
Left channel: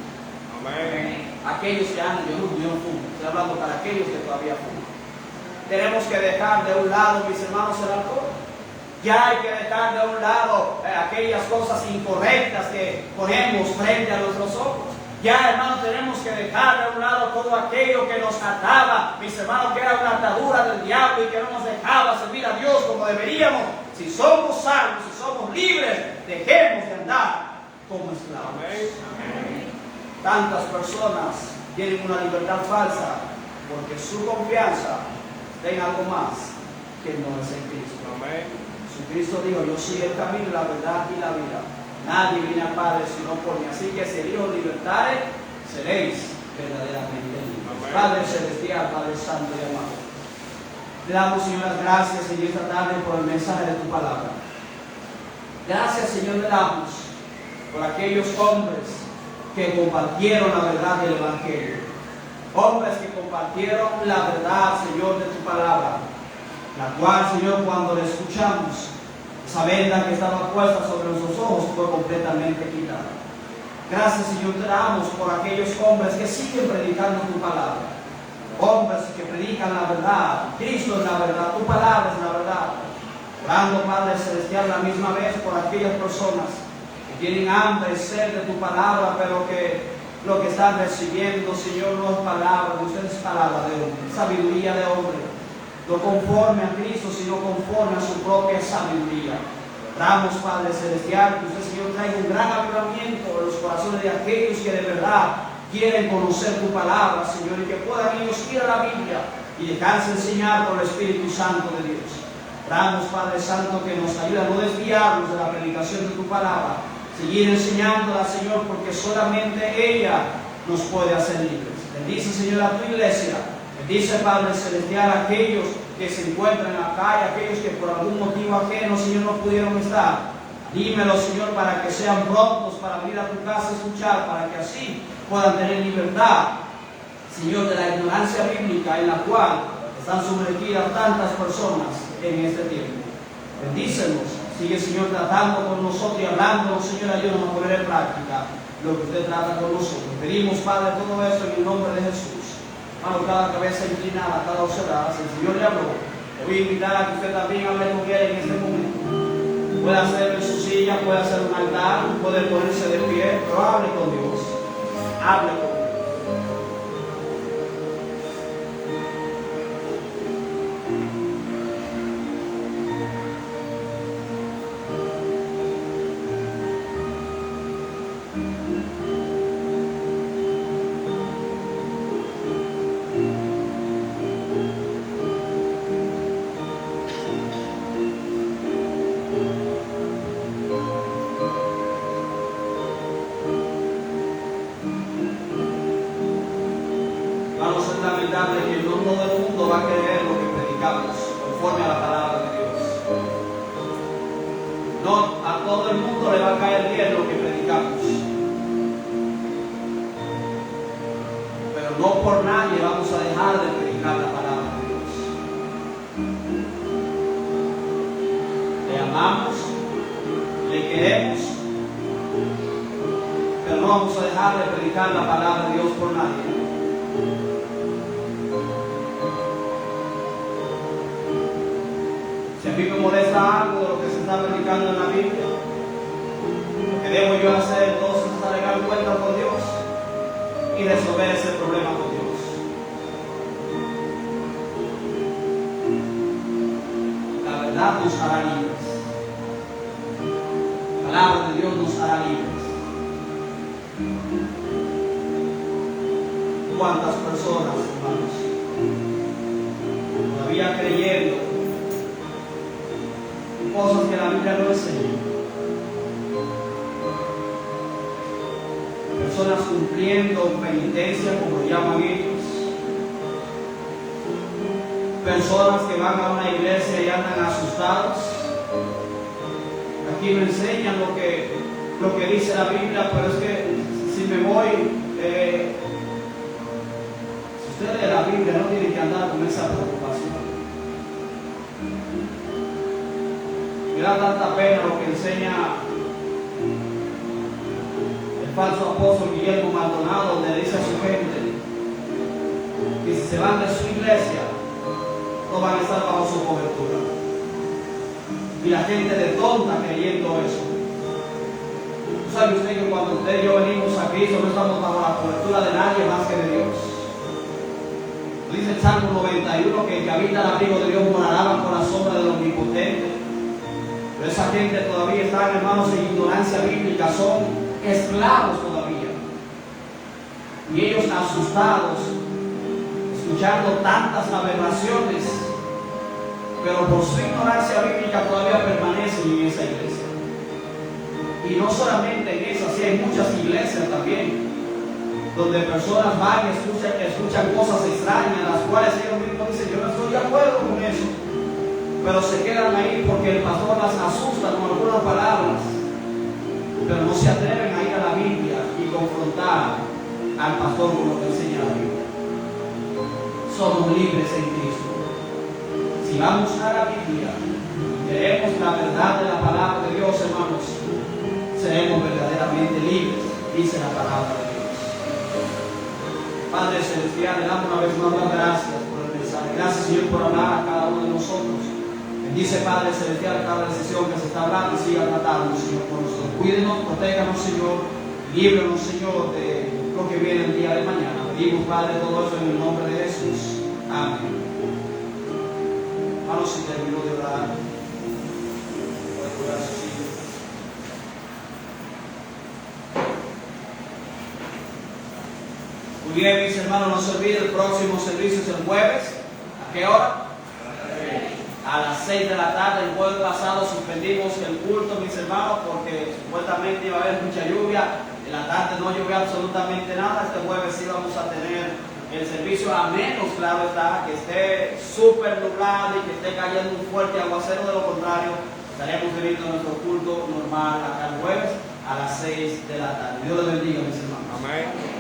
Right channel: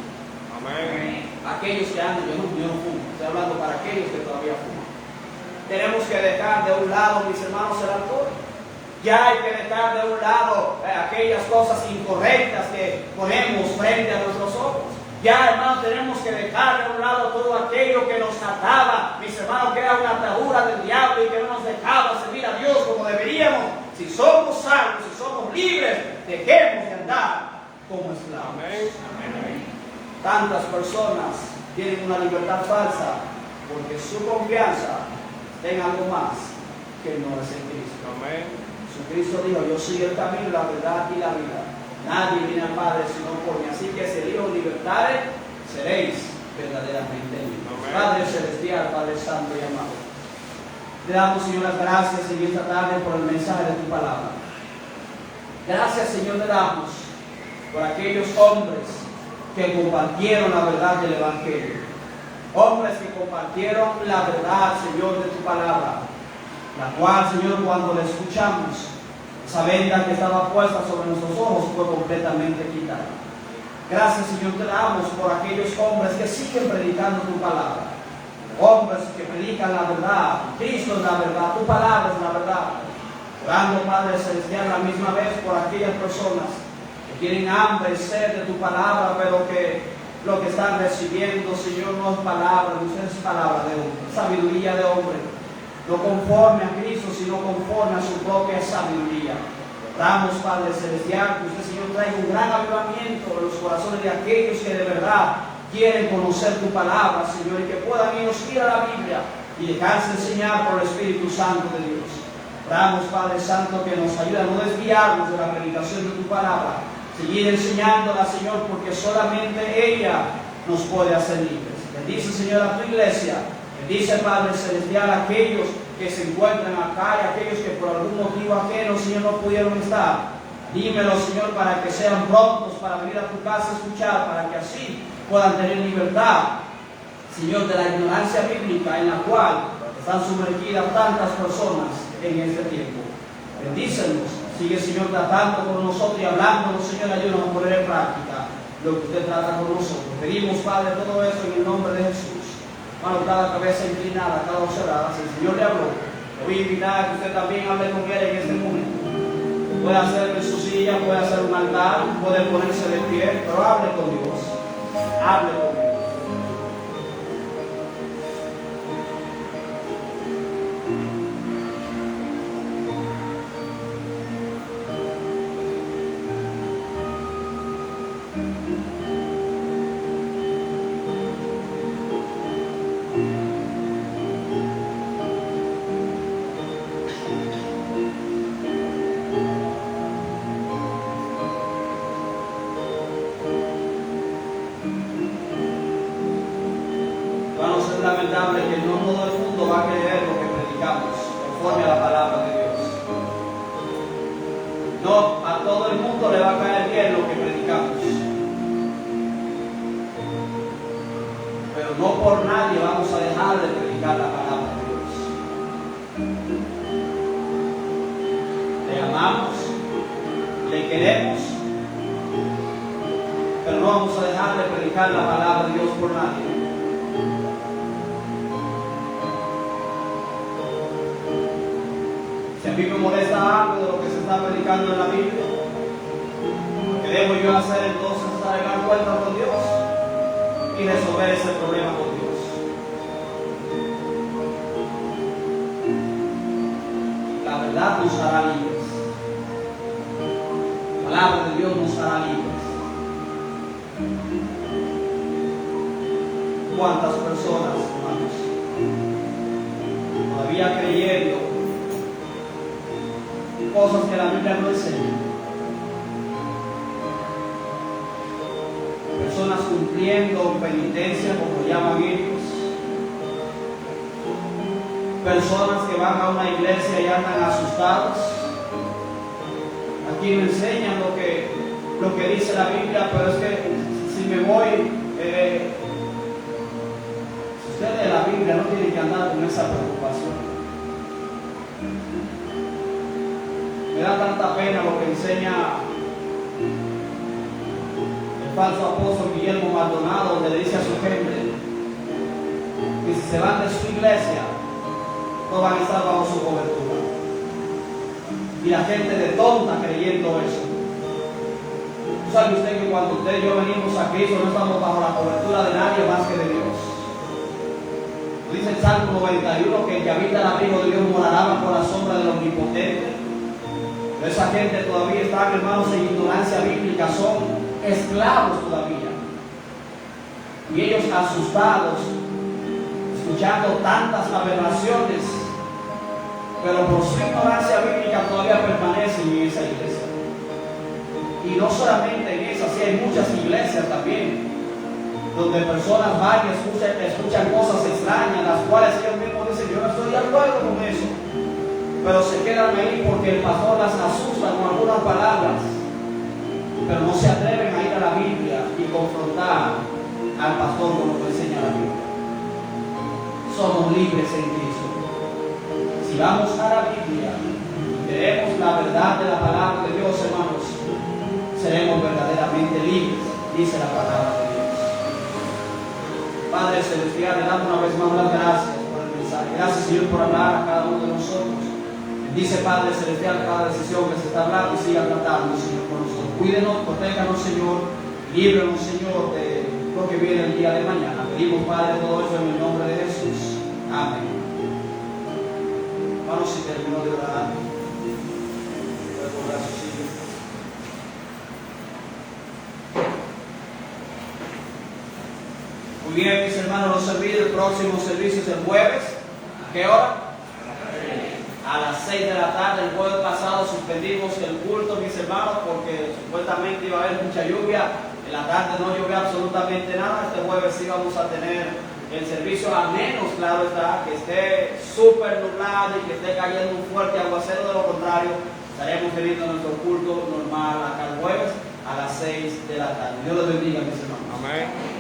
Amén. Aquellos que andan, yo no fumo, estoy hablando para aquellos que todavía fuman. Tenemos que dejar de un lado, mis hermanos, el alcohol. Ya hay que dejar de un lado aquellas cosas incorrectas que ponemos frente a nuestros ojos. Ya, hermanos, tenemos que dejar de un lado todo aquello que nos ataba, mis hermanos, que era una atadura del diablo y que no nos dejaba servir a Dios como deberíamos. Si somos salvos, si somos libres, dejemos de andar como esclavos. Amén. Tantas personas tienen una libertad falsa porque su confianza en algo más que no es en Cristo. Amén. Jesucristo dijo: yo soy el camino, la verdad y la vida. Nadie viene al Padre sino por mí. Así que si el Hijo libertare, seréis verdaderamente libres. Amén. Padre celestial, Padre santo y amado, le damos, Señor, las gracias en esta tarde por el mensaje de tu palabra. Gracias, Señor, le damos por aquellos hombres que compartieron la verdad del Evangelio. Hombres que compartieron la verdad, Señor, de tu palabra, la cual, Señor, cuando la escuchamos, esa venda que estaba puesta sobre nuestros ojos fue completamente quitada. Gracias, Señor, te damos por aquellos hombres que siguen predicando tu palabra. Hombres que predican la verdad. Cristo es la verdad, tu palabra es la verdad. Orando, Padre celestial, a la misma vez por aquellas personas que tienen hambre y sed de tu palabra, pero que lo que están recibiendo, Señor, no es palabra, no es palabra de hombre, sabiduría de hombre, no conforme a Cristo, sino conforme a su propia sabiduría. Oramos, Padre celestial, que usted, Señor, traiga un gran avivamiento en los corazones de aquellos que de verdad quieren conocer tu palabra, Señor, y que puedan ellos ir a la Biblia y dejarse enseñar por el Espíritu Santo de Dios. Oramos, Padre Santo, que nos ayude a no desviarnos de la predicación de tu palabra. Seguir enseñándola, Señor, porque solamente ella nos puede hacer libres. Bendice, Señor, a tu iglesia. Bendice, Padre Celestial, a aquellos que se encuentran acá y aquellos que por algún motivo ajeno, Señor, no pudieron estar. Dímelo, Señor, para que sean prontos para venir a tu casa a escuchar, para que así puedan tener libertad, Señor, de la ignorancia bíblica en la cual están sumergidas tantas personas en este tiempo. Bendícenos. Sigue, Señor, tratando con nosotros y hablándonos, Señor, ayúdanos a poner en práctica lo que usted trata con nosotros. Pedimos, Padre, todo esto en el nombre de Jesús. Hermano, cada cabeza inclinada, cada voz cerrada. Si el Señor le habló, le voy a invitar a que usted también hable con Él en este momento. Puede hacerlo en su silla, puede hacer un altar, puede ponerse de pie, pero hable con Dios. Hable con Dios. Lamentable que no todo el mundo va a creer lo que predicamos conforme a la palabra de Dios. No a todo el mundo le va a caer bien lo que predicamos, pero no por nadie vamos a dejar de predicar la palabra de Dios. Le amamos, le queremos, pero no vamos a dejar de predicar la palabra de Dios por nadie. Si a mí me molesta algo de lo que se está predicando en la Biblia, lo que debo yo hacer entonces es arreglar cuentas con Dios y resolver ese problema con Dios. La verdad nos hará libres. La palabra de Dios nos hará libres. ¿Cuántas personas, hermanos, todavía creyendo cosas que la Biblia no enseña? Personas cumpliendo penitencia, como llaman ellos. Personas que van a una iglesia y andan asustados. Aquí no enseñan lo que dice la Biblia, pero es que si me voy, si usted lee la Biblia, no tiene que andar con esa preocupación. Me da tanta pena lo que enseña el falso apóstol Guillermo Maldonado, donde dice a su gente que si se van de su iglesia, no van a estar bajo su cobertura. Y la gente de tonta creyendo eso. ¿Sabe usted que cuando usted y yo venimos a Cristo no estamos bajo la cobertura de nadie más que de Dios? Dice el Salmo 91 que el que habita el abrigo de Dios morará bajo la sombra del Omnipotente. Pero esa gente todavía está, hermanos, en ignorancia bíblica, son esclavos todavía. Y ellos asustados, escuchando tantas aberraciones, pero por su ignorancia bíblica todavía permanecen en esa iglesia. Y no solamente en esa, sí hay muchas iglesias también, donde personas van y escuchan cosas extrañas, las cuales ellos mismos dicen, yo no estoy de acuerdo con eso. Pero se quedan ahí porque el pastor las asusta con algunas palabras, pero no se atreven a ir a la Biblia y confrontar al pastor con lo que enseña la Biblia. Somos libres en Cristo. Si vamos a la Biblia y queremos la verdad de la palabra de Dios, hermanos, seremos verdaderamente libres, dice la palabra de Dios. Padre Celestial, le damos una vez más las gracias por el mensaje. Gracias, Señor, por hablar a cada uno de nosotros. Bendice, Padre Celestial, cada decisión que se está hablando y siga tratando, Señor, con nosotros. Cuídenos, protéjanos, Señor, líbranos, Señor, de lo que viene el día de mañana. Pedimos, Padre, todo eso en el nombre de Jesús. Amén. Vamos, si terminó de orar. Muy bien, mis hermanos, no se olviden, el próximo servicio es el jueves. ¿A qué hora? A a las 6 de la tarde. El jueves pasado suspendimos el culto, mis hermanos, porque supuestamente iba a haber mucha lluvia. En la tarde no llovió absolutamente nada. Este jueves sí vamos a tener el servicio, a menos, claro está, que esté súper nublado y que esté cayendo un fuerte aguacero. De lo contrario, estaremos teniendo nuestro culto normal acá el jueves a las 6 de la tarde. Dios los bendiga, mis hermanos. Amén.